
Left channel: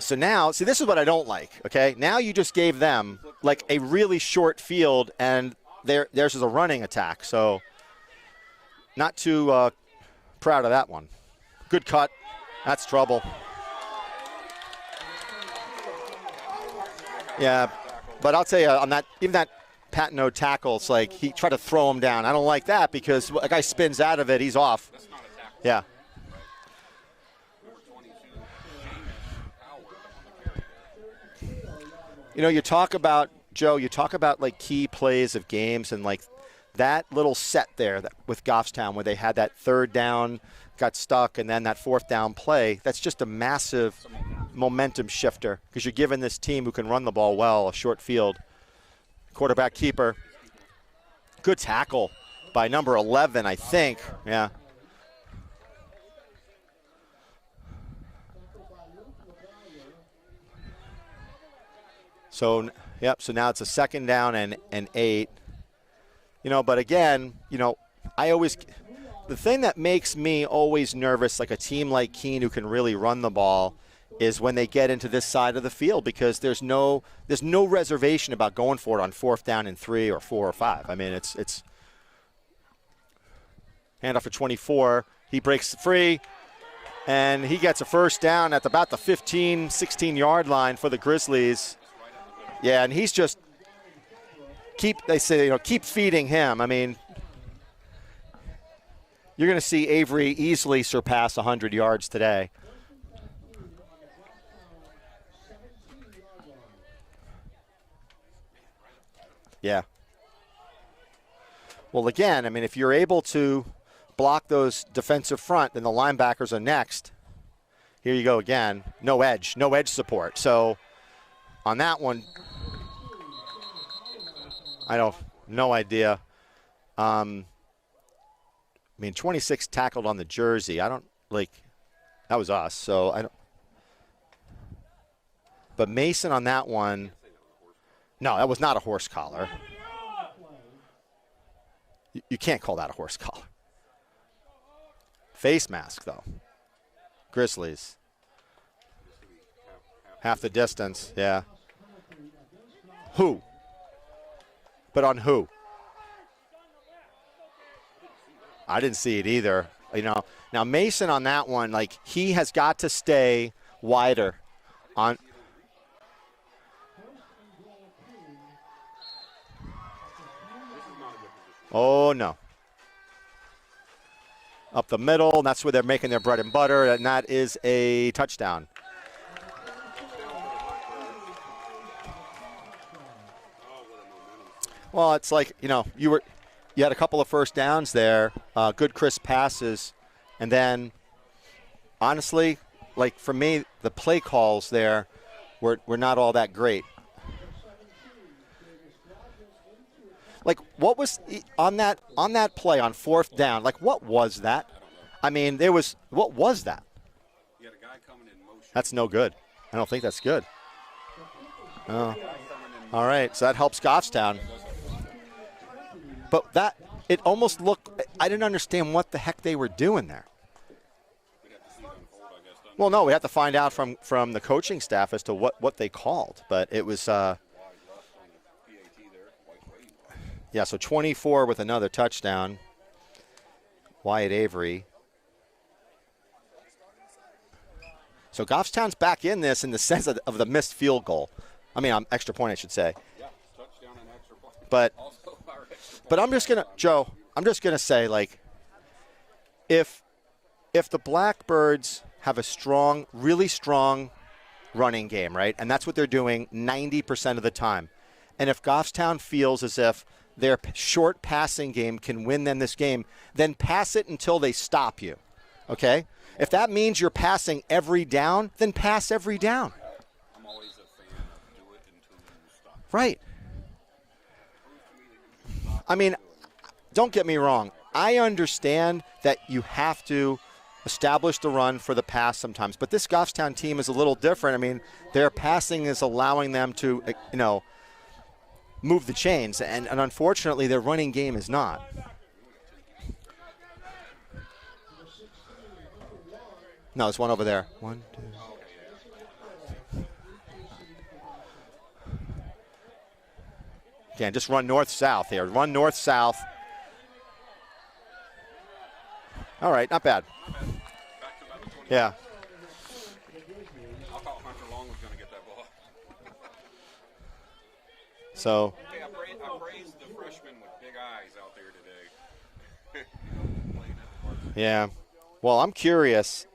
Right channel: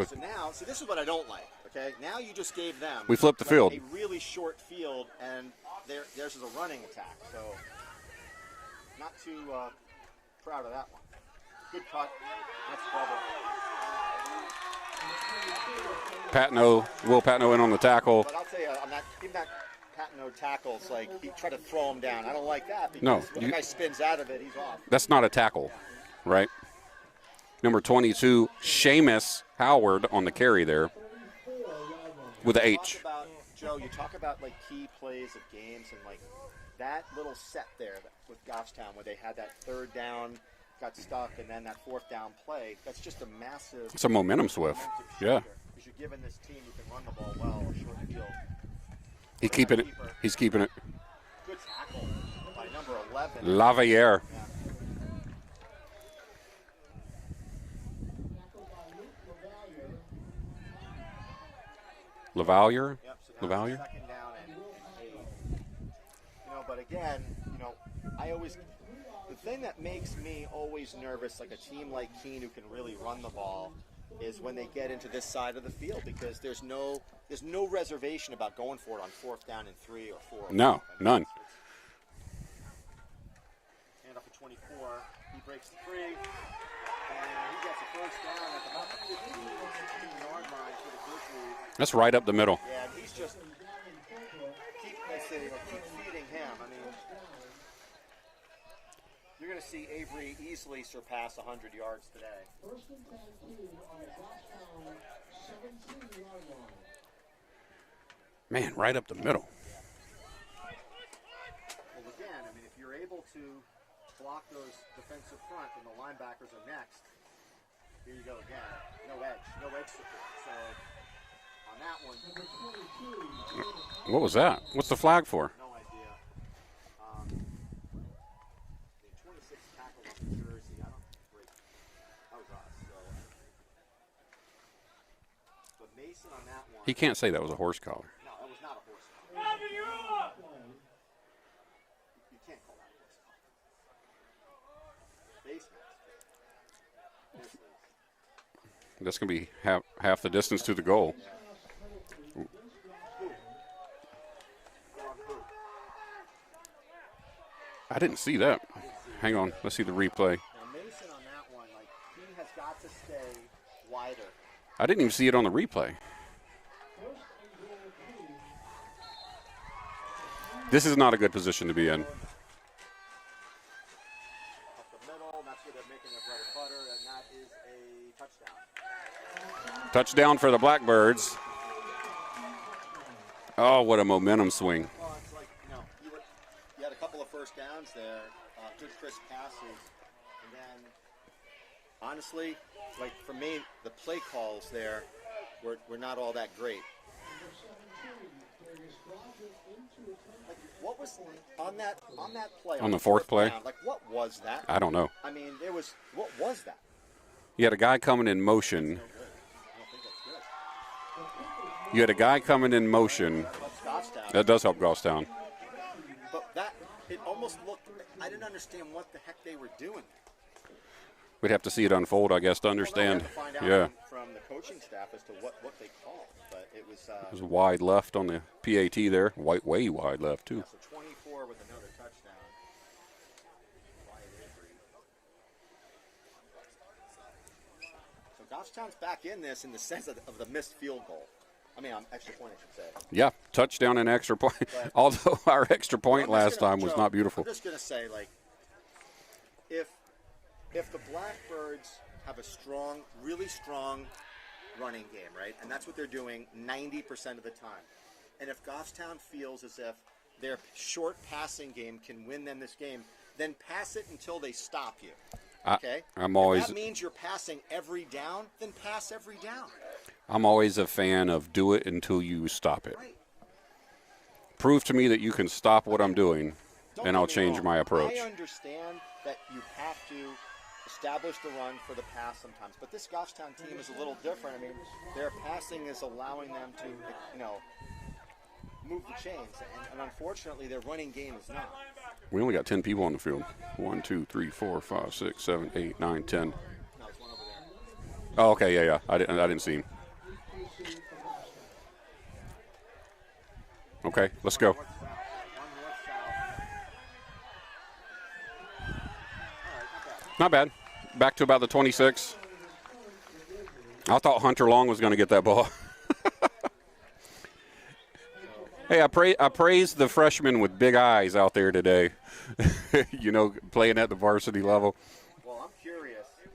So now, see, this is what I don't like, okay? Now you just gave them we flipped the field. A really short field, and theirs is a running attack. So not too proud of that one. Good cut. That's trouble. Will Patno in on the tackle. But I'll tell you, on even that Patno tackle, it's like he tried to throw him down. I don't like that because a guy spins out of it, he's off. That's not a tackle. Yeah. Right. Number 22, Seamus Howard on the carry there. You talk about, Joe, like key plays of games and like that little set there with Goffstown where they had that 3rd down, got stuck, and then that 4th down play. That's just a massive momentum shifter because you're giving this team who can run the ball well a short field. Quarterback keeper. He's keeping it. Good tackle by number 11, I think. Yeah. LaValliere? Yep, so now it's a 2nd down and 8. But again, the thing that makes me always nervous, like a team like Keene who can really run the ball, is when they get into this side of the field because there's no reservation about going for it on 4th down and 3 or 4 or 5. I mean, it's handoff for 24. He breaks free. And he gets a 1st down at about the 15, 16-yard line for the Grizzlies. That's right up the middle. Yeah, and he's just keep feeding him. I mean, you're going to see Avery easily surpass 100 yards today. Man, right up the middle. Yeah. Well, again, I mean, if you're able to block those defensive front, then the linebackers are next. Here you go again. No edge support. So on that one. What was that? What's the flag for? No idea. I mean, 26 tackled on the jersey. That was us. So I don't. But Mason on that one. You can't say that was a horse collar. No, that was not a horse collar. You can't call that a horse collar. Face mask, though. Grizzlies. That's going to be half the distance to the goal. Yeah. Who? But on who? I didn't see that. I didn't see it Hang on, either. let's see the replay. Now, Mason on that one, like, he has got to stay wider. I didn't even see it on the replay. This is not a good position to be in. Oh, no. Up the middle, and that's where they're making their bread and butter, and that is a touchdown. Touchdown for the Blackbirds. Oh, what a momentum swing. Well, it's like, you had a couple of first downs there, good crisp passes, and then, honestly, like for me, the play calls there were not all that great. Like, what was on that play on the fourth play? down? Like, what was that? I don't know. I mean, what was that? You had a guy coming in motion. That's no good. I don't think that's good. You had a guy coming in motion. All right, so that helps Goffstown. That does help Goffstown. But it almost looked, I didn't understand what the heck they were doing there. We'd have to see it unfold, I guess, to understand. Well, no, we have to find out from the coaching staff as to what they called. But it was wide left on the PAT there. Way wide left, too. Yeah, so 24 with another touchdown. Wyatt Avery. So Goffstown's back in this in the sense of the missed field goal. I mean, extra point, I should say. Yeah, touchdown and extra point. But although our extra point last time was not beautiful. I'm just going to say, like, if the Blackbirds have a really strong running game, right, and that's what they're doing 90% of the time, and if Goffstown feels as if their short passing game can win them this game, then pass it until they stop you, okay? If that means you're passing every down, then pass every down. I'm always a fan of do it until you stop it. Right. Prove to me that you can stop what I'm doing. Don't get I'll me change wrong. my approach. I understand that you have to establish the run for the pass sometimes, but this Goffstown team is a little different. I mean, their passing is allowing them to, move the chains, and unfortunately, their running game is not. We only got 10 people on the field. 1, 2, 3, 4, 5, 6, 7, 8, 9, 10. No, there's one over there. 1, 2. Oh, okay, yeah. I didn't see him. Okay, just let's run go. north-south here. Run north-south. All right, not bad. Not bad. Back to about the 26. Yeah. I thought Hunter Long was going to get that ball. So hey, I praise the freshmen with big eyes out there today. Playing at the varsity level. Well, I'm curious.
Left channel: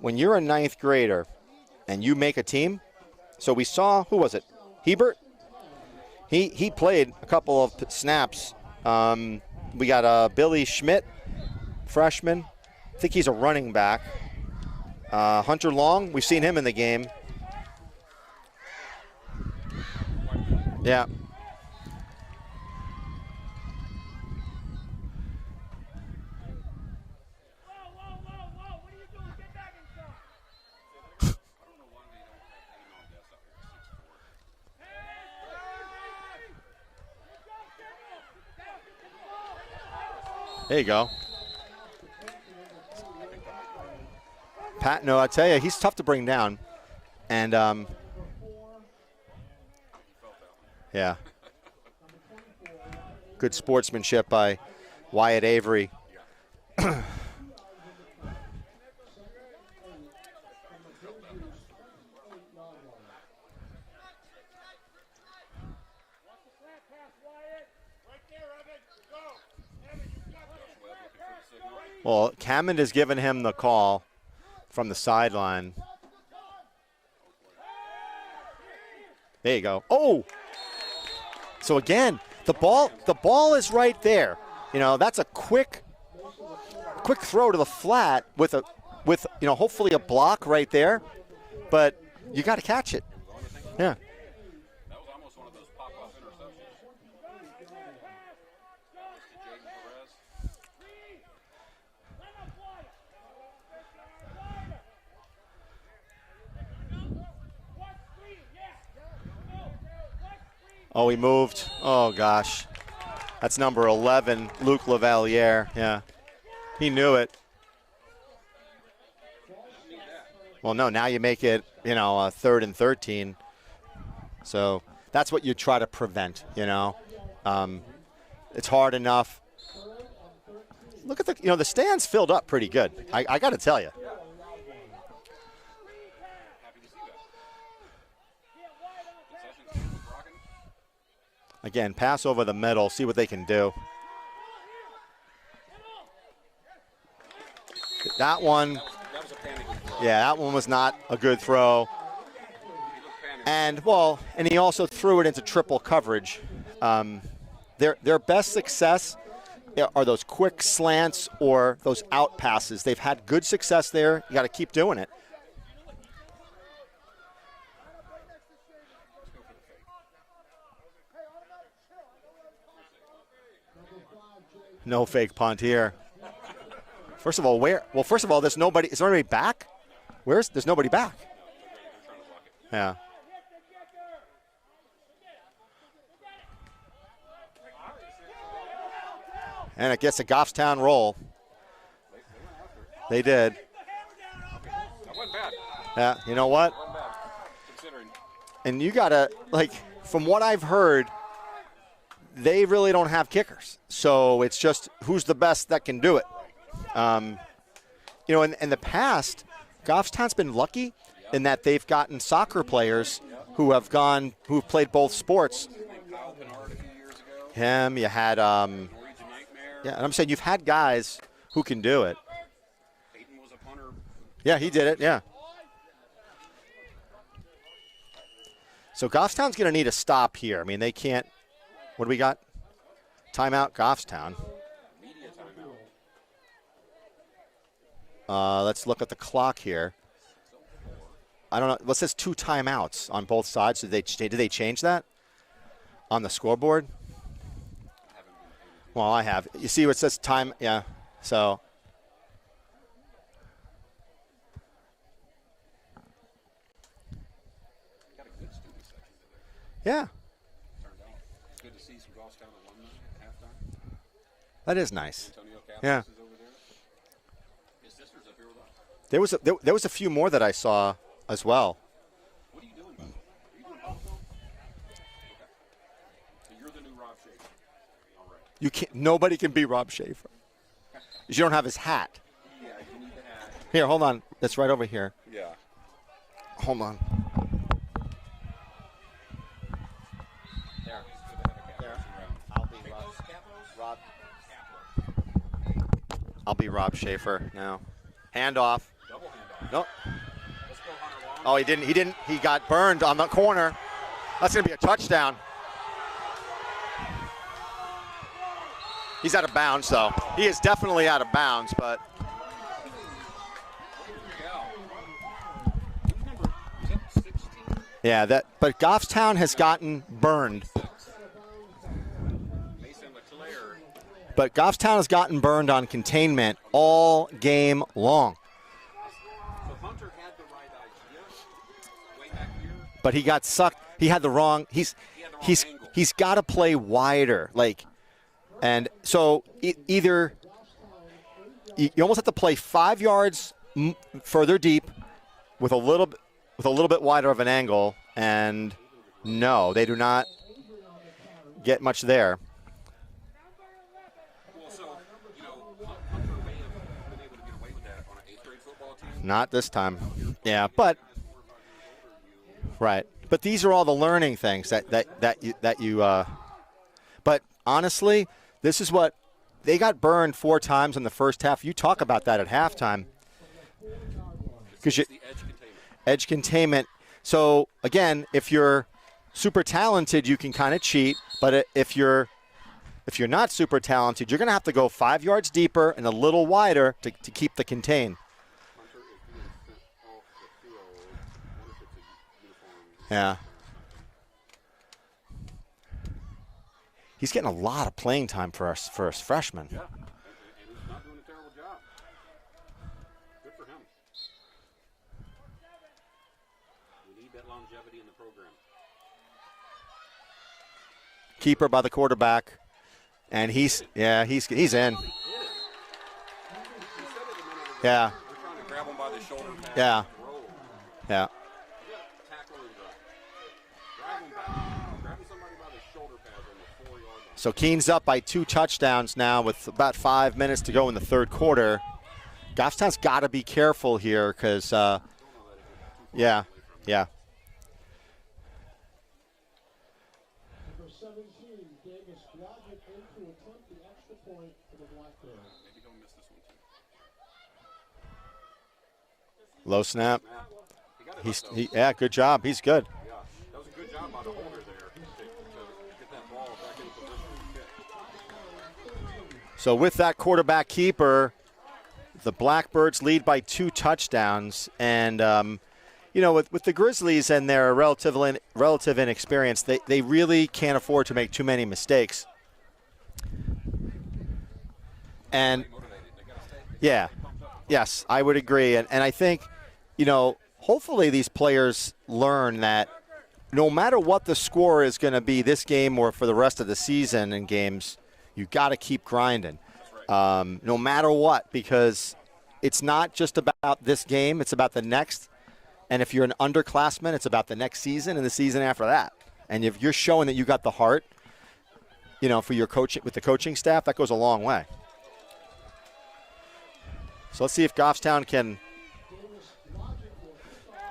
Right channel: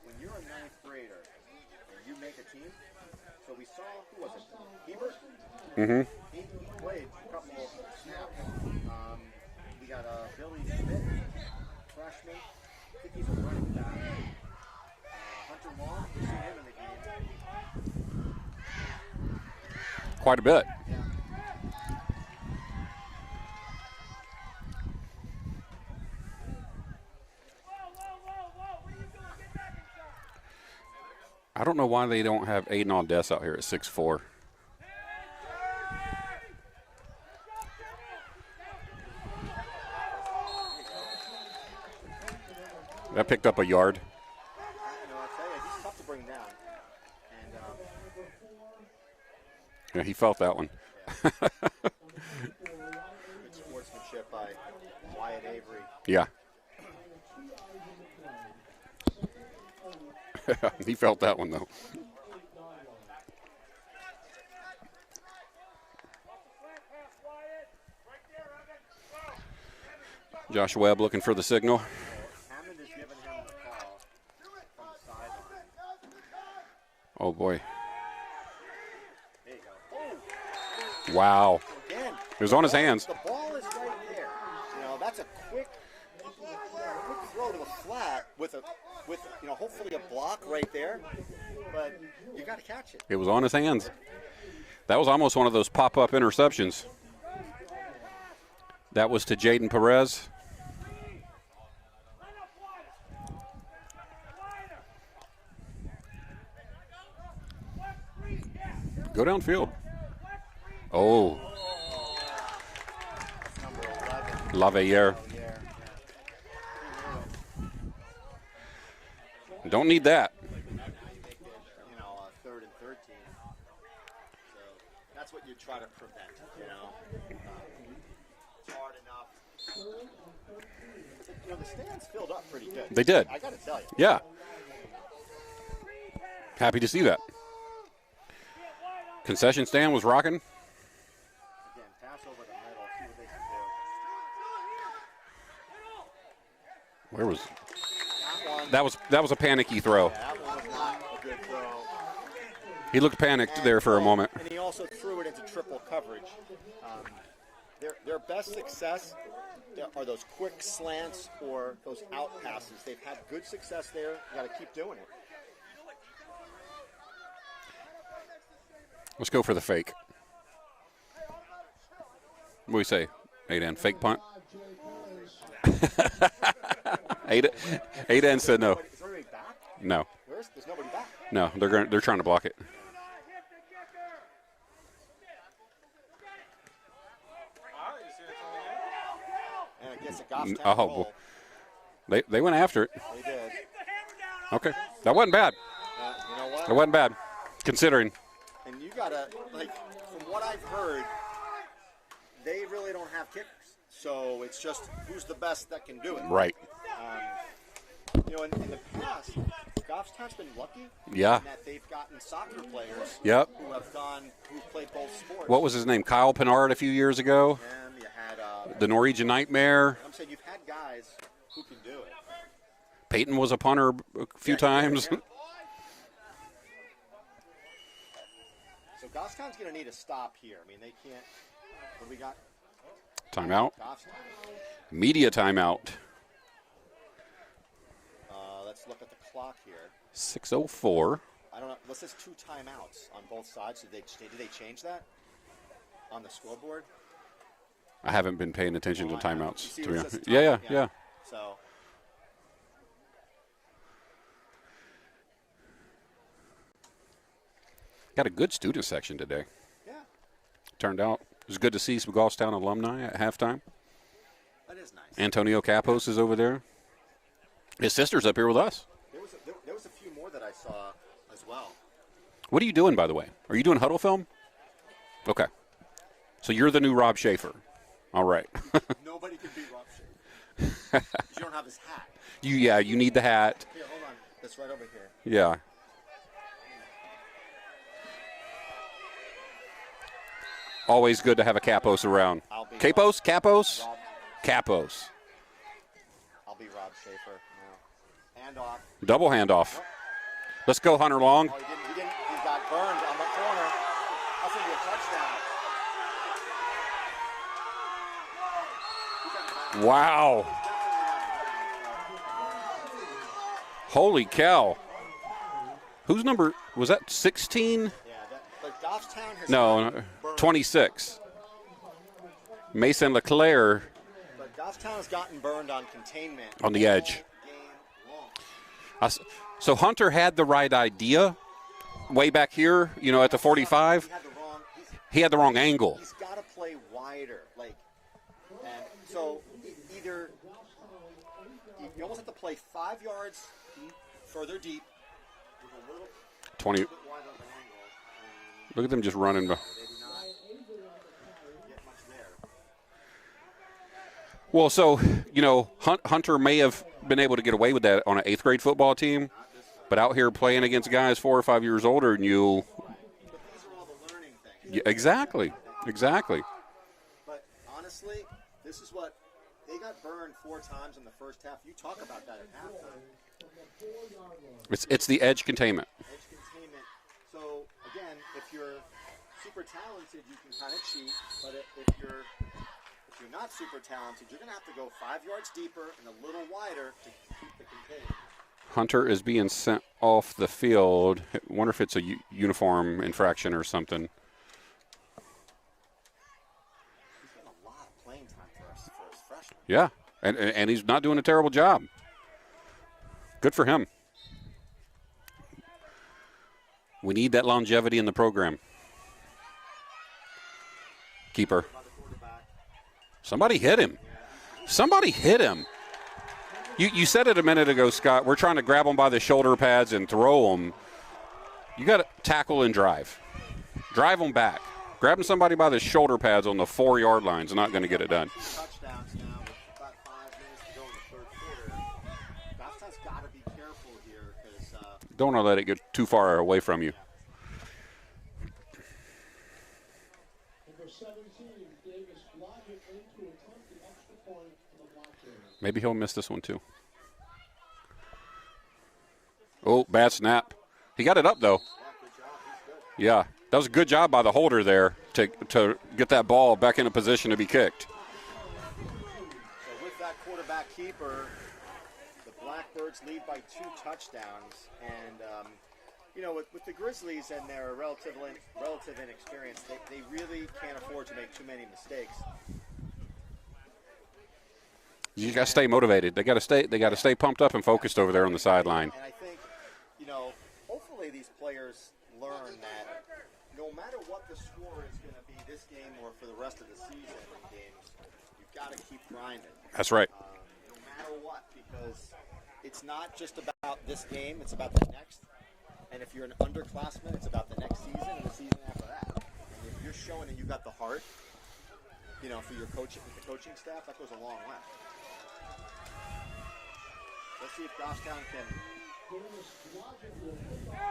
When you're a ninth grader and you make a team, so we saw, who was it? Hebert? Mm-hmm. He played a couple of snaps. We got Billy Schmidt, freshman. I think he's a running back. Hunter Long, we've seen him in the game. Quite a bit. Yeah. I don't know why they don't have Aiden Aldess out here at 6'4". There you go. That picked up a yard. No, I tell you, he's tough to bring down. And yeah, he felt that one. Yeah. Good sportsmanship by Wyatt Avery. Yeah. He felt that one, though. Josh Webb looking for the signal. Well, Hammond has given him the call from the sideline. Oh, boy. There you go. Oh! Wow. So, again, it was on his hands. The ball is right there. That's a quick throw to the flat with hopefully a block right there. But you got to catch it. It was on his hands. Yeah. That was almost one of those pop-up interceptions. That was to Jaden Perez. Go downfield. Oh, he moved. Oh, gosh. That's number 11, Luke Lavaliere. Lavaliere. Yeah, he knew it. Don't need that. Well, no, now you make it, 3rd and 13. So that's what you try to prevent, It's hard enough. Look at the stands filled up pretty good. They did. I got to tell you. Yeah. Happy to see that. Concession stand was rocking. Again, pass over the middle, see what they can do. Where was that one? That was a panicky throw. Yeah, that one was not a good throw. He looked panicked there for a moment. And he also threw it into triple coverage. Their best success are those quick slants or those out passes. They've had good success there. You got to keep doing it. Let's go for the fake. What do we say, Aidan? Fake punt? No fake punt here. First of all, where? Well, first of Aidan all, there's said no. nobody. Is there anybody back? No. There's nobody back. No, they're trying to block it. Yeah. And it gets a Goffstown roll. They went after it. They did. Okay. That wasn't bad. Yeah, you know what? That wasn't bad, considering. And you got to, from what I've heard, they really don't have kickers. So it's just who's the best that can do it. Right. In the past, Goffstown's been lucky in that they've gotten soccer players who've played both sports. What was his name? Kyle Pinard a few years ago. Him. You had the Norwegian Nightmare. And I'm saying you've had guys who can do it. Peyton was a punter a few times. He did, yeah. So Goffstown's going to need a stop here. I mean, they can't. What do we got? Timeout, Goffstown. Media timeout. Let's look at the clock here. 6:04. I don't know. Well, it says 2 timeouts on both sides. Did they change that on the scoreboard? I haven't been paying attention Well, to I timeouts. have. You see what it says time? Yeah. So. Got a good student section today. Yeah. Turned out. It was good to see some Goffstown alumni at halftime. That is nice. Antonio Capos is over there. His sister's up here with us. There was a few more that I saw as well. What are you doing, by the way? Are you doing huddle film? Okay. So you're the new Rob Schaefer. All right. Nobody can be Rob Schaefer. You don't have his hat. You need the hat. Here, hold on. That's right over here. Yeah. Hold on. Always good to have a Capos around. Capos? Capos. I'll be Rob Schaefer now. Handoff. Double handoff. Nope. Let's go, Hunter Long. Oh, he didn't. He got burned on the corner. That's going to be a touchdown. He's out of bounds. Wow. He is definitely out of bounds, but. Holy cow. Whose number was that? 16? Yeah, but Goffstown has gotten burned. 26. Mason LeClaire. But Goffstown has gotten burned on containment on the all edge. Game long. So Hunter had the right idea way back here, but at the 45. He had the wrong. He had the wrong angle. He's got to play wider, and so either you almost have to play 5 yards further deep with a little bit wider of an angle, and look at them just running. No, they do not get much there. Well, so, Hunter may have been able to get away with that on an 8th grade football team. Not this time. But out here playing against guys 4 or 5 years older than you. Right. But these are all the learning things that you Exactly. But honestly, this is what they got burned 4 times in the first half. You talk about that at halftime. It's the edge containment. Edge containment. So, again, if you're super talented, you can kind of cheat. But if you're not super talented, you're going to have to go 5 yards deeper and a little wider to keep the contain. Hunter is being sent off the field. I wonder if it's a uniform infraction or something. He's getting a lot of playing time for a freshman. Yeah, and he's not doing a terrible job. Good for him. We need that longevity in the program. Keeper by the quarterback. Somebody hit him. Yeah, he's Somebody hit him. You said it a minute ago, Scott. We're trying to grab them by the shoulder pads and throw them. Yeah. You got to tackle and drive. Drive them back. Grabbing somebody by the shoulder pads on the 4-yard line is not going to get it done. So Keene's up by 2 touchdowns now with about 5 minutes to go in the third quarter. Goffstown's got to be careful here because don't want to let it get too far away from you. Yeah. Maybe he'll miss this one too. Low bad snap. He got it up though. Yeah, good job. He's good. Yeah, that was a good job by the holder there to get that ball back in a position to be kicked. So with that quarterback keeper, the Blackbirds lead by 2 touchdowns. And, with the Grizzlies and their relative inexperience, they really can't afford to make too many mistakes. You got to stay motivated. They got to stay pumped up and focused over there. I would agree. Sideline. And I think, hopefully these players learn that no matter what the score is going to be this game or for the rest of the season in games, you got to keep grinding. That's right. No matter what, because it's not just about this game. It's about the next. And if you're an underclassman, it's about the next season and the season after that. And if you're showing that you got the heart, for your coaching with the coaching staff, that goes a long way. So let's see if Goffstown can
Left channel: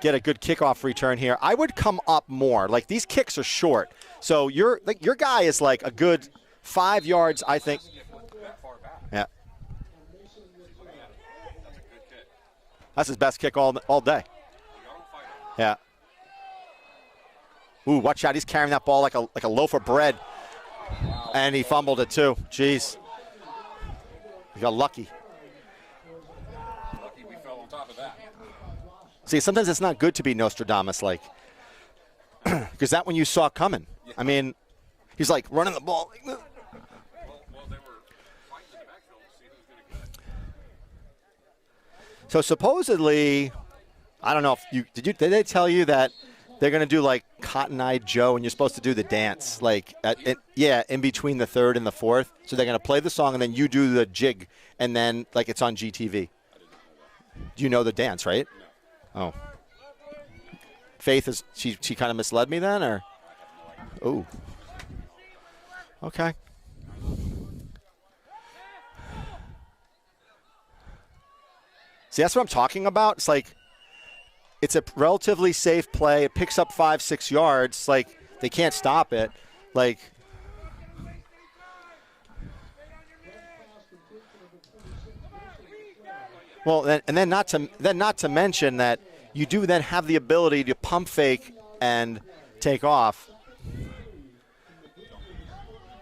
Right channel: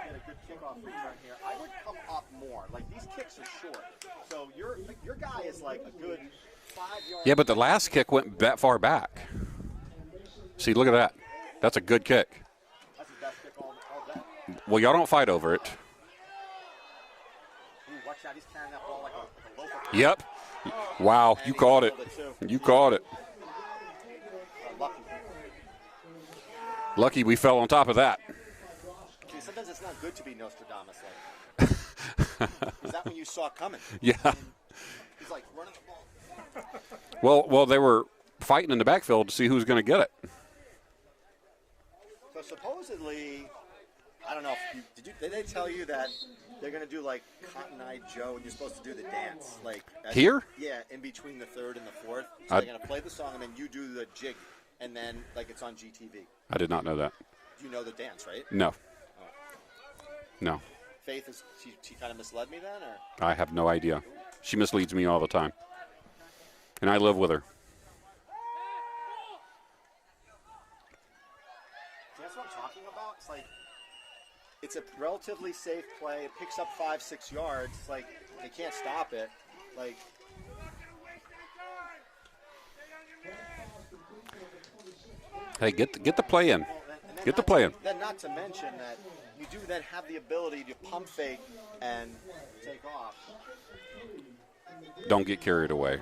get a good kickoff return here. I would come up more. Like, these kicks are short. So your guy is like a good 5 yards. Yeah, but the last kick went that far back. Yeah. See, look at that. That's a good kick. That's his best kick all day. Well, y'all don't fight over it. Yeah. Ooh, watch out. He's carrying that ball like a loaf of bread. Yep. Wow. And he fumbled it too. You caught it. You got lucky. Lucky we fell on top of that. See, sometimes it's not good to be Nostradamus-like. Because that one you saw coming. Yeah. I mean, he's like running the ball. Well, they were fighting in the backfield to see who's going to get it. So supposedly, I don't know if did they tell you that they're going to do like Cotton Eye Joe and you're supposed to do the dance like here? In between the third and the fourth. So they're going to play the song and then you do the jig and then like it's on GTV. I did not know that. You know the dance, right? No. Oh. No. Faith is she kind of misled me then, or? I have no idea. Ooh. She misleads me all the time. Okay. And I live with her. See, that's what I'm talking about. It's like it's a relatively safe play. It picks up 5-6 yards. Like they can't stop it. Like hey, get the play in. well, and then not to mention that you do then have the ability to pump fake and take off. Don't get carried away.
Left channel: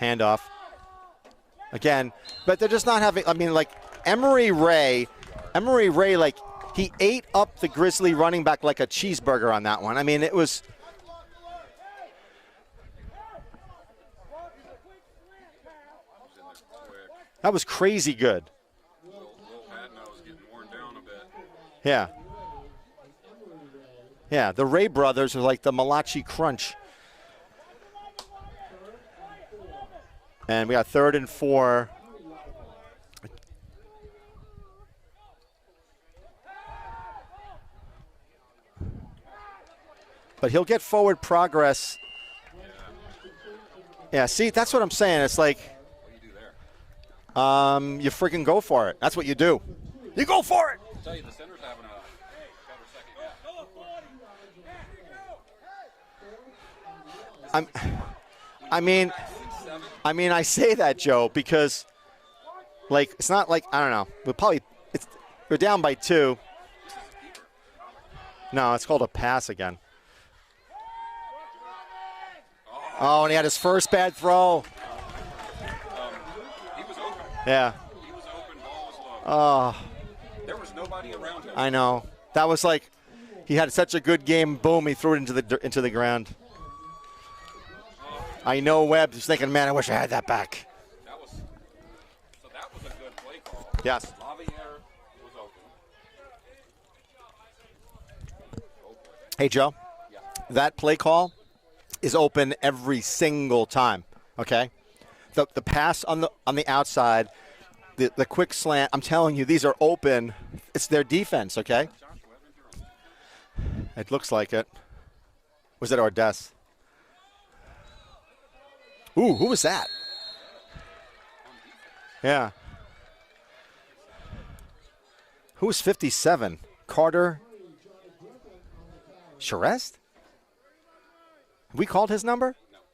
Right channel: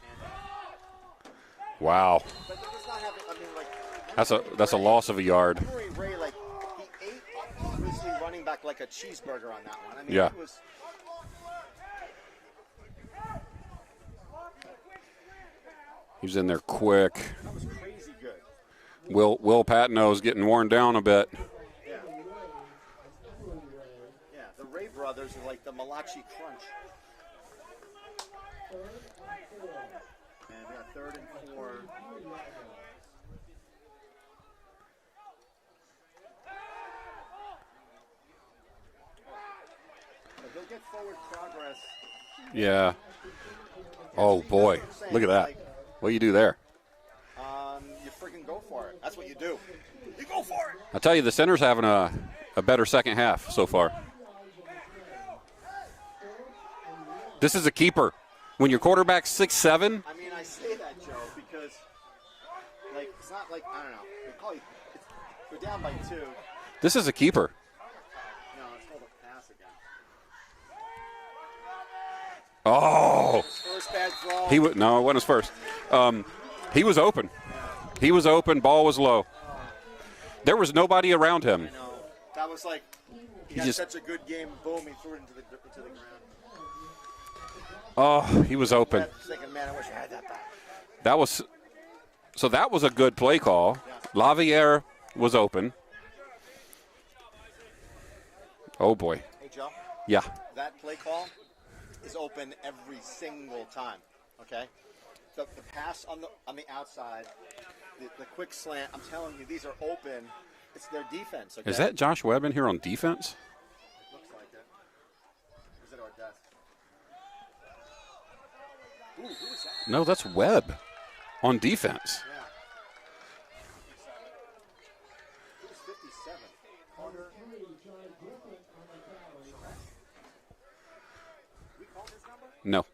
Handoff. Again, wow. But they're just not having. I mean, like Emory that's Ray. a loss of a yard. Emory Ray, like he ate up the Grizzly running back like a cheeseburger on that one. I mean, it was. He was in there quick. That was crazy good. Will Patno's getting worn down a bit. Yeah. Yeah, the Ray brothers are like the Malachi Crunch. And we got 3rd and 4. But he'll get forward progress. Yeah. Yeah, oh, see, boy. that's what I'm saying. It's that. like. What do you do there? You freaking go for it. That's what you do. You go for it. I tell you, the center's having a better second half so far. This is a keeper. When your quarterback's 6'7". I mean, I say that, Joe, because, like, it's not like, I don't know. We're down by 2. This is a keeper. No, it's called a pass again. Oh, and he had his first bad throw. No, it wasn't his first. He was open. Yeah. He was open. Ball was low. Oh. There was nobody around him. I know. That was like he had such a good game. Boom, he threw it into the ground. Oh, I know open. Webb is thinking, man, I wish I had that back. That was a good play call. Yes. Laviere was open. Oh, boy. Hey, Joe. Yeah. That play call is open every single time, okay? The pass on the outside, the quick slant, I'm telling you, these are open. It's their defense, okay? Is that Josh Webb in here on defense? It looks like it. Was it Ordez? Ooh, who was that? No, that's Webb on defense. Yeah. Who was 57? Carter Charest? We called his number? No.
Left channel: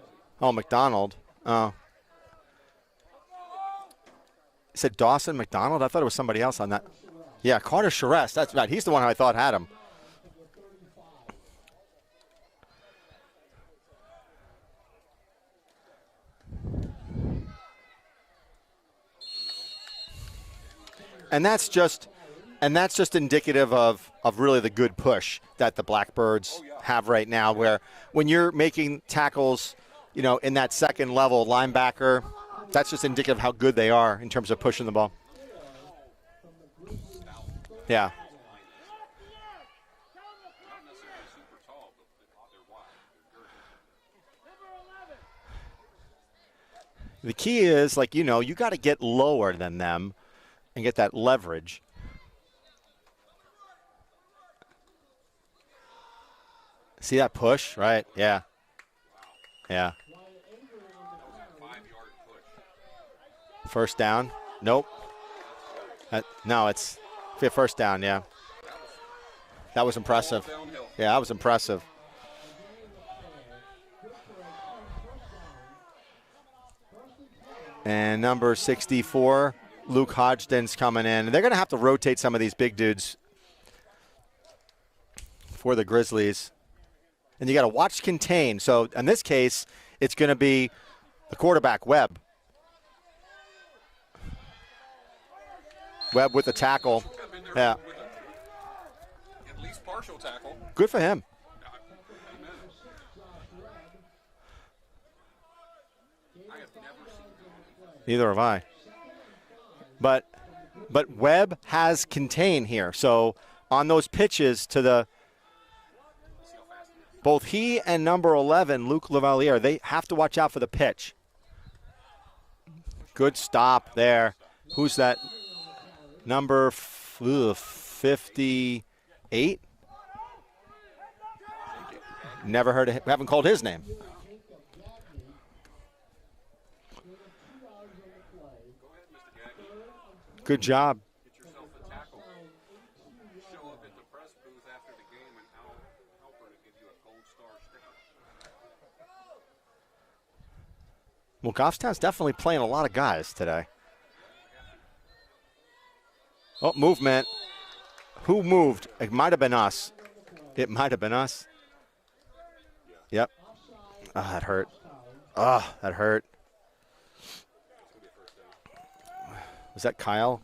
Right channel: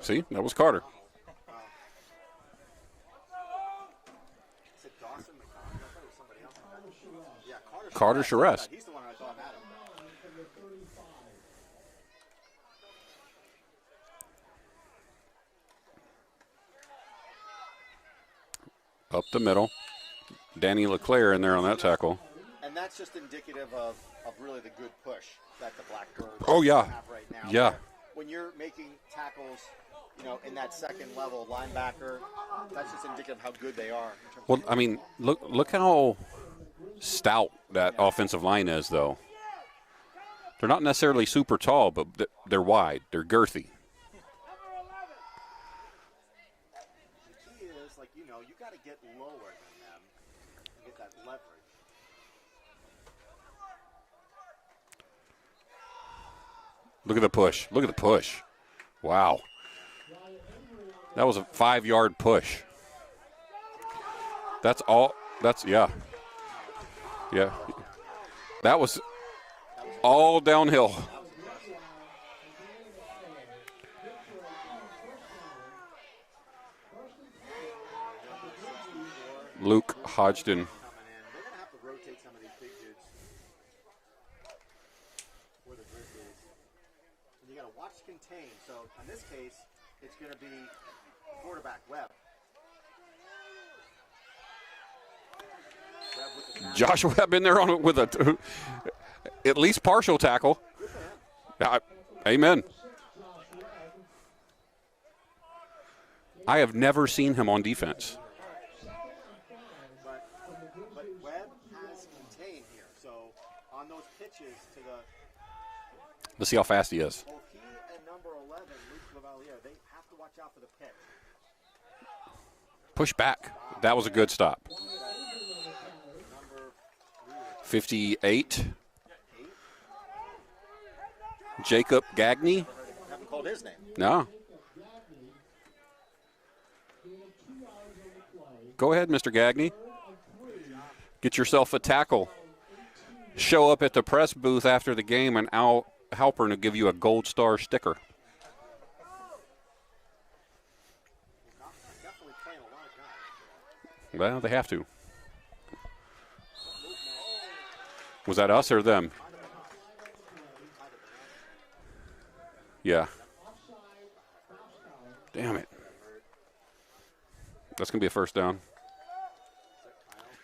See? That was Carter. McDonald. Oh. You said Dawson McDonald? I thought it was somebody else on that. Yeah, Carter Charest. That's right. He's the one I thought had him. Up the middle. Danny LeClaire in And there that's on that just tackle. And that's just indicative of really the good push that the Blackbirds have right now. Yeah. Where when you're making tackles, in that second level linebacker, that's just indicative of how good they are in terms of pushing the ball. Look how stout that offensive line is, though. They're not necessarily super tall, but they're wide. They're girthy. The key is, you got to get lower than them and get that leverage. See Look at that the push. Look at the push. Yeah. Wow. Yeah. That was a 5-yard push. First down. That's all. That's, yeah. No, it's a first down, yeah. That was impressive. all downhill. Yeah, that was impressive. And number 64, Luke Hodgson's coming in. And they're going to have to rotate some of these big dudes for the Grizzlies. And you got to watch contain. So in this case, it's going to be the quarterback, Webb. Webb with the tackle. Josh Webb in there with a at least partial tackle. Good for him. Amen. I have never seen him on defense. Neither have I. But Webb has contain here. So on those pitches to the – let's see how fast he is. Both he and number 11, Luke Lavalier, they have to watch out for the pitch. Push good back. Stop That was there. a good stop. Who's that? Number 58? Jacob Gagne. Never heard of him. Haven't called his name. No. Go ahead, Mr. Gagne. Good job. Get yourself a tackle. Show up at the press booth after the game, and Al Halpern will give you a gold star sticker. Well, Goffstown's definitely playing a lot of guys today. Well, they have to. Oh, movement. Was that us or them? It might have been us. It might have been us. Yeah. Yep. Oh, that hurt. Oh, that hurt. That's going to be a first down. Was that Kyle?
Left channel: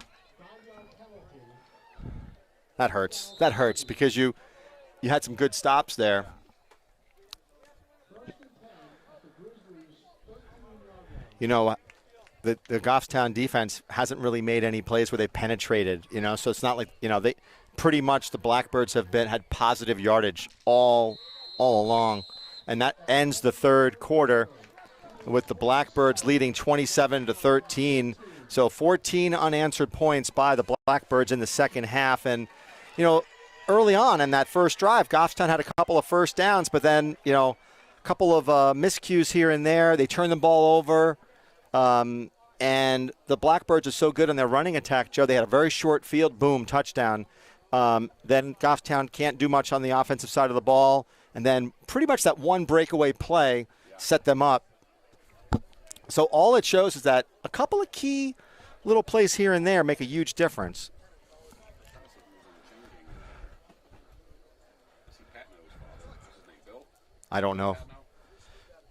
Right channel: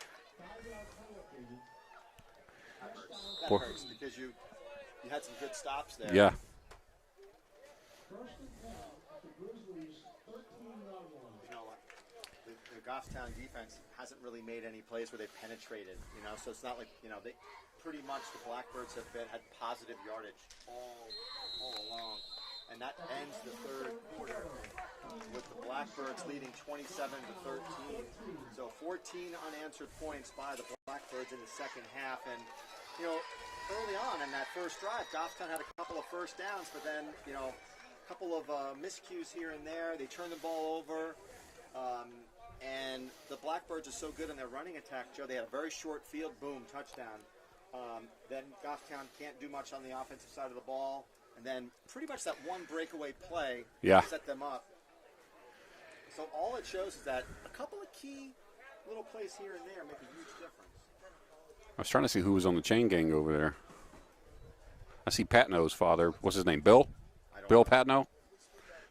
That hurts. That hurts because you had some good stops there. Yeah. The Goffstown defense hasn't really made any plays where they penetrated, so it's not like, they pretty much the Blackbirds had positive yardage all along. And that ends the third quarter with the Blackbirds leading 27-13. So 14 unanswered points by the Blackbirds in the second half. And, early on in that first drive, Goffstown had a couple of first downs, but then, a couple of miscues here and there. They turned the ball over. And the Blackbirds are so good in their running attack, Joe. They had a very short field, boom, touchdown. Then Goffstown can't do much on the offensive side of the ball. And then pretty much that one breakaway play set them up. So all it shows is that a couple of key little plays here and there make a huge difference. I was trying to see who was on the chain gang over there. I see Patno's father. What's his name? Bill? I don't know. Bill Patno?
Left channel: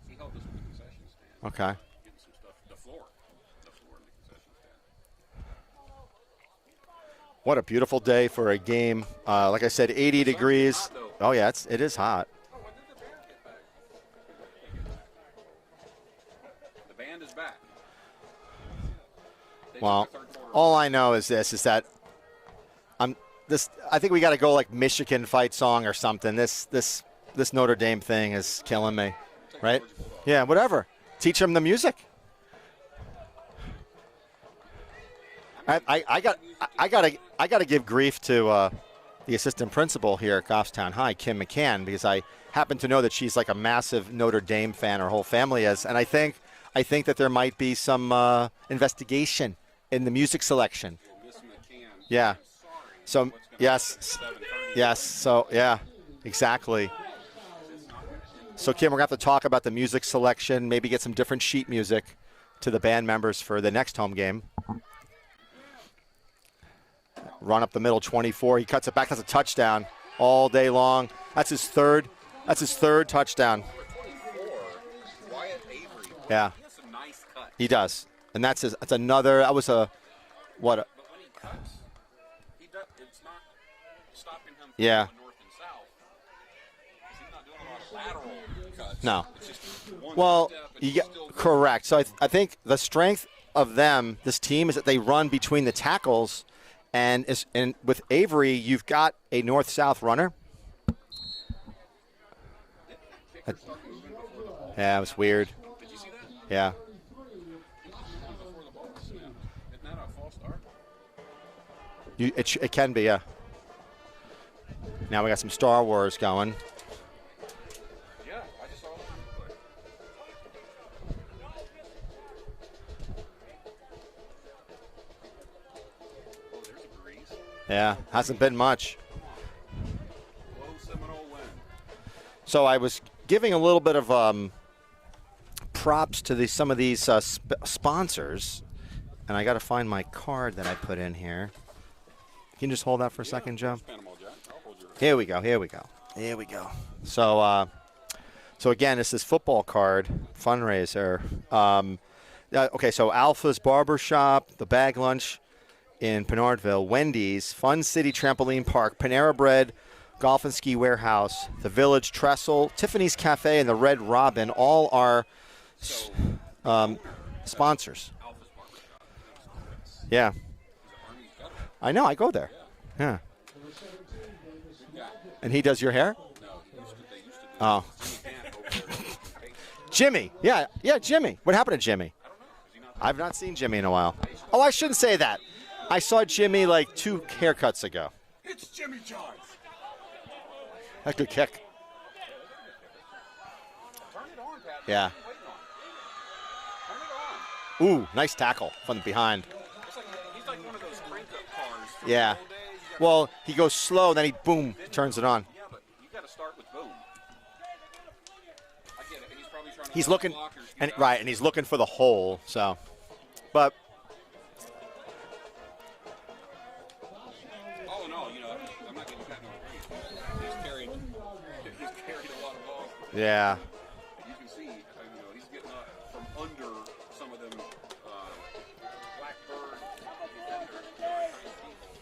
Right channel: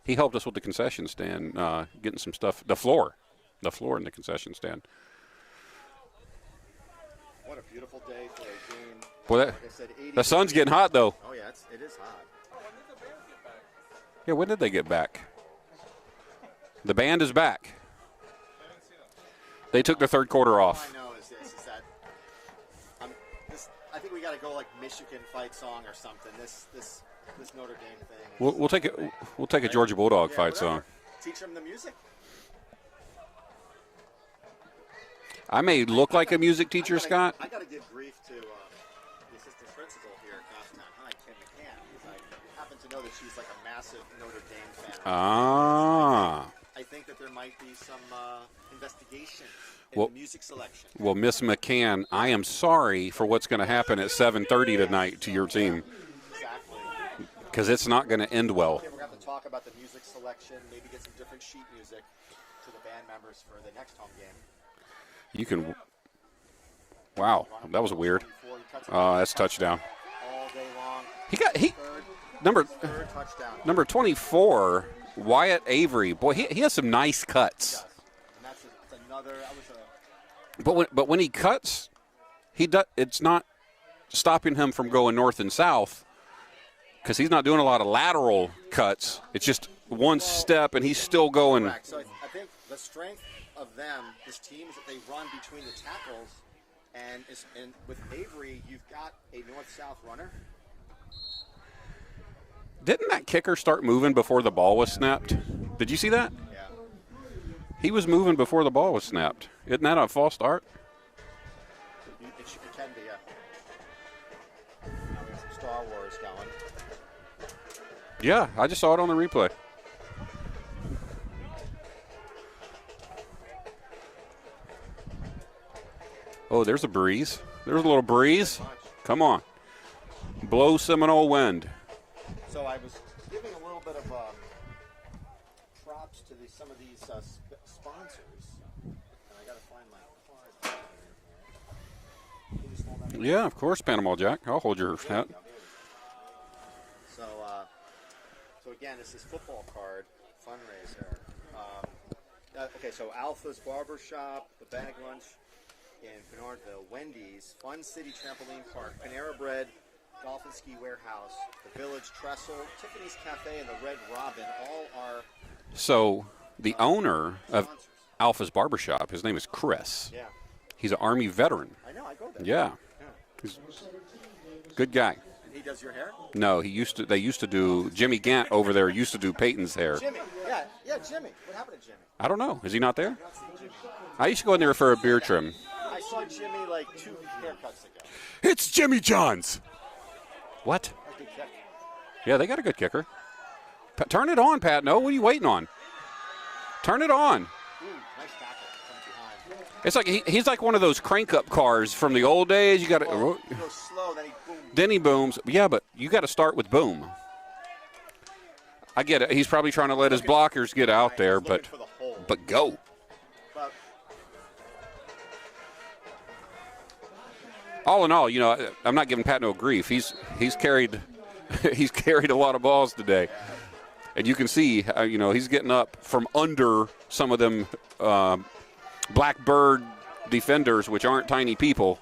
He helped us with the concession stand, Okay. getting some stuff. The floor in the concession stand. What a beautiful day for a game. Like I said, 80 degrees. The sun's getting hot, though. Oh, yeah, it is hot. Yeah, when did they get back? The band is back. They took the third quarter off. All I know is this, is that I think we got to go like Michigan fight song or something. This Notre Dame thing is killing me. We'll take a Georgia Bulldog yeah, fight whatever. song. Teach them the music. I may look like a music teacher, Scott. I got to give grief to the assistant principal here at Goffstown High, Kim McCann, because I happen to know that she's like a massive Notre Dame fan. Her whole family is, and I think that there might be some investigation in the music selection. Well, Miss McCann, I am sorry for what's going to happen at 7:30 tonight to your team. Yeah, exactly. Because it's not going to end well. So, Kim, we're going to have to talk about the music selection, maybe get some different sheet music to the band members for the next home game. You can, wow. Run up the middle, 24. He cuts it back as a touchdown all day long. That's his third touchdown. Number 24, Wyatt Avery. Boy, he has some nice cuts. He does. And that's another. That was a. But when he cuts, it's not stopping him from going north and south because he's not doing a lot of lateral cuts. No. It's just one step, and he's still going. Correct. So I think the strength of this team, is that they run between the tackles. And with Avery, you've got a north-south runner. Didn't that kicker start moving before the ball was snapped? Yeah, it was weird. Did you see that? Yeah. He was moving before the ball was snapped. Isn't that a false start? It can be, yeah. Now we got some Star Wars going. Yeah, I just saw it on the replay. Oh, there's a breeze. There's a little breeze. Hasn't been much. Come on. Blow Seminole wind. So I was giving a little bit of props to some of these sponsors, and I got to find my card that I put in here. Can you just hold that for a second, Yeah, Joe? of course, Panama Jack. I'll hold your. Here we go. So again, this is football card fundraiser. Okay, so Alpha's Barbershop, the Bag Lunch in Pinardville, Wendy's, Fun City Trampoline Park, Panera Bread, Golf and Ski Warehouse, the Village Trestle, Tiffany's Cafe, and the Red Robin all are the owner sponsors. Of Alpha's Barbershop, his name is Chris. Yeah. He's an Army veteran. I know, I go there. Yeah. He's a good guy. And he does your hair? No, they used to do Jimmy Gant over there used to do Peyton's hair. Jimmy. Yeah, Jimmy. What happened to Jimmy? I don't know. Is he not there? I've not seen Jimmy in a while. I used to go in there for a beard trim. I saw Jimmy like 2 haircuts ago. It's Jimmy John's. What? That's a good kick. Yeah, they got a good kicker. Turn it on, Pat. No, what are you waiting on? Turn it on. Ooh, nice tackle from behind. It's like he's like one of those crank-up cars from the old days. You got to. Well, he goes slow, then he booms. Then he booms. Yeah, but you got to start with boom. I get it. He's probably trying to let his blockers get out there. He's looking for the hole. But go. But all in all, I'm not giving Pat no grief. He's carried a lot of balls today. Yeah. And you can see, he's getting up from under some of them Blackbird defenders, which aren't tiny people.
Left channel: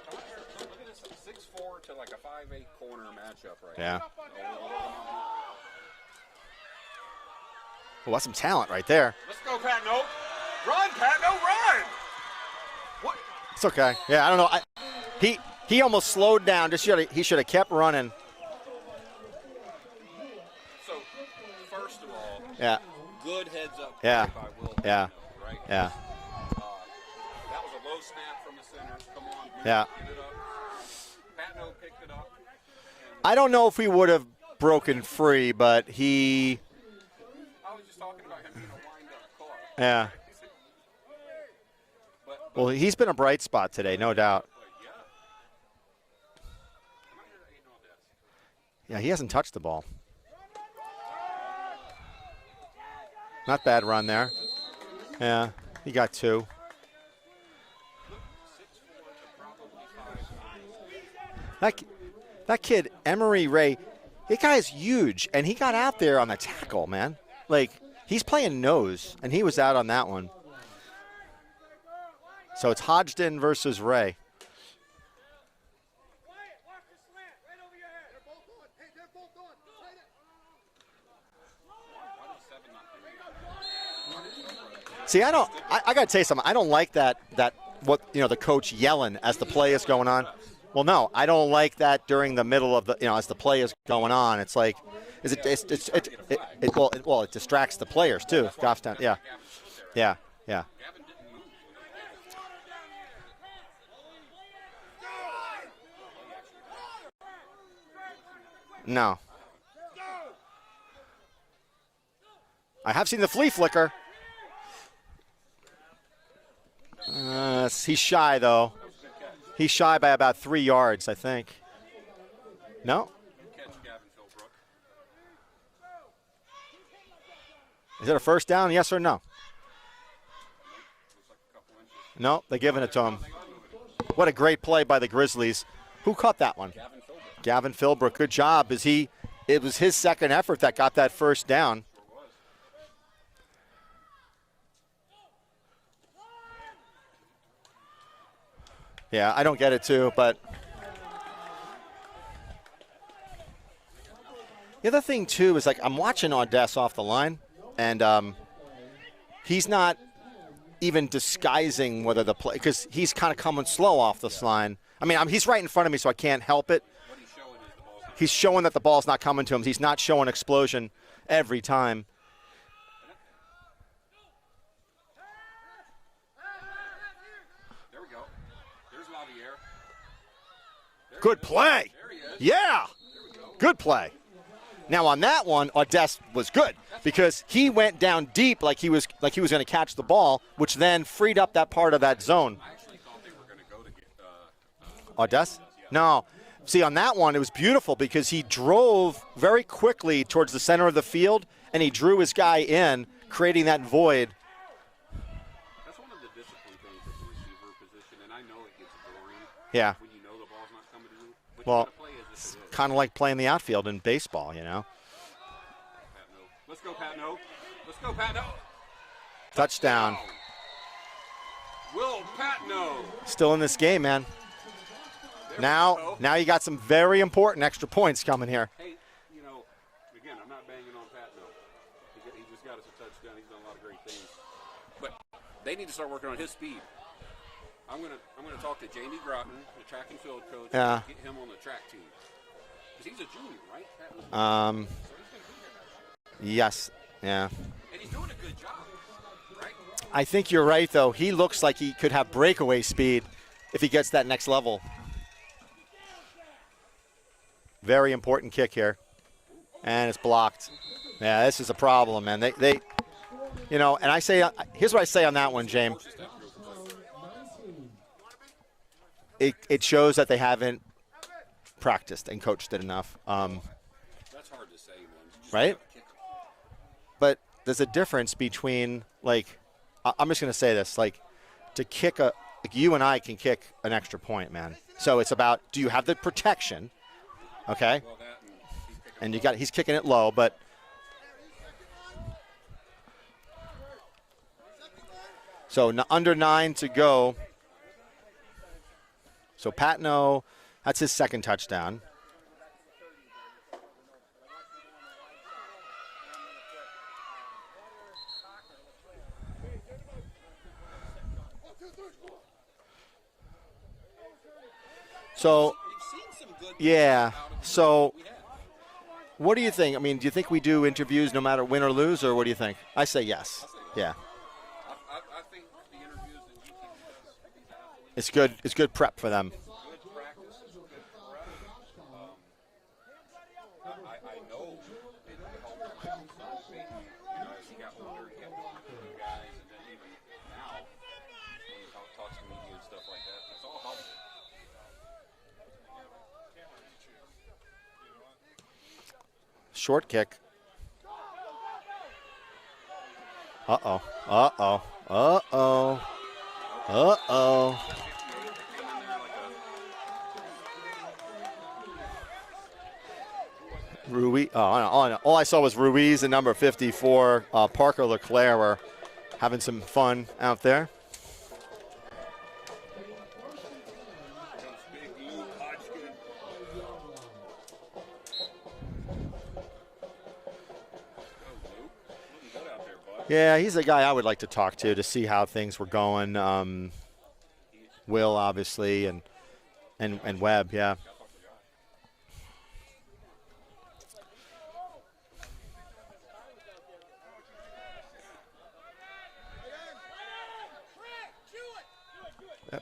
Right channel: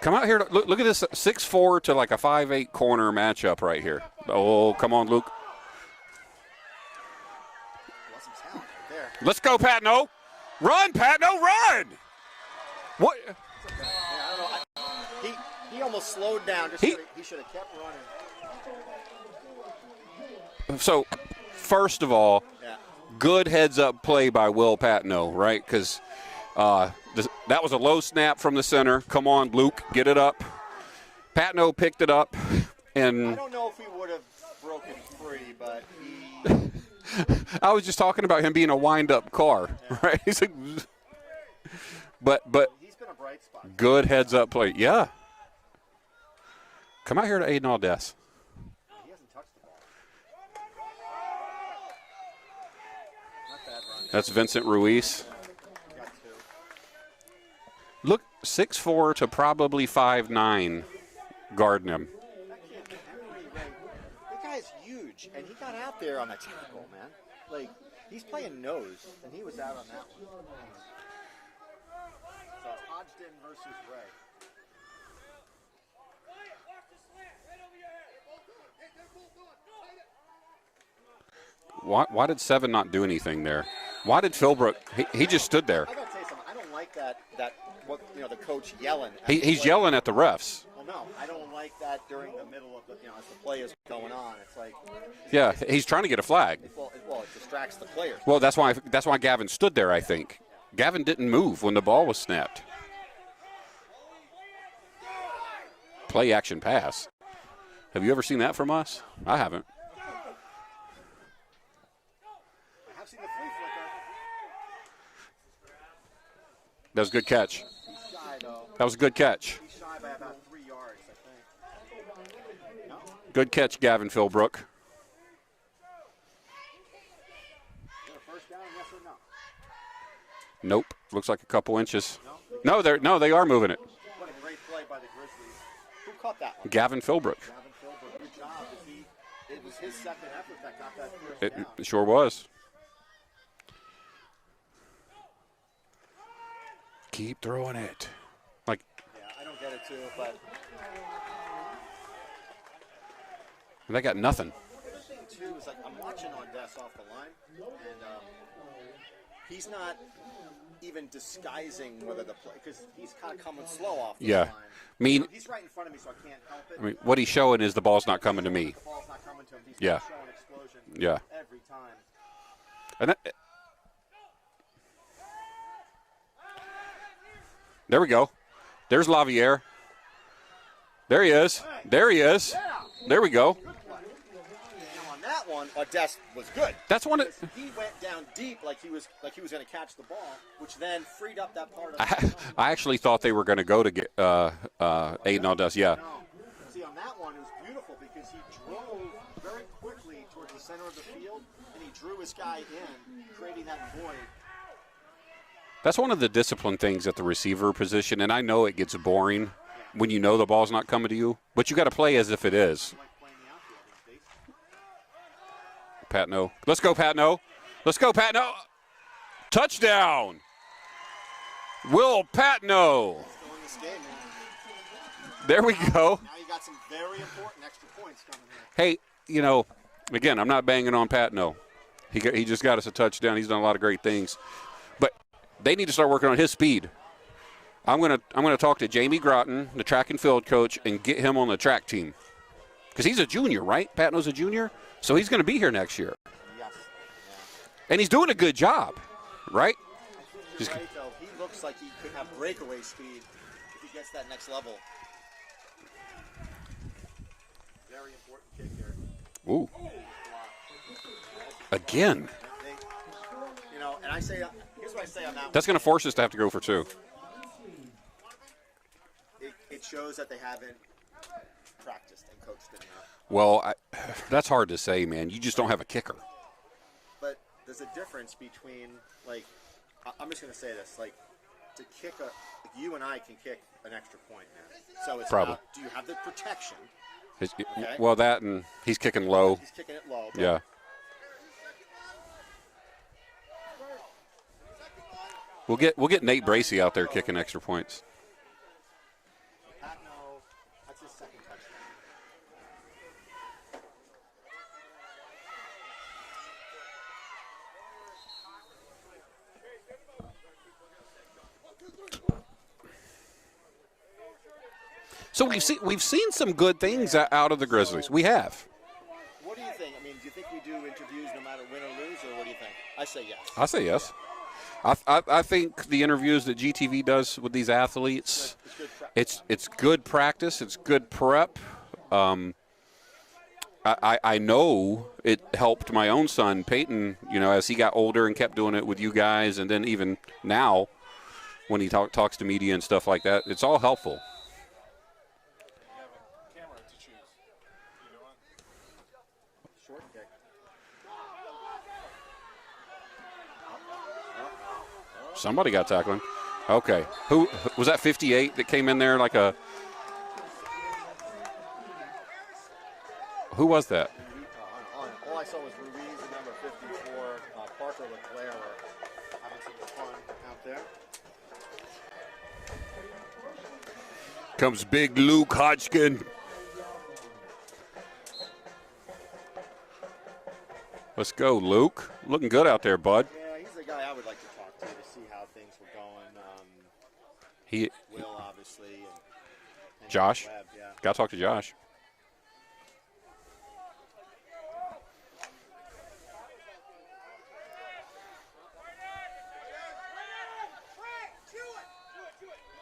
Come out here. Look at this 6'4" to like a 5'8" corner matchup right here. Oh, come on, Luke. Well, that's some talent right there. Let's go, Patno. Run, Patno, run! What? It's okay. Yeah, I don't know. He almost slowed down. He should have kept running. So, first of all, good heads-up play by Will Patno, right? Because that was a low snap from the center. Come on, Luke, get it up. Patno picked it up. And I don't know if he would have broken free, but he – I was just talking about him being a wind-up car. Yeah. Right? He's like, but he's been a bright spot today. Good no heads-up doubt. play. Yeah. Come out here to Aiden Aldess. Yeah, he hasn't touched the ball. Not bad run there. That's Vincent Ruiz. Yeah, he got 2. Look, 6'4" to probably 5'9", guarding him. That kid, Emery Ray, that guy is huge, and he got out there on the tackle, man. Like, he's playing nose, and he was out on that one. So it's Hodgson versus Ray. Why did Seven not do anything there? Why did Philbrook? He just stood there. I got to tell you something. I don't like that what the coach yelling as the he's play is yelling going at the on. refs. Well, no, I don't like that during the middle of the as the play is going on. It's like he's trying to get a flag. It distracts the players too. Well, that's why Gavin stood there. I think. Yeah. Gavin didn't move when the ball was snapped. Play action pass. Have you ever seen that from us? No, I haven't. I have seen the flea flicker. That was a good catch. He's shy, though. That was a good catch. He's shy by about 3 yards, I think. No? Good catch, Gavin Philbrook. Is it a first down, yes or no? Nope. Looks like a couple inches. No, they give it to him. No, they are moving it. What a great play by the Grizzlies. Who caught that one? Gavin Philbrook. Gavin Philbrook. Good job. It was his second effort that got that first down. It sure was. Keep throwing it. Yeah, I don't get it too, but they got nothing. The other thing too is I'm watching Audess off the line, and he's not even disguising whether the play because he's kind of coming slow off this line. I mean, he's right in front of me, so I can't help it. What he's showing is the ball's not coming to me. He's showing that the ball's not coming to him. He's not showing explosion every time. And there we go. There's Lavier. There he is. Play. There he is. Yeah. There we go. Good play. Now on that one, Audess was good. That's because he went down deep like he was going to catch the ball, which then freed up that part of that zone. I actually thought they were going to go to get Aiden Audess. Yeah. No. See, on that one, it was beautiful because he drove very quickly towards the center of the field, and he drew his guy in, creating that void. That's one of the discipline things at the receiver position, and I know it gets boring when you know the ball's not coming to you, but you got to play as if it is. Kind of like playing the outfield in baseball, Patno. Let's go, Patno. Let's go, Patno. Touchdown. Will Patno. Still in this game, man. There we go. Now you got some very important extra points coming here. Hey, again, I'm not banging on Patno. He just got us a touchdown. He's done a lot of great things. But they need to start working on his speed. I'm gonna talk to Jamie Groton, the track and field coach, and get him on the track team. Because he's a junior, right? Patno's a junior? So he's going to be here next year. Yes. Yeah. And he's doing a good job, right? I think you're right, though. He looks like he could have breakaway speed if he gets that next level. Very important kick here. Ooh. And it's blocked. Yeah, this is a problem, man. They and I say, here's what I say on that one. That's going to force us to have to go for two. It shows that they haven't practiced and coached it enough. That's hard to say, man. You just don't have a kicker. But there's a difference between, I'm just going to say this, to kick you and I can kick an extra point, man. So it's about, do you have the protection? Okay. Well, that and he's kicking low. He's kicking it low, but. Yeah. We'll get under Nate 9 Bracey to out there go. kicking extra points. So Patno, that's his second touchdown. So we've seen some good things out of the Grizzlies. We have. What do you think? I mean, do you think we do interviews no matter win or lose, or what do you think? I say yes. I say yes. Yeah. I think the interviews that GTV does with these athletes, it's good. It's good prep for them. It's good practice. It's good prep. I know it helped my own son Peyton. As he got older and kept doing it with you guys, and then even now, when he talks to media and stuff like that, it's all helpful. Short kick. Somebody got tackled. Okay. Who was that? 58 that came in there like a. Who was that? Ruiz. All I saw was Ruiz and number 54, Parker LeClaire, were having some fun out there. Comes big Luke Hodgkin. Let's go, Luke. Looking good out there, bud. Yeah, he's a guy I would like to talk to see how things were going. Will, obviously, and Josh. and Webb, yeah. Got to talk to Josh.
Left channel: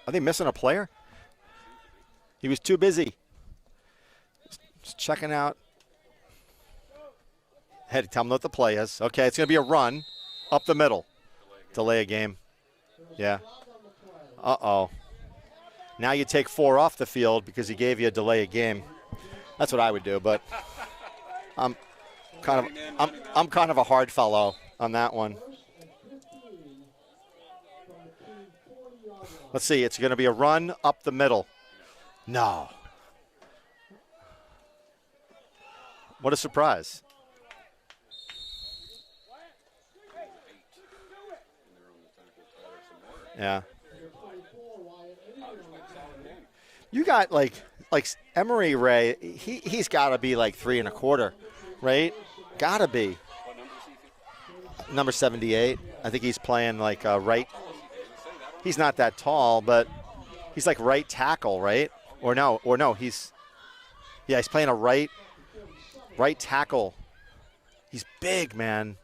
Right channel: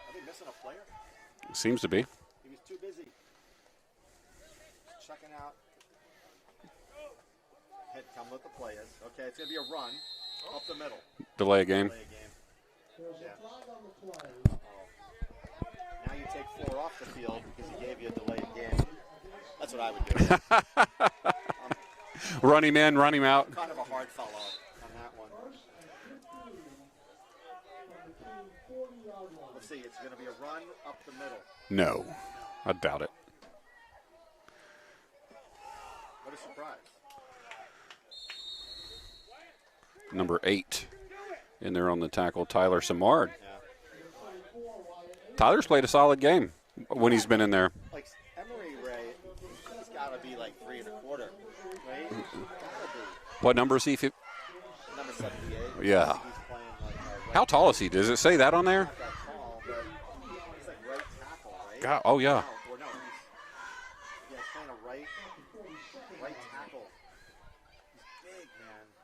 Are they missing a player? Seems to be. He was too busy. Just checking out. Had to tell him what the play is. Okay, it's going to be a run up the middle. Delay a game. Delay a game. Yeah. Uh-oh. Now you take 4 off the field because he gave you a delay a game. That's what I would do. But run him in, run him out. I'm kind of a hard fellow on that one. Let's see. It's going to be a run up the middle. No. No. I doubt it. What a surprise. Number 8 in there on the tackle, Tyler Simard. Yeah. Tyler's played a solid game when he's been in there. Like Emery Ray, he's got to be like 3 1/4, right? Got to be. What number is he? Number 78. Yeah. I think he's playing like right. How tall is he? Does it say that on there? He's not that tall, but he's like right tackle, right? Oh, yeah. Or no, he's playing a right tackle. He's big, man.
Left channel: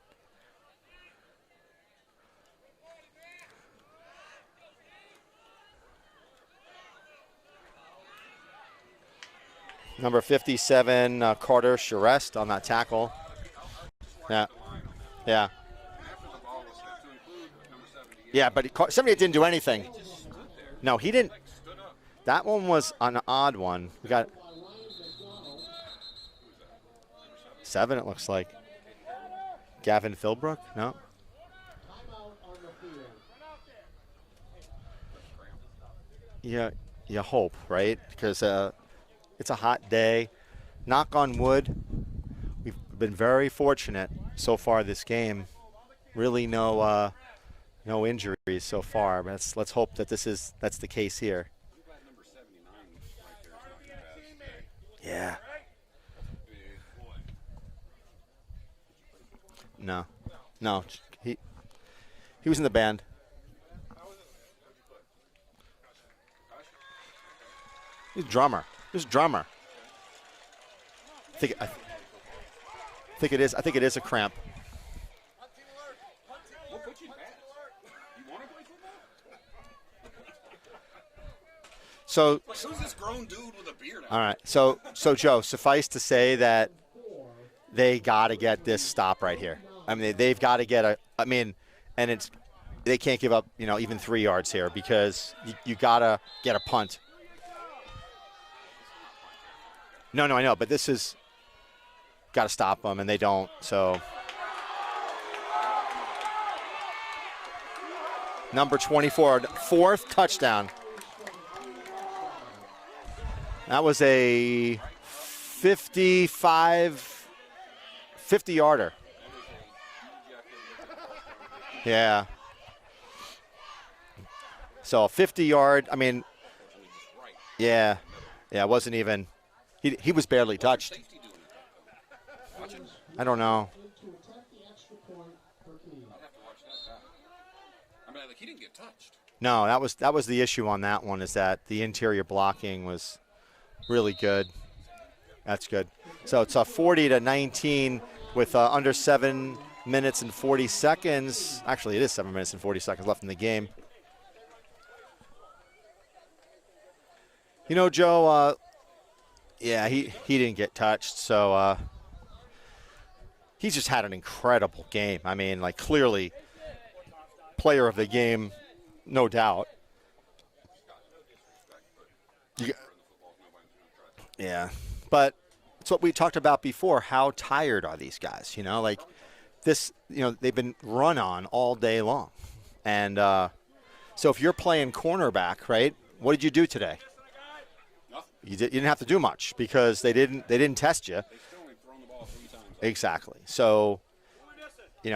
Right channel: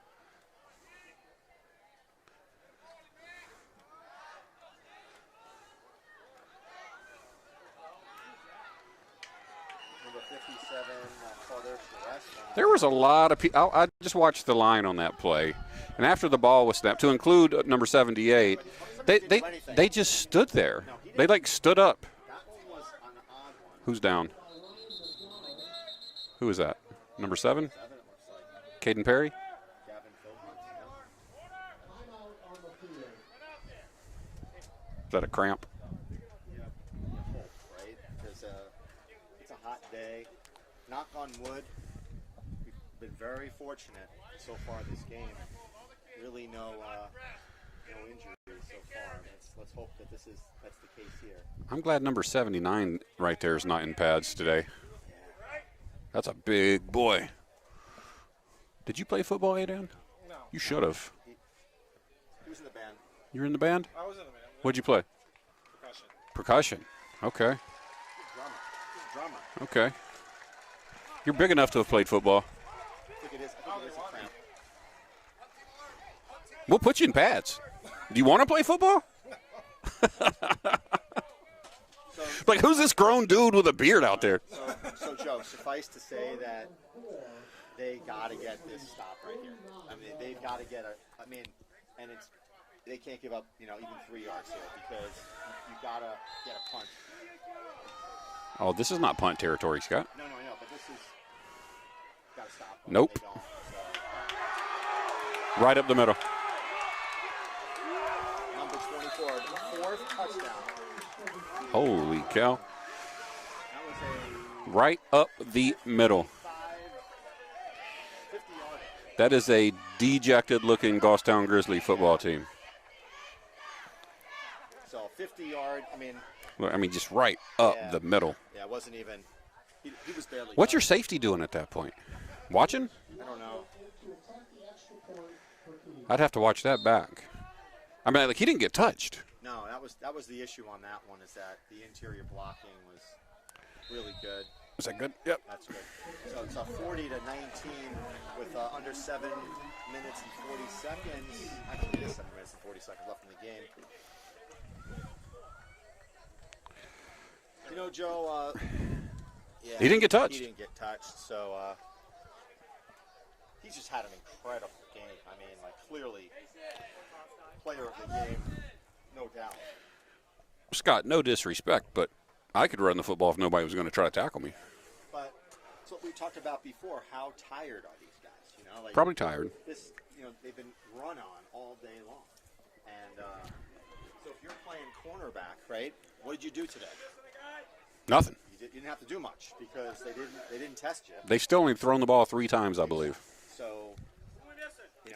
Number 57, Carter Charest on that There tackle. was a lot of people. I just watched the line on that play. Yeah. And after the ball was snapped, to include number 78. Yeah, but 78 didn't do anything. They just stood there. No, he didn't. They, stood up. That one was an odd one. Who's down? Who is that? Number 7? 7, it looks like. Caden Perry? Gavin Philbrook? No. Is that a cramp? Yeah, you hope, right? Because it's a hot day. Knock on wood. We've been very fortunate so far this game. Really no injuries so far. Let's hope that that's the case here. I'm glad number 79 right there is not in pads today. Yeah. That's a big boy. Did you play football, Adrian? No. You should have. He was in the band. You were in the band? I was in the band. What'd you play? Percussion. Okay. He's a drummer. Okay. You're big enough to have played football. I think it is a cramp. We'll put you in pads. Do you want to play football? So, who's this grown dude with a beard out there? Right. So Joe, suffice to say that they got to get this stop right here. I mean, they've got to get they can't give up, even 3 yards here because you got to get a punt. Oh, this is not punt territory, Scott. No, I know, but this is got to stop them, and they don't. So right up the middle. Number 24, 4th touchdown. Holy cow! That was a right up the 50-yarder. That is a dejected-looking Goffstown Grizzly football team. So a 50-yard. I mean, just right up the middle. Yeah, it wasn't even. He was barely. What's touched. your safety doing at that point? Watching? I don't know. I'd have to watch that back. He didn't get touched. No, that was the issue on that one, is that the interior blocking was really good. Was that good? Yep. That's good. So it's a 40-19 with under 7 minutes and 40 seconds. Actually, it is 7 minutes and 40 seconds left in the game. Joe, he didn't get touched. He didn't get touched, so he's just had an incredible game. Clearly player of the game, no doubt. Scott, no disrespect, but I could run the football if nobody was going to try to tackle me. Yeah, but it's what we talked about before. How tired are these guys? Probably tired. They've been run on all day long. And so if you're playing cornerback, right, what did you do today? Nothing. You didn't have to do much because they didn't test you. They've still only thrown the ball 3 times, I believe. Exactly. So,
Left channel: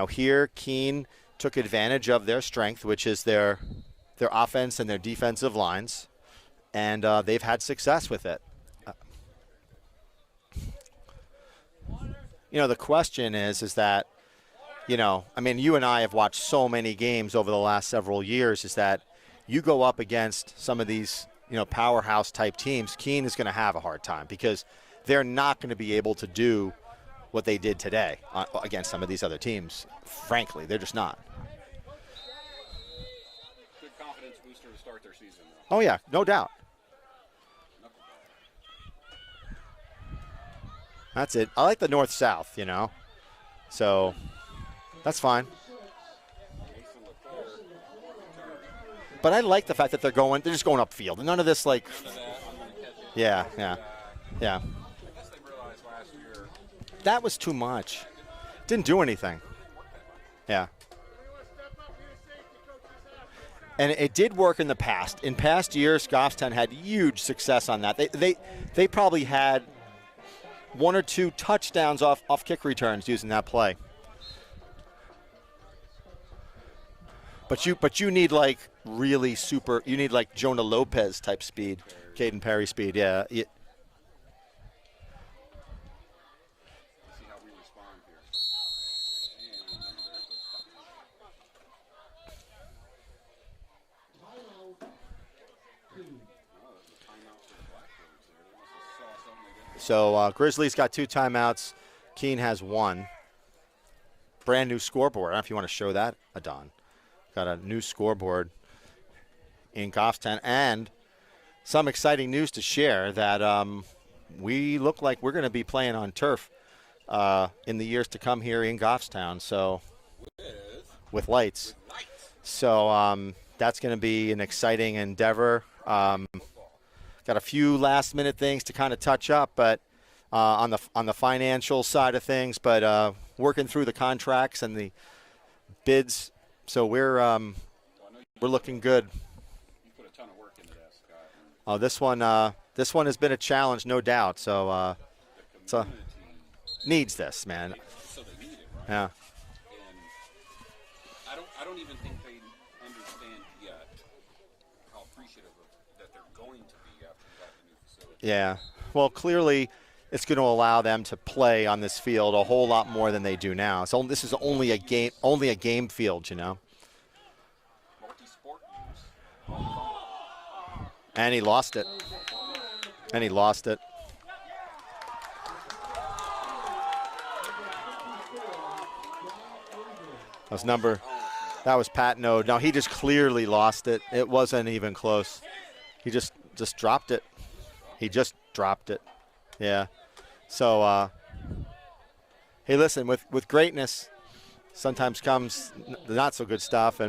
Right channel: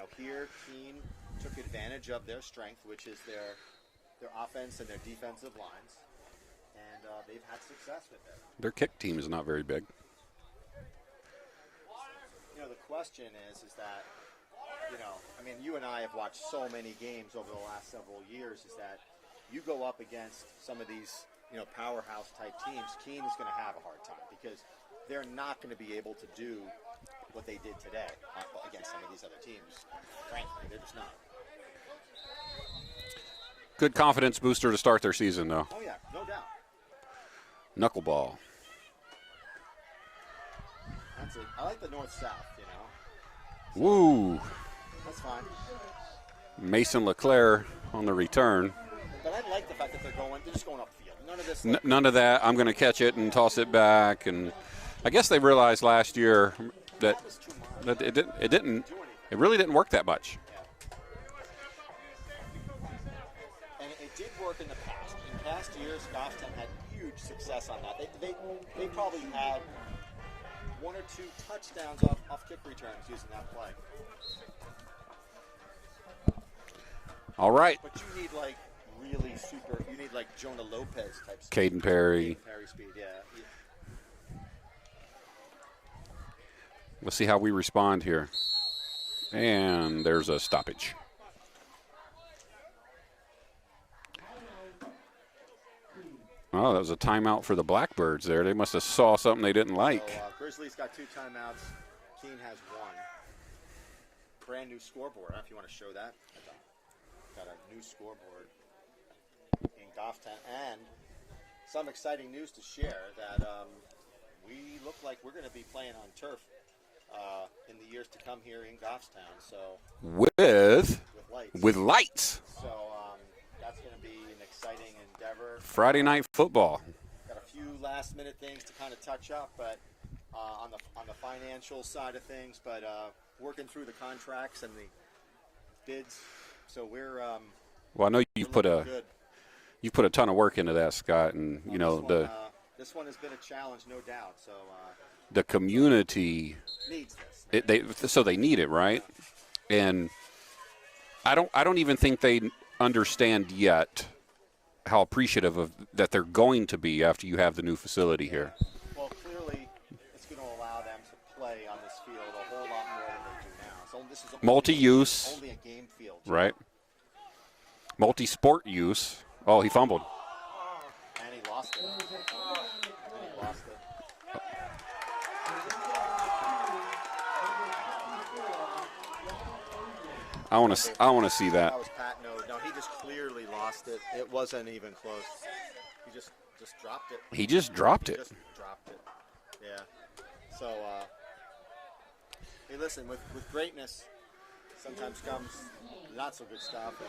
here Keene took advantage of their strength, which is their offense and their defensive lines, and they've had success with it. Their kick team is not very big. The question is that, you and I have watched so many games over the last several years, is that you go up against some of these, powerhouse type teams, Keene is going to have a hard time because they're not going to be able to do what they did today against some of these other teams. Frankly, they're just not. Good confidence booster to start their season, though. Oh, yeah, no doubt. Knuckleball. That's it. I like the north-south, So Ooh. That's fine. Mason LeClaire on the return. But I like the fact that they're just going upfield. None of this none of that. I'm going to catch it and toss it back. And I guess they realized last year that was too much. It didn't do anything. It really didn't work that much. Yeah. And it did work in the past. In past years, Goffstown had huge success on that. They probably had 1 or 2 touchdowns off kick returns using that play. All right. But you need really super. You need Jonah Lopez type speed. Caden Perry speed. Yeah. Let's see how we respond here. And there's a stoppage. Oh, that was a timeout for the Blackbirds there. They must have saw something they didn't like. So Grizzlies got 2 timeouts. Keene has 1. Brand new scoreboard. I don't know if you want to show that, Adon. Got a new scoreboard in Goffstown. And some exciting news to share that we look like we're going to be playing on turf in the years to come here in Goffstown. So with lights. With lights. So that's going to be an exciting endeavor. Friday night football. Got a few last-minute things to kind of touch up, but on the financial side of things, but working through the contracts and the bids. So we're I know we're looking good. You put a ton of work into that, Scott, and this one has been a challenge, no doubt. So the community needs this, man. They need it, right? Yeah. And I don't even think they understand yet how appreciative of that they're going to be after you have the new facility. Yeah. Here. Well, clearly, it's going to allow them to play on this field a whole lot more than they do now. So this is only a game field, you know? Multi-sport use. Oh, he fumbled. And he lost it. I want to see that. That was Pat Node. No, he just clearly lost it. It wasn't even close. He just dropped it. He just dropped it. Yeah. So, hey, listen, with greatness sometimes comes the not so good stuff,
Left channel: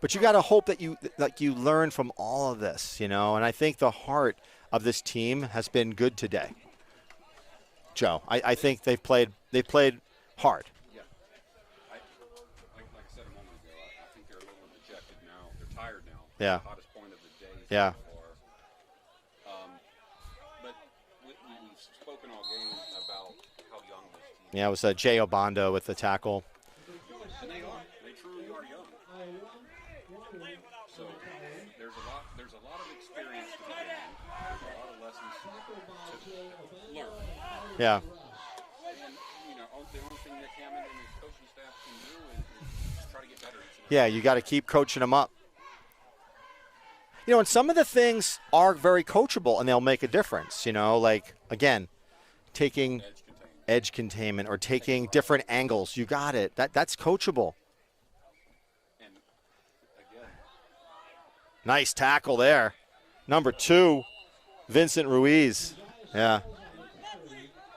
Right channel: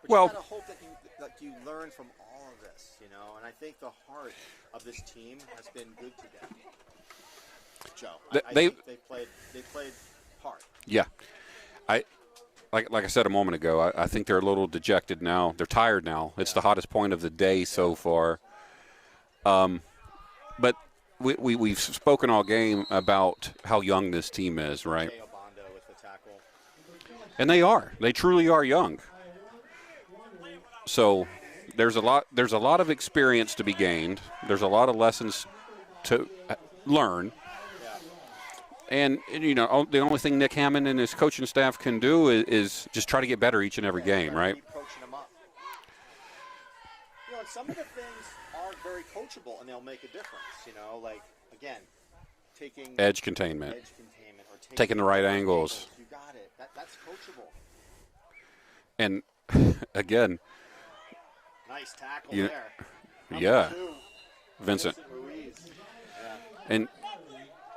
but you got to hope that you learn from all of this, And I think the heart of this team has been good today. Joe, I think they've played hard. Yeah. Like I said a moment ago, I think they're a little dejected now. They're tired now. It's the hottest point of the day so far. But we've spoken all game about how young this team is. Yeah, it was Jay Obando with the tackle. And they are. They truly are young. So there's a lot of experience to be gained. There's a lot of lessons to learn. Yeah. And, the only thing Nick Hammond and his coaching staff can do is just try to get better each and every game. Yeah, you got to keep coaching them up. And some of the things are very coachable, and they'll make a difference. Again, taking edge containment, or taking right different angles. You got it. That's coachable. And, again. Nice tackle there. Number 2, Vincent Ruiz. Yeah. And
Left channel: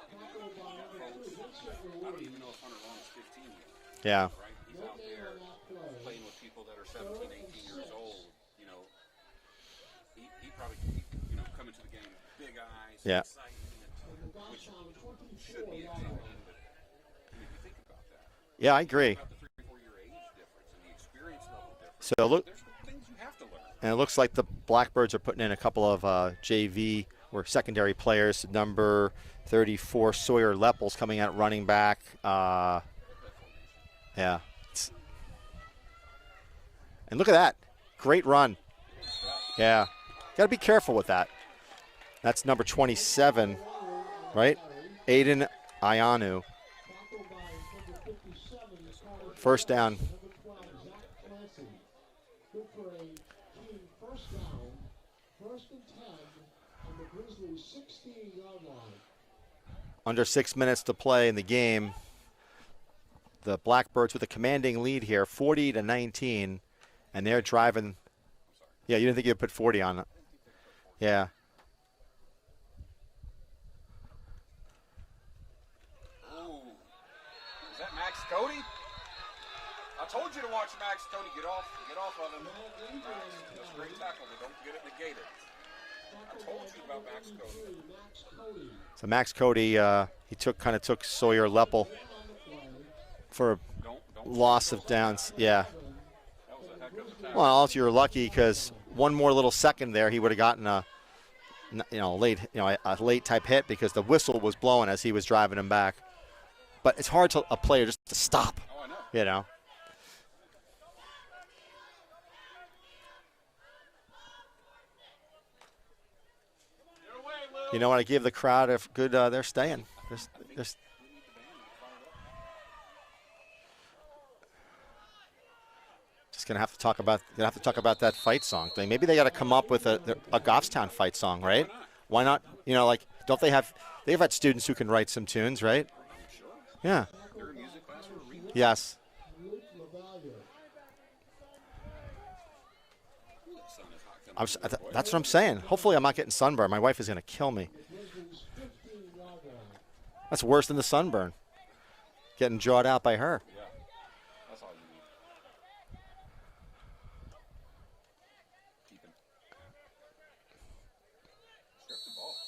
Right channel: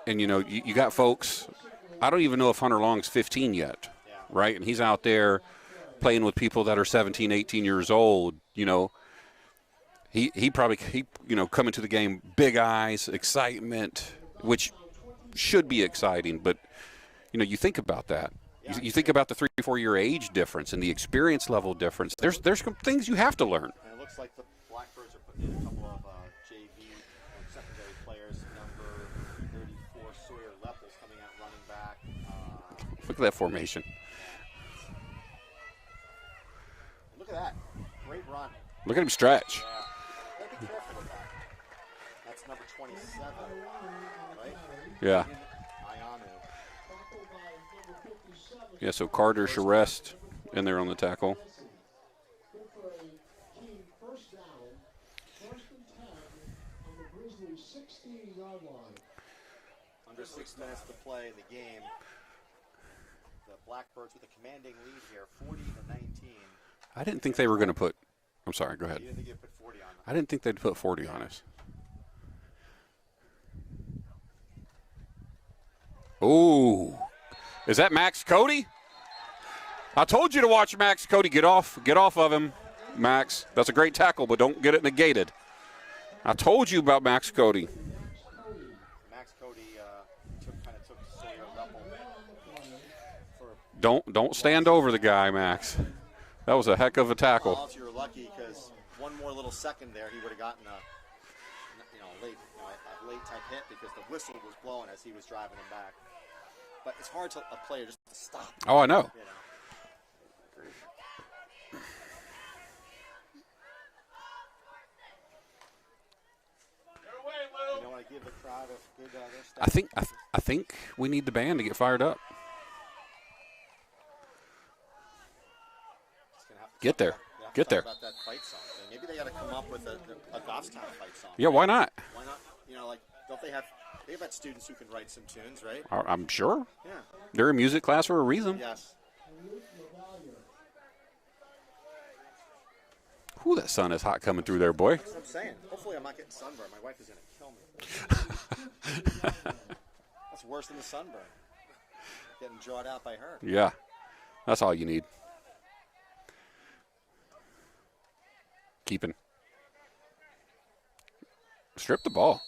you got folks, I don't even know if Hunter Long's 15 yet. Yeah. Right? And he's out there playing with people that are 17, 18 years old, He probably coming to the game, big eyes and excitement, which should be exciting. But, you think about that. Yeah, you think about the 3-4 year age difference and the experience level difference. So there's things you have to learn. And it looks like the Blackbirds are putting in a couple of JV or secondary players. Number 34, Sawyer Leppels, coming out running back. Look at that formation. Yeah. And look at that. Great run. Look at him stretch. Yeah. Got to be careful with that. That's number 27, right? Yeah. Aiden Ayanu. Yeah, so Carter's First arrest. down. in there on the tackle. Under 6 minutes to play in the game. The Blackbirds with a commanding lead here, 40-19. I didn't think they were going to put. I'm sorry, go ahead. Yeah, you didn't think you'd put 40 on it. I didn't think they'd put 40 yeah. on us. Ooh. Is that Max Cody? I told you to watch Max Cody. Get off of him, Max. That's a great tackle, but don't get it negated. I told you about Max Cody. So Max Cody, he kind of took Sawyer Leppel for don't stand over the guy, Max. Yeah. That was a heck of a tackle. Well, if you were lucky, because one more little second there, he would have gotten a late type hit because the whistle was blowing as he was driving him back. But it's hard to a player just to stop. Oh, I know. You know. You know what? I give the crowd a good. They're staying. I think we need the band to get fired up. Just gonna have to talk about that fight song thing. Maybe they got to come up with a Goffstown fight song. Yeah, right? why not? Why not? You know, like don't they have? They've had students who can write some tunes, right? I'm sure. Yeah. They're in music class for a reason. Yes. Ooh, that sun is hot coming through there, boy. That's what I'm saying. Hopefully I'm not getting sunburned. My wife is going to kill me. That's worse than the sunburn. Getting jawed out by her. Yeah. That's all you need. Keeping. Strip the ball.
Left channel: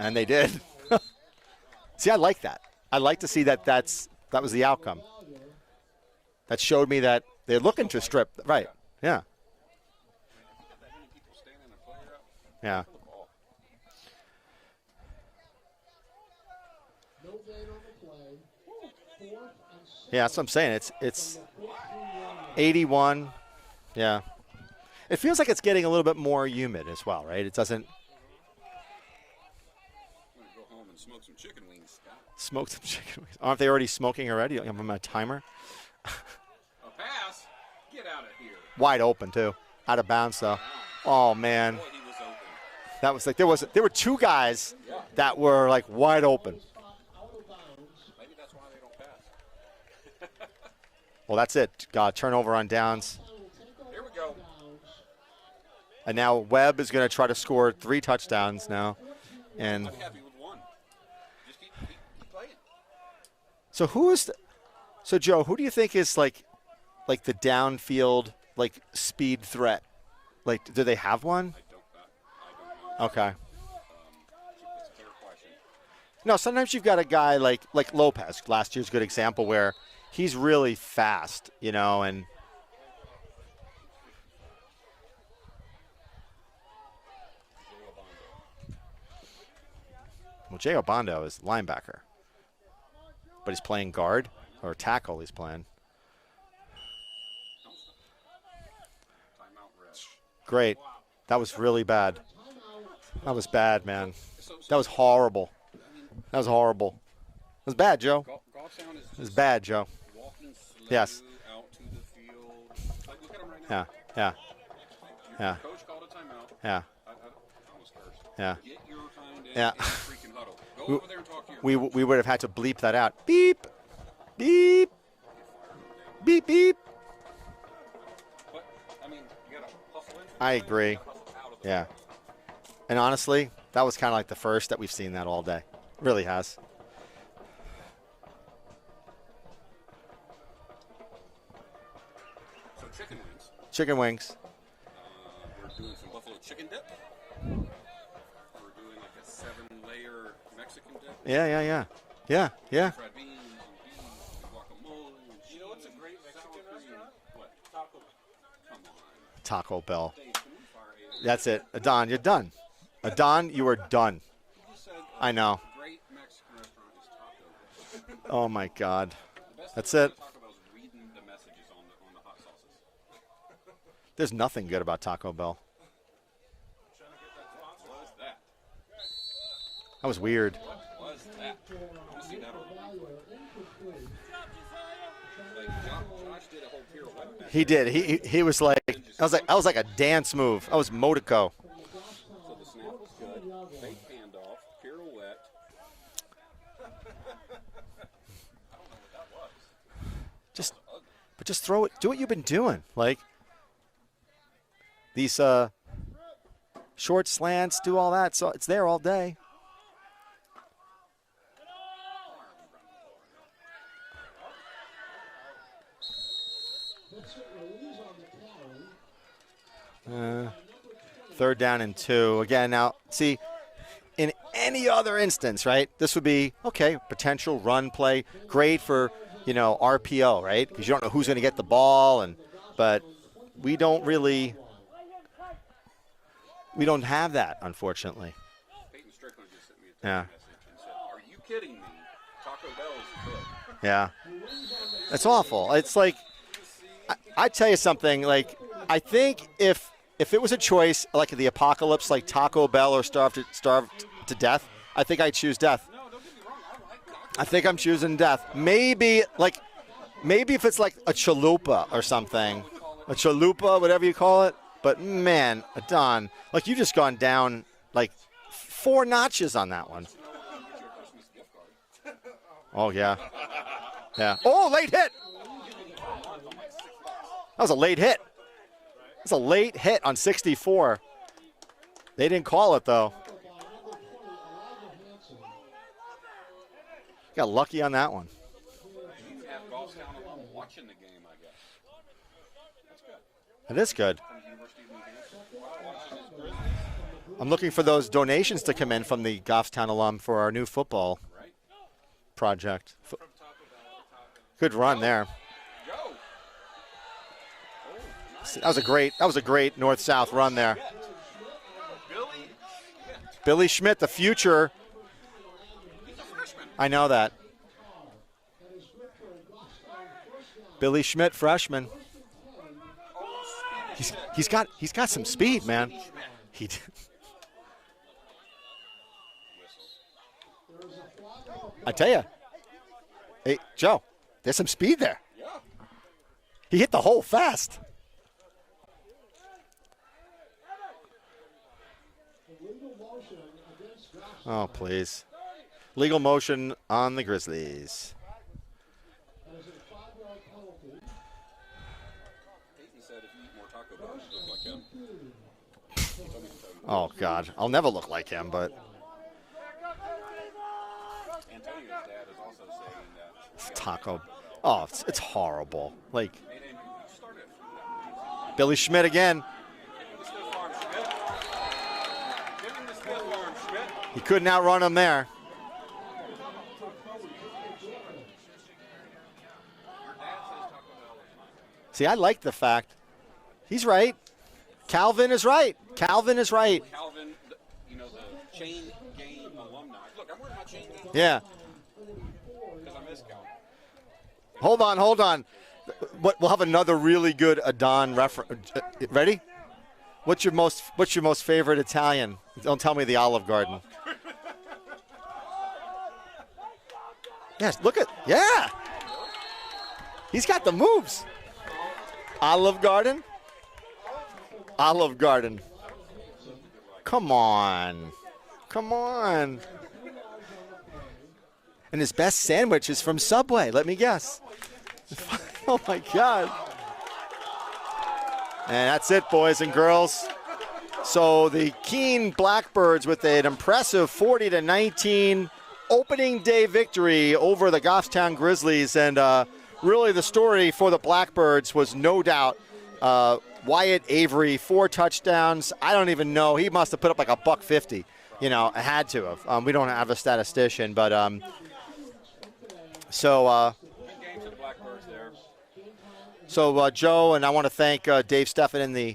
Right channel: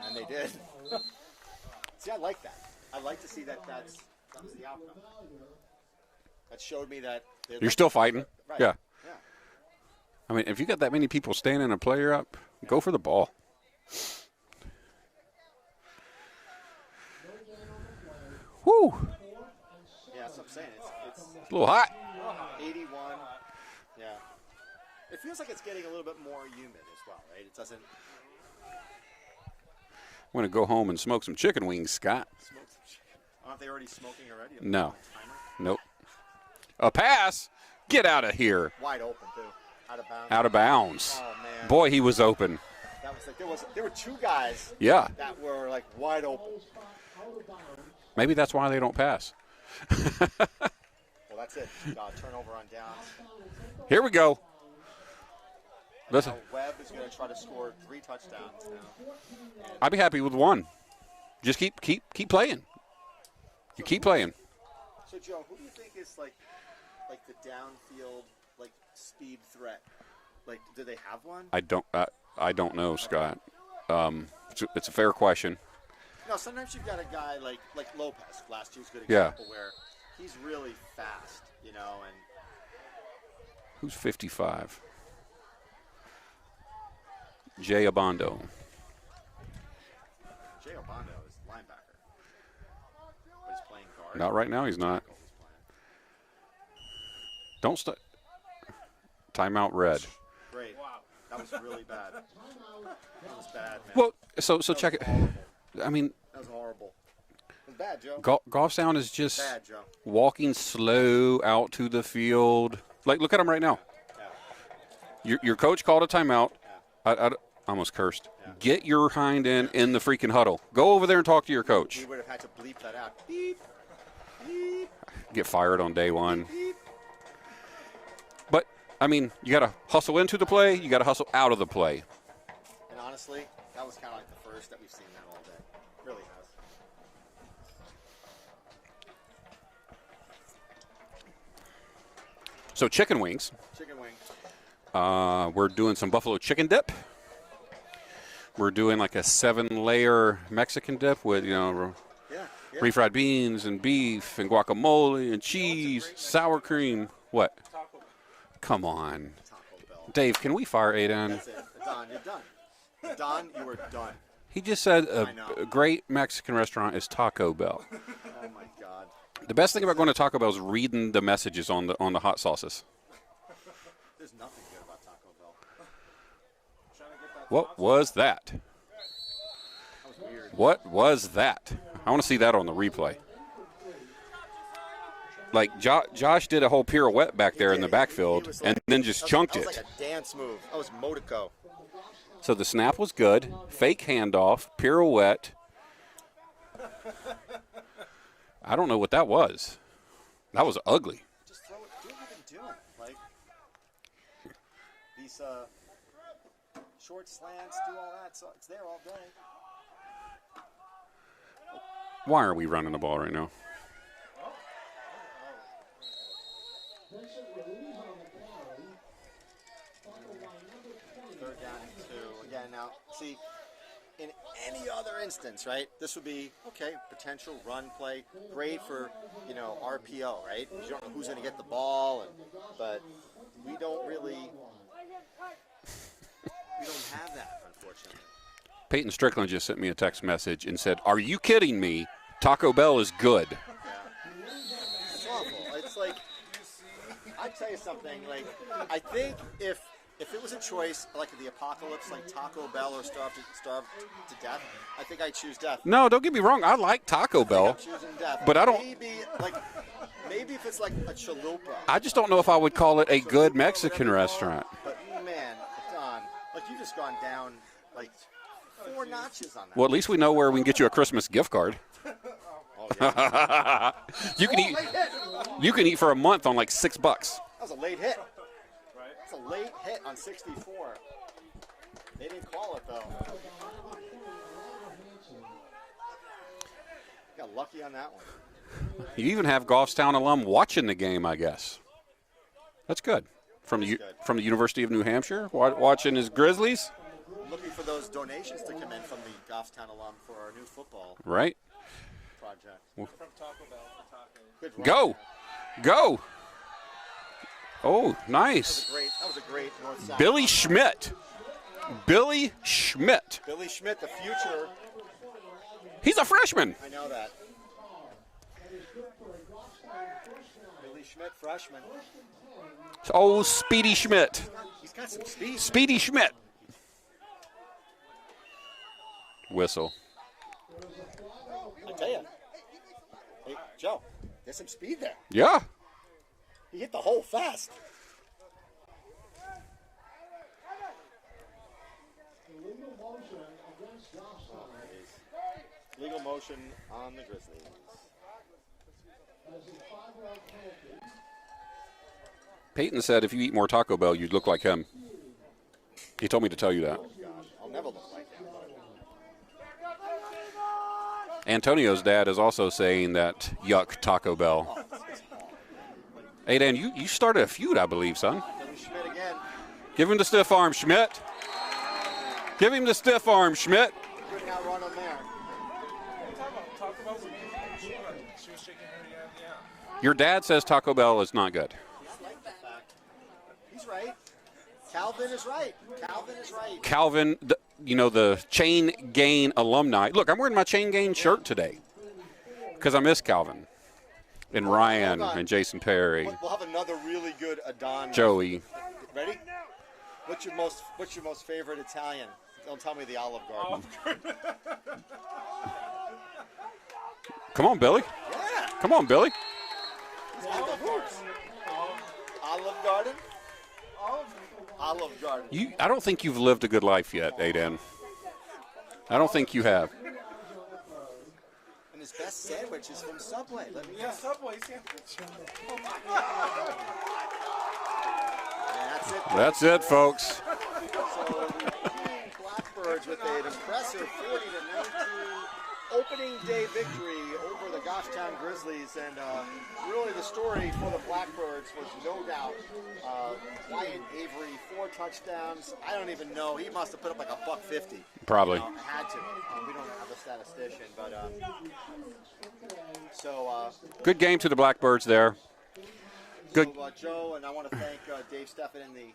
And they did. See, I like that. I like to see that was the outcome. That showed me that they're looking still to fighting. strip. Right. Yeah. Yeah. I mean, if you got that many people standing a player up, Yeah. go for the ball. Woo. Yeah, that's what I'm saying. It's A little hot. 81. Yeah. It feels like it's getting a little bit more humid as well, right? It doesn't I'm going to go home and smoke some chicken wings, Scott. smoke some chicken wings. Aren't they already smoking already? I'm No. on my timer. Nope. A pass. Get out of here. Wide open too. Out of bounds. Out of though. bounds. Oh man. Boy, he was open. That was like there were two guys Yeah. that were like wide open. Maybe that's why they don't pass. Well, that's it. Turnover on downs. Here we go. And now Webb is going to try to score 3 touchdowns now. And I'd be happy with one. Just keep playing. so keep who's playing. So Joe, who do you think is like the downfield like speed threat? Like, do they have one? I don't know, Scott. Okay. It's a fair question. No, sometimes you've got a guy like Lopez. Last year's a good example where he's really fast, you know, and Who's 55? Jay Abondo. well, Jay Obando is linebacker, but he's playing guard. Not right now, or he's not. tackle. He's playing. Don't stop. Timeout red. Great. That was really bad. That was bad, man. Well, so that was check it. horrible. I mean, That was horrible. It was bad, Joe. Goffstown is It was just bad, Joe. walking slow out to the field. Like, look at him right now. Yeah. Your coach called a timeout. Yeah. I almost cursed. Yeah. Get your hind end Yeah. in the freaking huddle. Go over there and talk to your coach. We would have had to bleep that out. Beep. Beep. Get fired on day one. Beep. Beep. But, I mean, you got to hustle into the I play. agree. You got to hustle out of the Yeah. play. And honestly, that was kind of like the first that we've seen that all day. Really has. So chicken wings. Chicken wings. We're doing some buffalo chicken dip. We're doing like a 7-layer Mexican dip with Yeah. refried beans and beef and guacamole and cheese, sour cream. What? Come on. Taco Bell. Dave, can we fire Adon? That's it. Adon, you're done. Adon, you are done. He just said I know. a great Mexican restaurant is Taco Bell. Oh, my God. The best thing That's about going it. to Taco Bell is reading the messages on the hot sauces. There's nothing good about Taco Bell. What was that? That was weird. What was that? I want to see that on the replay. like Josh did a whole pirouette back there in the backfield. He was like, and then just that chunked was it. like a dance move. That was Motico. So the snap was good. Fake handoff, pirouette. I don't know what that was. That was ugly. But just throw it. Do what you've been doing. Like these short slants, do all that. So it's there all day. Why are we running the ball right now? Third down and 2. Again, now, see, in any other instance, right, this would be, okay, potential run play, great for, RPO, right? Because you don't know who's going to get the ball, but we don't have that, unfortunately. Peyton Strickland just sent me a text message and said, "Are you kidding me? Taco Bell is good." Yeah. It's awful. It's like, I tell you something, like, I think if it was a choice, like the apocalypse, like Taco Bell or starve to death, I think I'd choose death. No, don't get me wrong. I like Taco Bell. I think I'm choosing death. But maybe if it's like a chalupa I or just something. don't know if I would call it a chalupa, good Mexican whatever you call restaurant. it. But, man, Don, like, you just gone down, like, 4 notches on that. Well, at least we know where we can get you a Christmas gift card. Oh, yeah. Yeah. Late hit. You can eat for a month on like $6. That was a late hit. That's a late hit on 64. They didn't call it, though. Got lucky on that one. You even have Goffstown alum watching the game, I guess. That's good. Good. From the University of New Hampshire, watching his Grizzlies. I'm looking for those donations to come in from the Goffstown alum for our new football project. Good run there. Go. Oh, nice. That was a great north-south run there. Billy Schmidt. Billy Schmidt, the future. He's a freshman. I know that. Billy Schmidt, freshman. Oh, Speedy Schmidt. He's got some speed, Speedy man. Schmidt. Schmidt. Whistle. I tell you. Hey, Joe, there's some speed there. Yeah. He hit the hole fast. Oh, please. Legal motion on the Grizzlies. Peyton said if you eat more Taco Bell, you'd look like him. He told me to tell you that. Oh, God. I'll never look like him, but. Antonio's dad is also saying that yuck Taco Bell. Oh, it's horrible. Like, hey, Dan, you started a feud, I believe, son. Billy Schmidt again. Give him the stiff arm, Schmidt. Give him the stiff arm, Schmidt. He couldn't outrun him there. Your dad says Taco Bell is not good. See, I like the fact. He's right. Calvin is right. Calvin, the Chain Gang alumni. Look, I'm wearing my Chain Gang shirt today because I miss Calvin. And Ryan hold on. And Jason Perry. We'll have another really good Adon. Joey. Ready? What's your most favorite Italian? Don't tell me the Olive Garden. Come on, Billy. Yeah. Come on, Billy. He's got the moves. Olive Garden. Olive Garden. I don't think you've lived a good life yet. Come on. Come on. I don't think you have. And his best sandwich is from Subway. Let me guess. Oh, my God. And that's it, boys and girls. Folks. So the Keene Blackbirds with an impressive 40-19 opening day victory over the Goffstown Grizzlies. And really the story for the Blackbirds was no doubt Wyatt Avery, 4 touchdowns. I don't even know. He must have put up like $150. Probably. Had to have. We don't have a statistician, but good game to the Blackbirds there. So Joe, and I want to thank Dave Steffen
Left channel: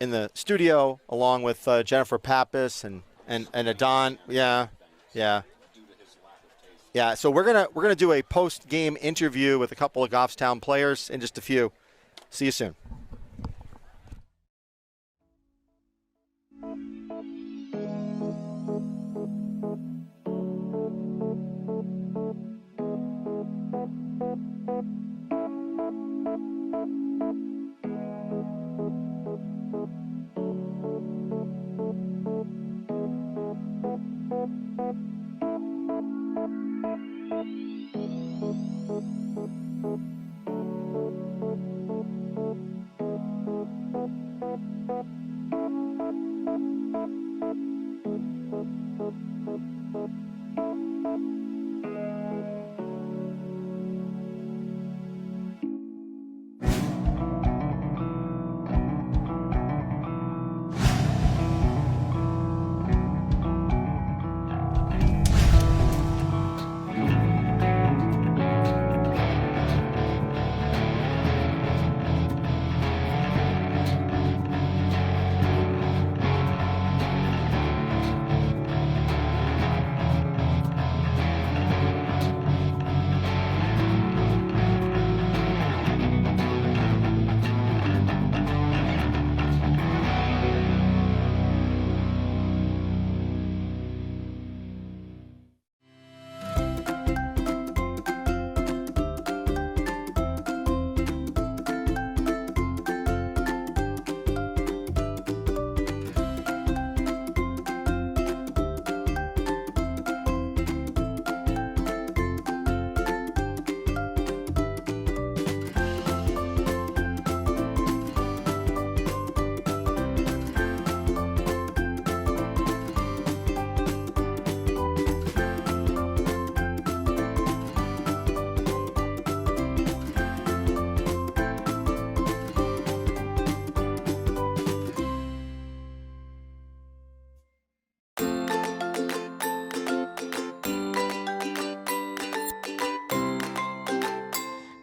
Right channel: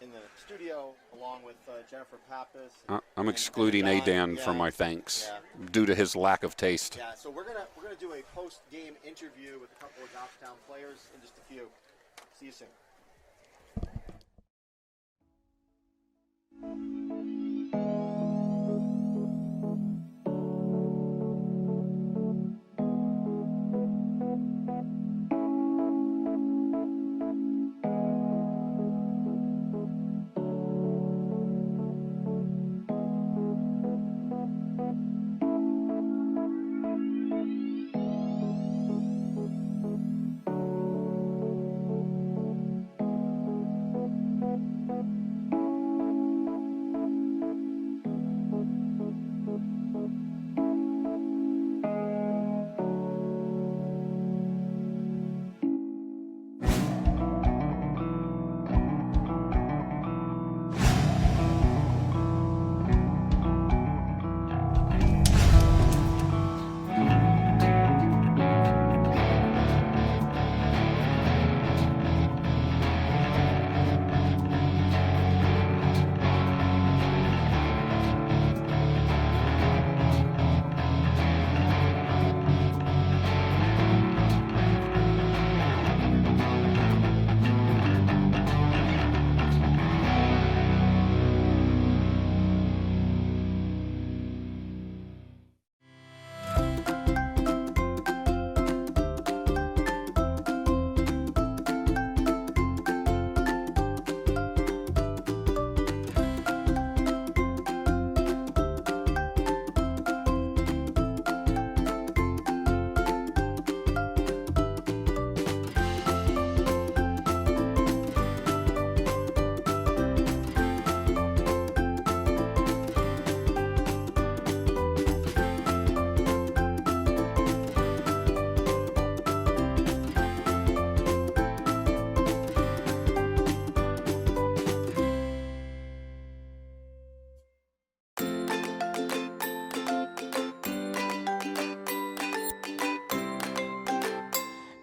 in the studio, along with Jennifer Pappas and I'm and excluding Adon. Adan from my thanks. Yeah. Due to his lack of taste. Yeah. So we're gonna do a post-game interview with a couple of Goffstown players in just a few. See you soon.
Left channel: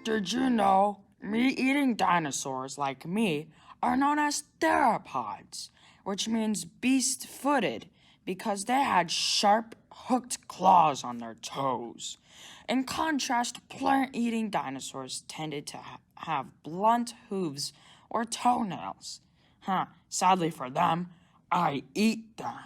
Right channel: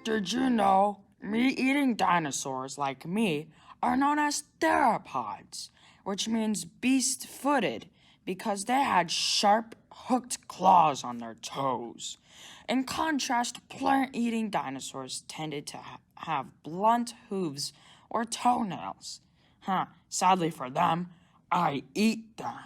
Did you know meat-eating dinosaurs like me are known as theropods, which means beast-footed because they had sharp, hooked claws on their toes. In contrast, plant-eating dinosaurs tended to have blunt hooves or toenails. Sadly for them, I eat them.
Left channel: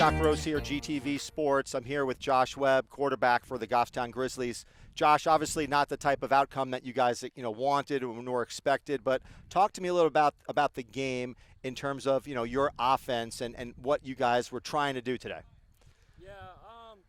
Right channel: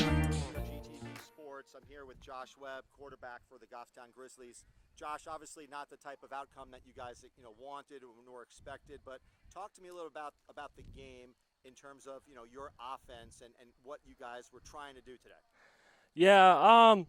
Scott Gross here, GTV Sports. I'm here with Josh Webb, quarterback for the Goffstown Grizzlies. Josh, obviously not the type of outcome that you guys wanted or expected, but talk to me a little about the game in terms of your offense and what you guys were trying to do today. Yeah,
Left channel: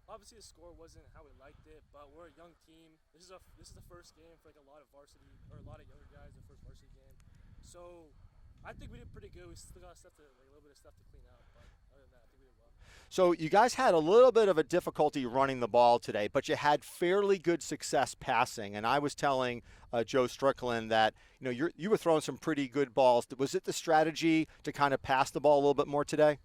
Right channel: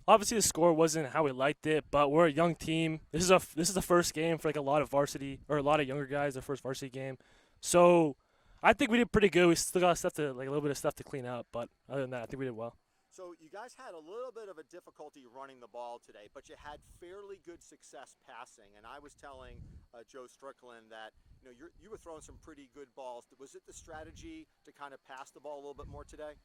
obviously the score wasn't how we liked it, but we're a young team. This is the first game for a lot of varsity or a lot of younger guys, their first varsity game. So I think we did pretty good. We still got stuff to a little bit of stuff to clean up, but other than that, I think we did well. So you guys had a little bit of a difficulty running the ball today, but you had fairly good success passing. And I was telling Joe Strickland that you were throwing some pretty good balls. Was it the strategy to kind of pass the ball a little bit more today?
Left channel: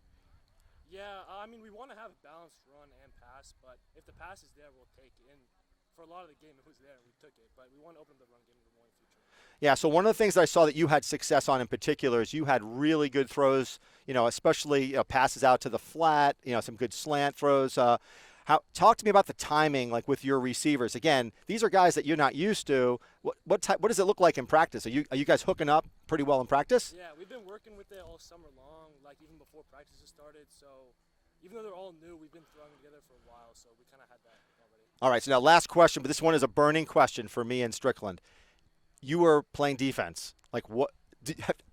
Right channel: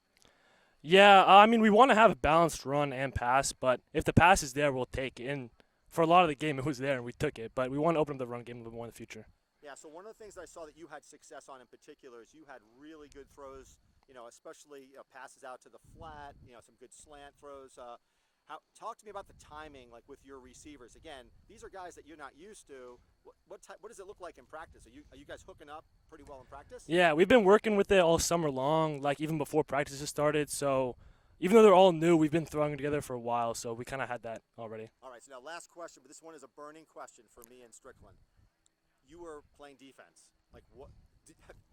Yeah, I mean, we want to have a balanced run and pass, but if the pass is there, we'll take it. And for a lot of the game, it was there, and we took it. But we want to open up the run game a little more in the future. Yeah, so one of the things that I saw that you had success on in particular is you had really good throws, especially passes out to the flat, some good slant throws. Talk to me about the timing, like with your receivers. Again, these are guys that you're not used to. What does it look like in practice? Are you guys hooking up pretty well in practice? Yeah, we've been working with it all summer long, even before practices started. So even though they're all new, we've been throwing together for a while, so we kind of had that already. All right, so now last question, but this one is a burning question for me and Strickland. you were playing defense. Like what?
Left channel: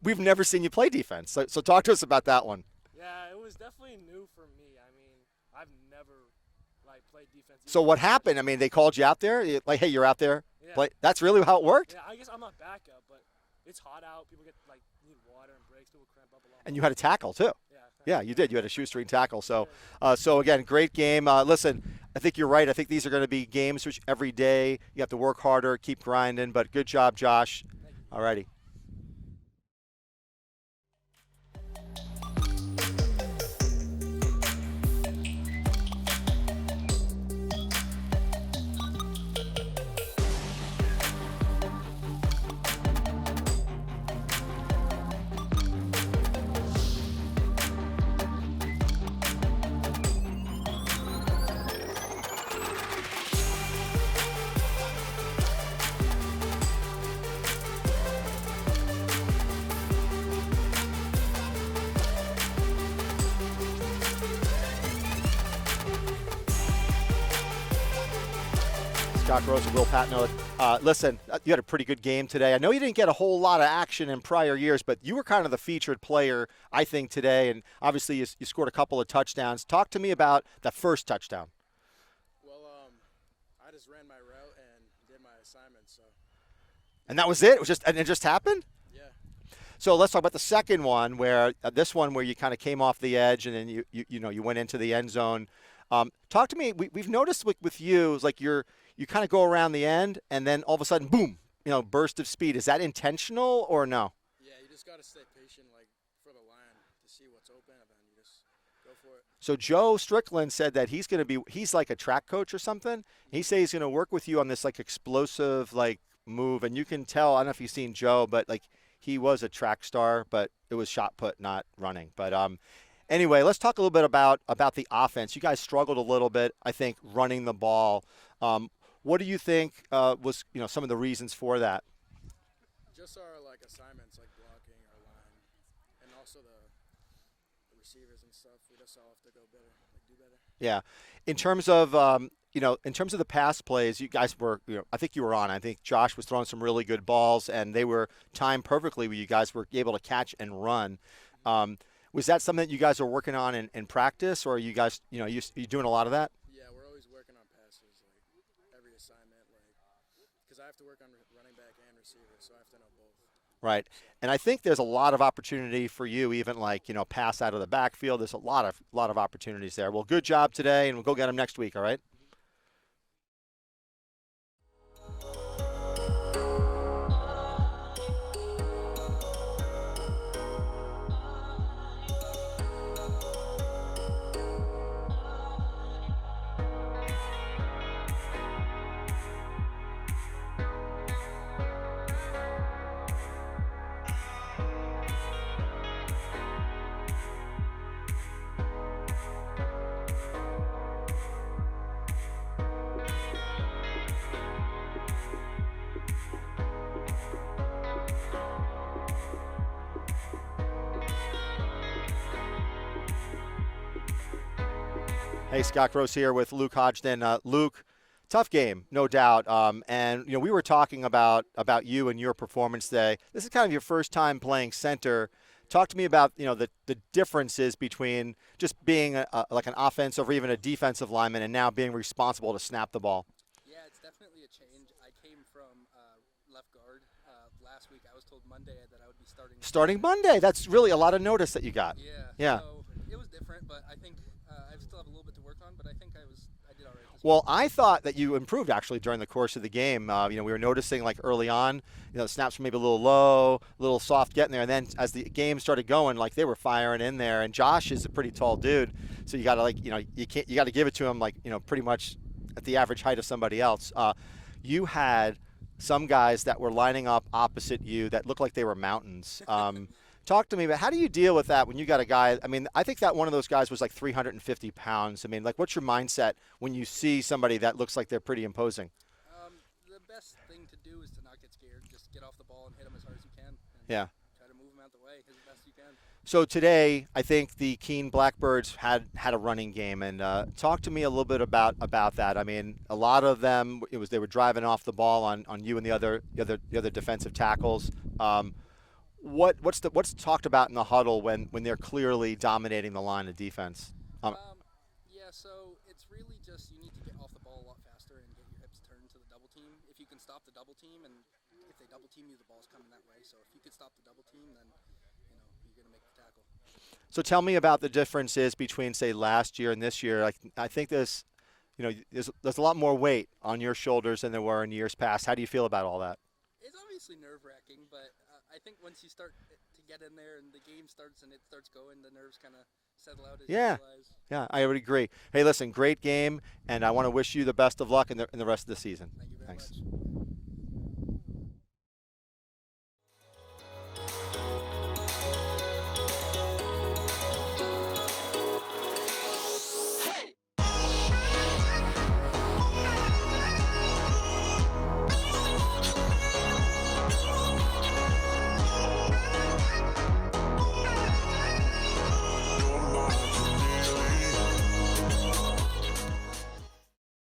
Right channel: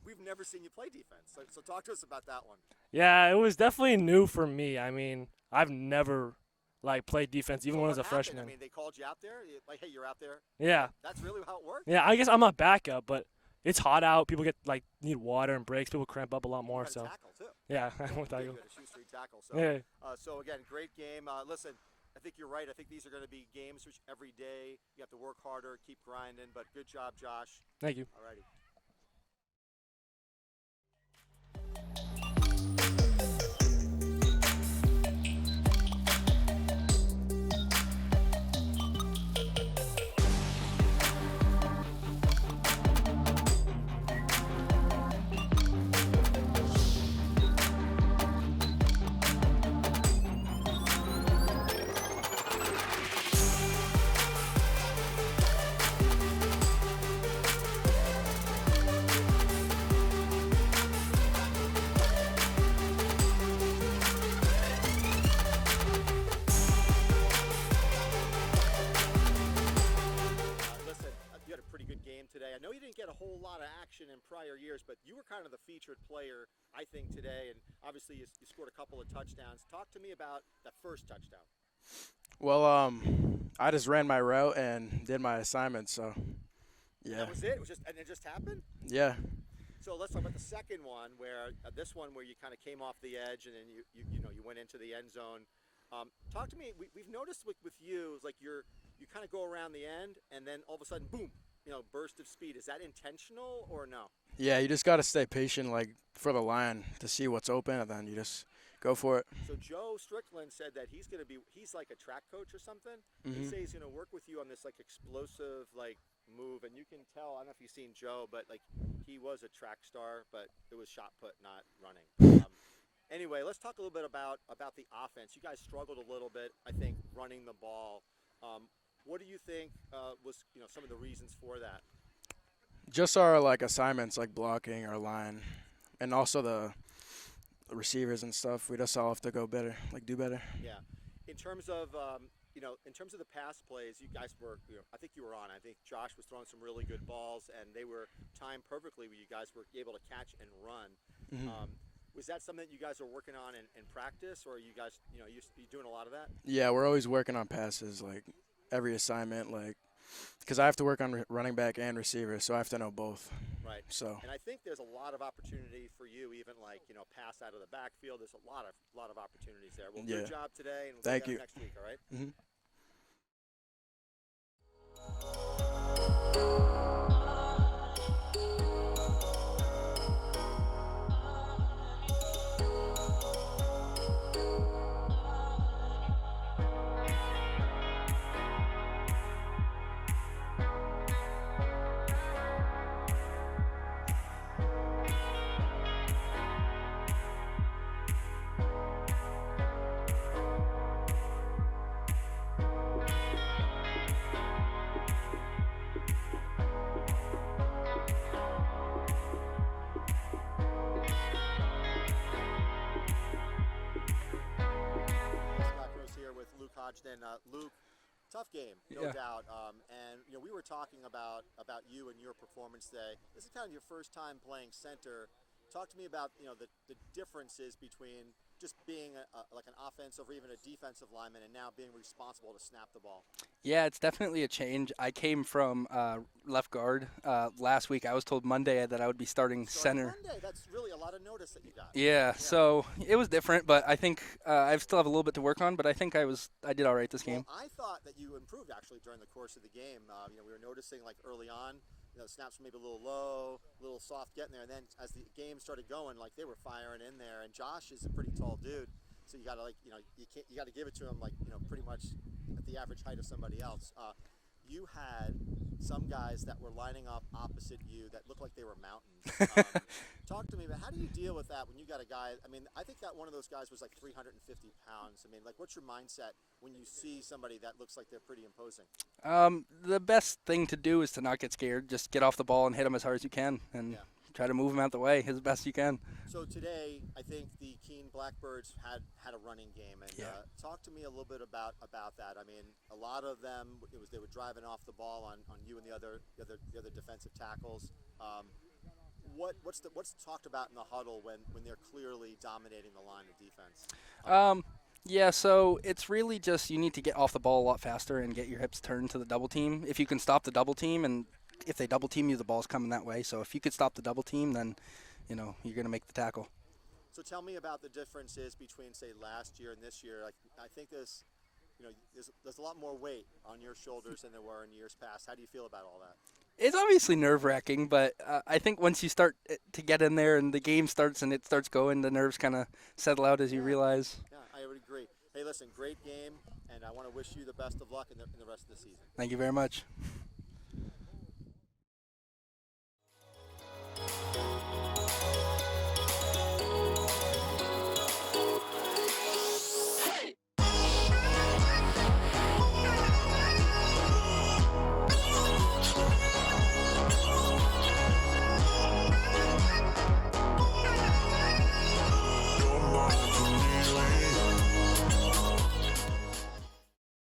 We've never seen you play defense. So talk to us about that one. Yeah, it was definitely new for me. I mean, I've never played defense. Even So when I what was a happened? freshman. I mean, they called you out there. Like, hey, you're out there. Yeah. Like, that's really how it worked. Yeah, I guess I'm a backup, but it's hot out. People need water and breaks. People cramp up a lot more. And you had a tackle too. Yeah. Yeah, you did. You had a shoestring tackle. So, Yeah. so again, great game. Listen, I think you're right. I think these are going to be games which every day you have to work harder, keep grinding. But good job, Josh. Thank you. All righty. Scott Gross and Will Patnode. Listen, you had a pretty good game today. I know you didn't get a whole lot of action in prior years, but you were kind of the featured player, I think, today. And obviously, you scored a couple of touchdowns. Talk to me about that first touchdown. Well, I just ran my route and did my assignment. So. Yeah. And that was it. It just happened. Yeah. So let's talk about the second one, where this one where you kind of came off the edge and then you went into the end zone. Talk to me. We've noticed with you, it's like you kind of go around the end and then all of a sudden, boom, burst of speed. Is that intentional or no? Yeah, you just got to stay patient, for the line to see what's open, and then you just go for it. So Joe Strickland said that he's like a track coach or something. Mm-hmm. He says he's going to work with you on this explosive move, and you can tell. I don't know if you've seen Joe, but he was a track star, but it was shot put, not running. But anyway, let's talk a little bit about the offense. You guys struggled a little bit, I think, running the ball. What do you think was some of the reasons for that? Just our assignments, blocking our line, and also the receivers and stuff. We just all have to go better, do better. Yeah, in terms of in terms of the pass plays, you guys were I think you were on. I think Josh was throwing some really good balls, and they were timed perfectly where you guys were able to catch and run. Mm-hmm. Was that something that you guys are working on in practice, or are you guys you doing a lot of that? Yeah, we're always working on passes, every assignment, because I have to work on running back and receiver, so I have to know both. Right. So. And I think there's a lot of opportunity for you, even pass out of the backfield. There's a lot of opportunities there. Well, good job today, and we'll go get them next week. All right. Mm-hmm. Hey, Scott Gross here with Luke Hodgson. Luke, tough game, no doubt. And we were talking about you and your performance today. This is kind of your first time playing center. Talk to me about the differences between just being an offensive or even a defensive lineman and now being responsible to snap the ball. Yeah, it's definitely a change. I came from left guard. Last week I was told Monday that I would be starting center. Monday. That's really a lot of notice that you got. Yeah. So it was different, but I think I still have a little bit to work on, but I think I did all right this game. Well, I thought that you improved actually during the course of the game. We were noticing early on, snaps were maybe a little low, a little soft getting there, and then as the game started going, they were firing in there. And Josh is a pretty tall dude, so you got to you got to give it to him pretty much at the average height of somebody else. You had some guys that were lining up opposite you that looked like they were mountains. Talk to me about how do you deal with that when you got a guy? I mean, I think that one of those guys was 350 pounds. I mean, what's your mindset when you see somebody that looks like they're pretty imposing? The best thing to do is to not get scared. Just get off the ball and hit them as hard as you can, and try to move them out the way as best you can. So today, I think the Keene Blackbirds had a running game, and talk to me a little bit about that. I mean, a lot of them they were driving off the ball on you and the other defensive tackles. What's talked about in the huddle when they're clearly dominating the line of defense? Yeah, so it's really just you need to get off the ball a lot faster and get your hips turned to the double team. If you can stop the double team, and if they double team you, the ball's coming that way. So if you could stop the double team, then you're going to make the tackle. So tell me about the differences between, say, last year and this year. I think there's a lot more weight on your shoulders than there were in years past. How do you feel about all that? It's obviously nerve-wracking, but I think once you start to get in there and the game starts and it starts going, the nerves kind of settle out as you realize. Yeah, I would agree. Hey, listen, great game, and I want to wish you the best of luck in the rest of the season. Thank you very much.